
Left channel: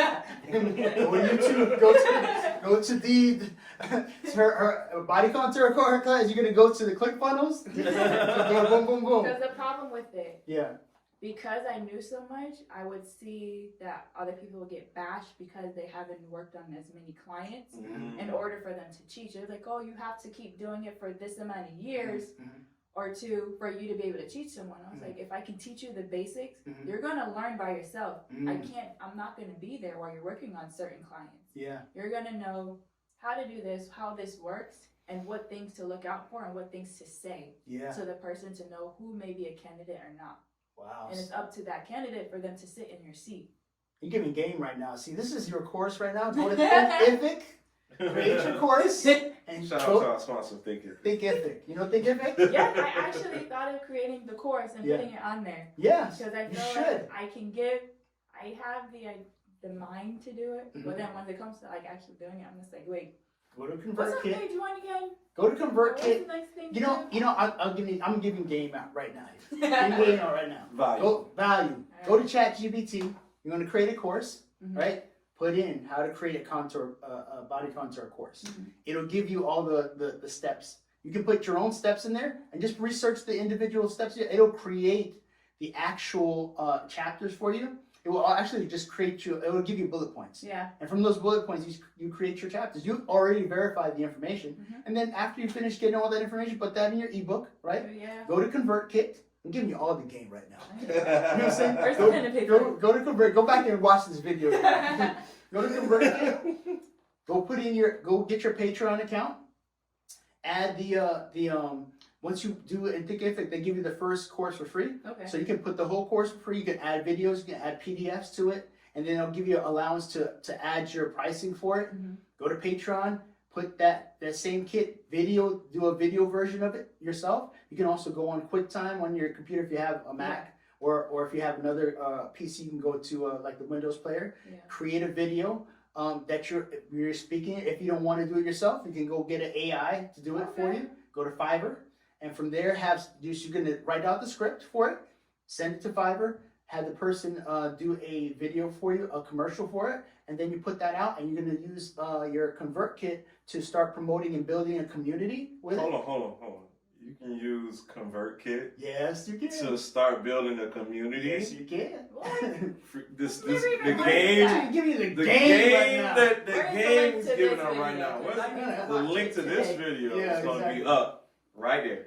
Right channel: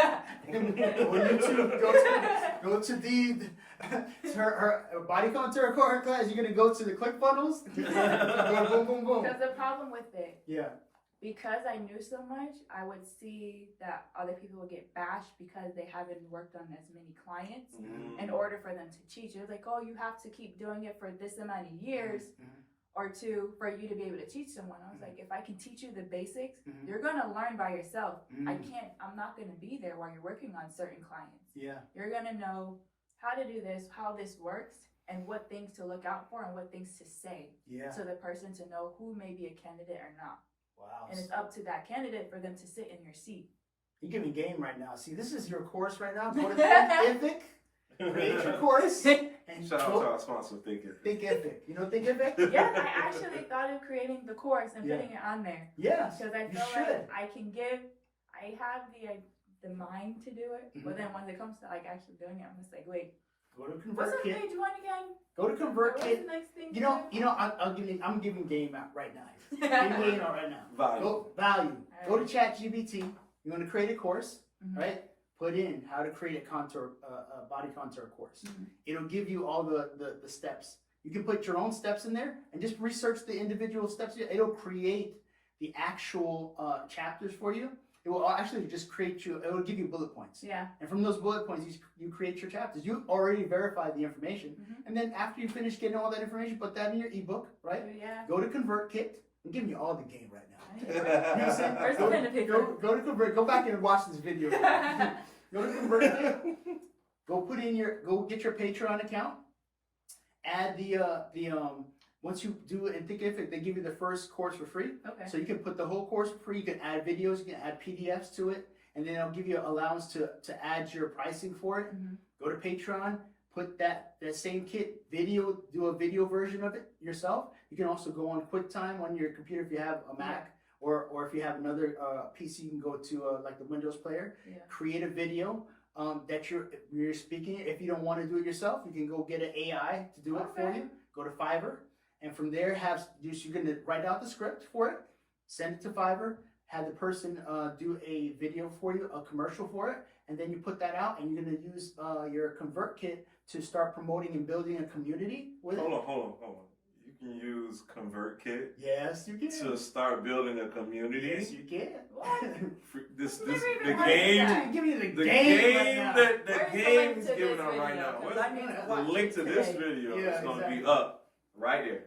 YouTube. Go to the her body contour class. You're gonna go to the ClickFunnels. Boom, boom, boom. Because the problem with it. Yeah. Because I knew so much, I would see that other people would get bashed because they haven't worked on as many clients in order for them to teach. They're like, oh, you have to keep doing it for this amount of years or two for you to be able to teach someone. I was like, if I can teach you the basics, you're going to learn by yourself. I'm not going to be there while you're working on certain clients. Yeah. You're going to know how to do this, how this works, and what things to look out for and what things to say to the person to know who may be a candidate or not. Wow. And it's up to that candidate for them to sit in your seat. You're giving game right now. See, this is your course right now. Go to Ebook, create your course, and shout out to our sponsor, Think Ebook. You know Think Ebook? Yeah, I actually thought of creating the course and putting it on there. Yes, because I feel like I have the mind to do it, but then when it comes to like actually doing it, I'm just like, wait. Go to What's the ConvertKit. thing doing again? Go to ConvertKit. Nice I'm giving game out right now. Giving game out right now. Value. Value. Go to ChatGPT. You're going to create a course, right? Put in how to create a body contour course. It'll give you all the steps. You can put your own steps in there and just research the individual steps. It'll create the actual chapters for you. It will actually just it will give you bullet points. Yeah. And from those bullet points, you create your chapters. You already verified the information. And then after you finish getting all that information, put that in your ebook, right? Yeah. Go to ConvertKit. I'm giving you all the game right now. You know what I'm saying? Go to Convert. Go back and watch this video. Go to ConvertKit. Go get your Patreon account. Add once you do it in Thinkific, they give you the first course for free. Okay. So you can put the whole course for free. You can add videos, you can add PDFs to it, and then it'll give you allowance to add your pricing for it. Go to Patreon, put that same kit video, do a video version of it yourself. You can also go on QuickTime on your computer if you have a Mac, or if you have another PC, you can go to like the Windows player, create a video that you're speaking. If you don't want to do it yourself, you can go get an AI to do it for you. Go to Fiverr. And from there, you're going to write out the script for it, send it to Fiverr, have the person do a video for you, a commercial for it, and then you put that out, and you're going to use your ConvertKit to start promoting and building a community with it. Hold on. You can use ConvertKit. Yes, you can. To start building a community. Yes, you can. The game is giving out right now. The link to this video is going to be up. Right there.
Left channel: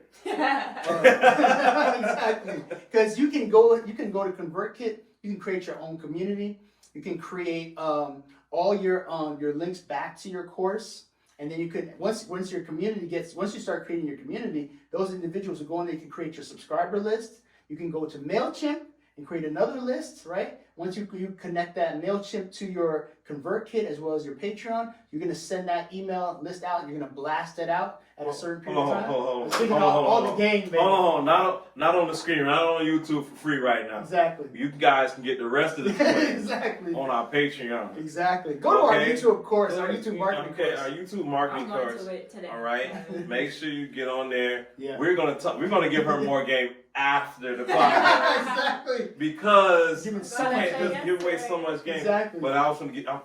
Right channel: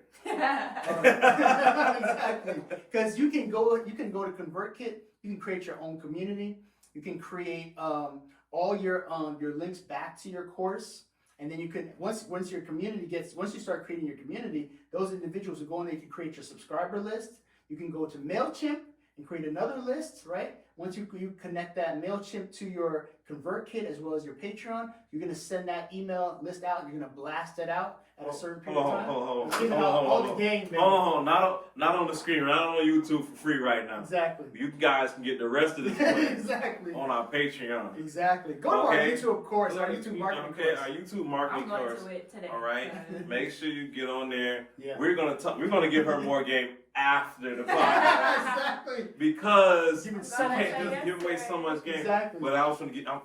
Exactly. Because you can go to ConvertKit. You can create your own community. You can create all your links back to your course, and then you can once you start creating your community, those individuals will go in. They can create your subscriber list. You can go to MailChimp and create another list, right? Once you connect that MailChimp to your ConvertKit as well as your Patreon, you're going to send that email list out, and you're going to blast it out at a certain period of time. Hold on. Not on the screen, not on YouTube for free right now. Exactly. You guys can get the rest of the exactly on our Patreon. Exactly. Go to our YouTube course, our YouTube marketing course. Our YouTube marketing course. To it today. All right. Make sure you get on there. Yeah. We're gonna give her more game after the podcast. Exactly. Because you can't just give away so much game. Exactly. But I was gonna get. You know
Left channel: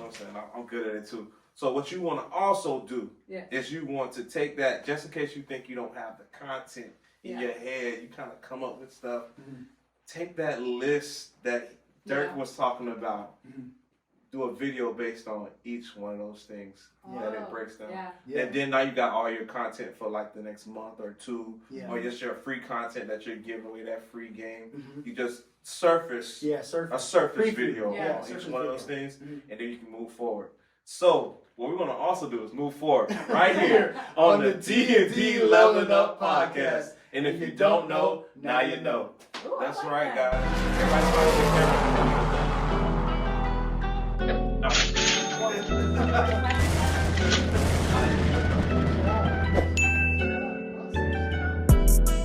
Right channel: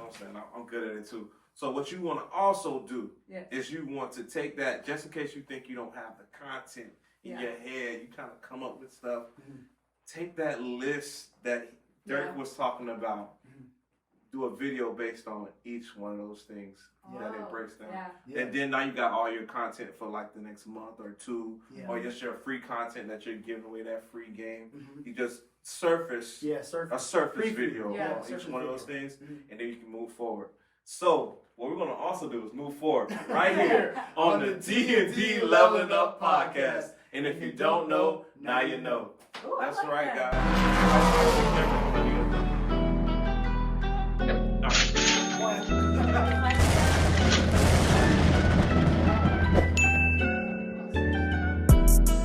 what I'm saying? I'm good at it too. So what you want to also do is you want to take that, just in case you think you don't have the content in your head, you kind of come up with stuff. Take that list that Dirk was talking about. Do a video based on each one of those things that it breaks down. And then now you got all your content for like the next month or two, or just your free content that you're giving away, that free game. You just surface a surface video on each one of those things, and then you can move forward. So what we're going to also do is move forward right here on the D&D Leveling Up Podcast. And if you don't know, now you know. Ooh, I That's like right, that. guys.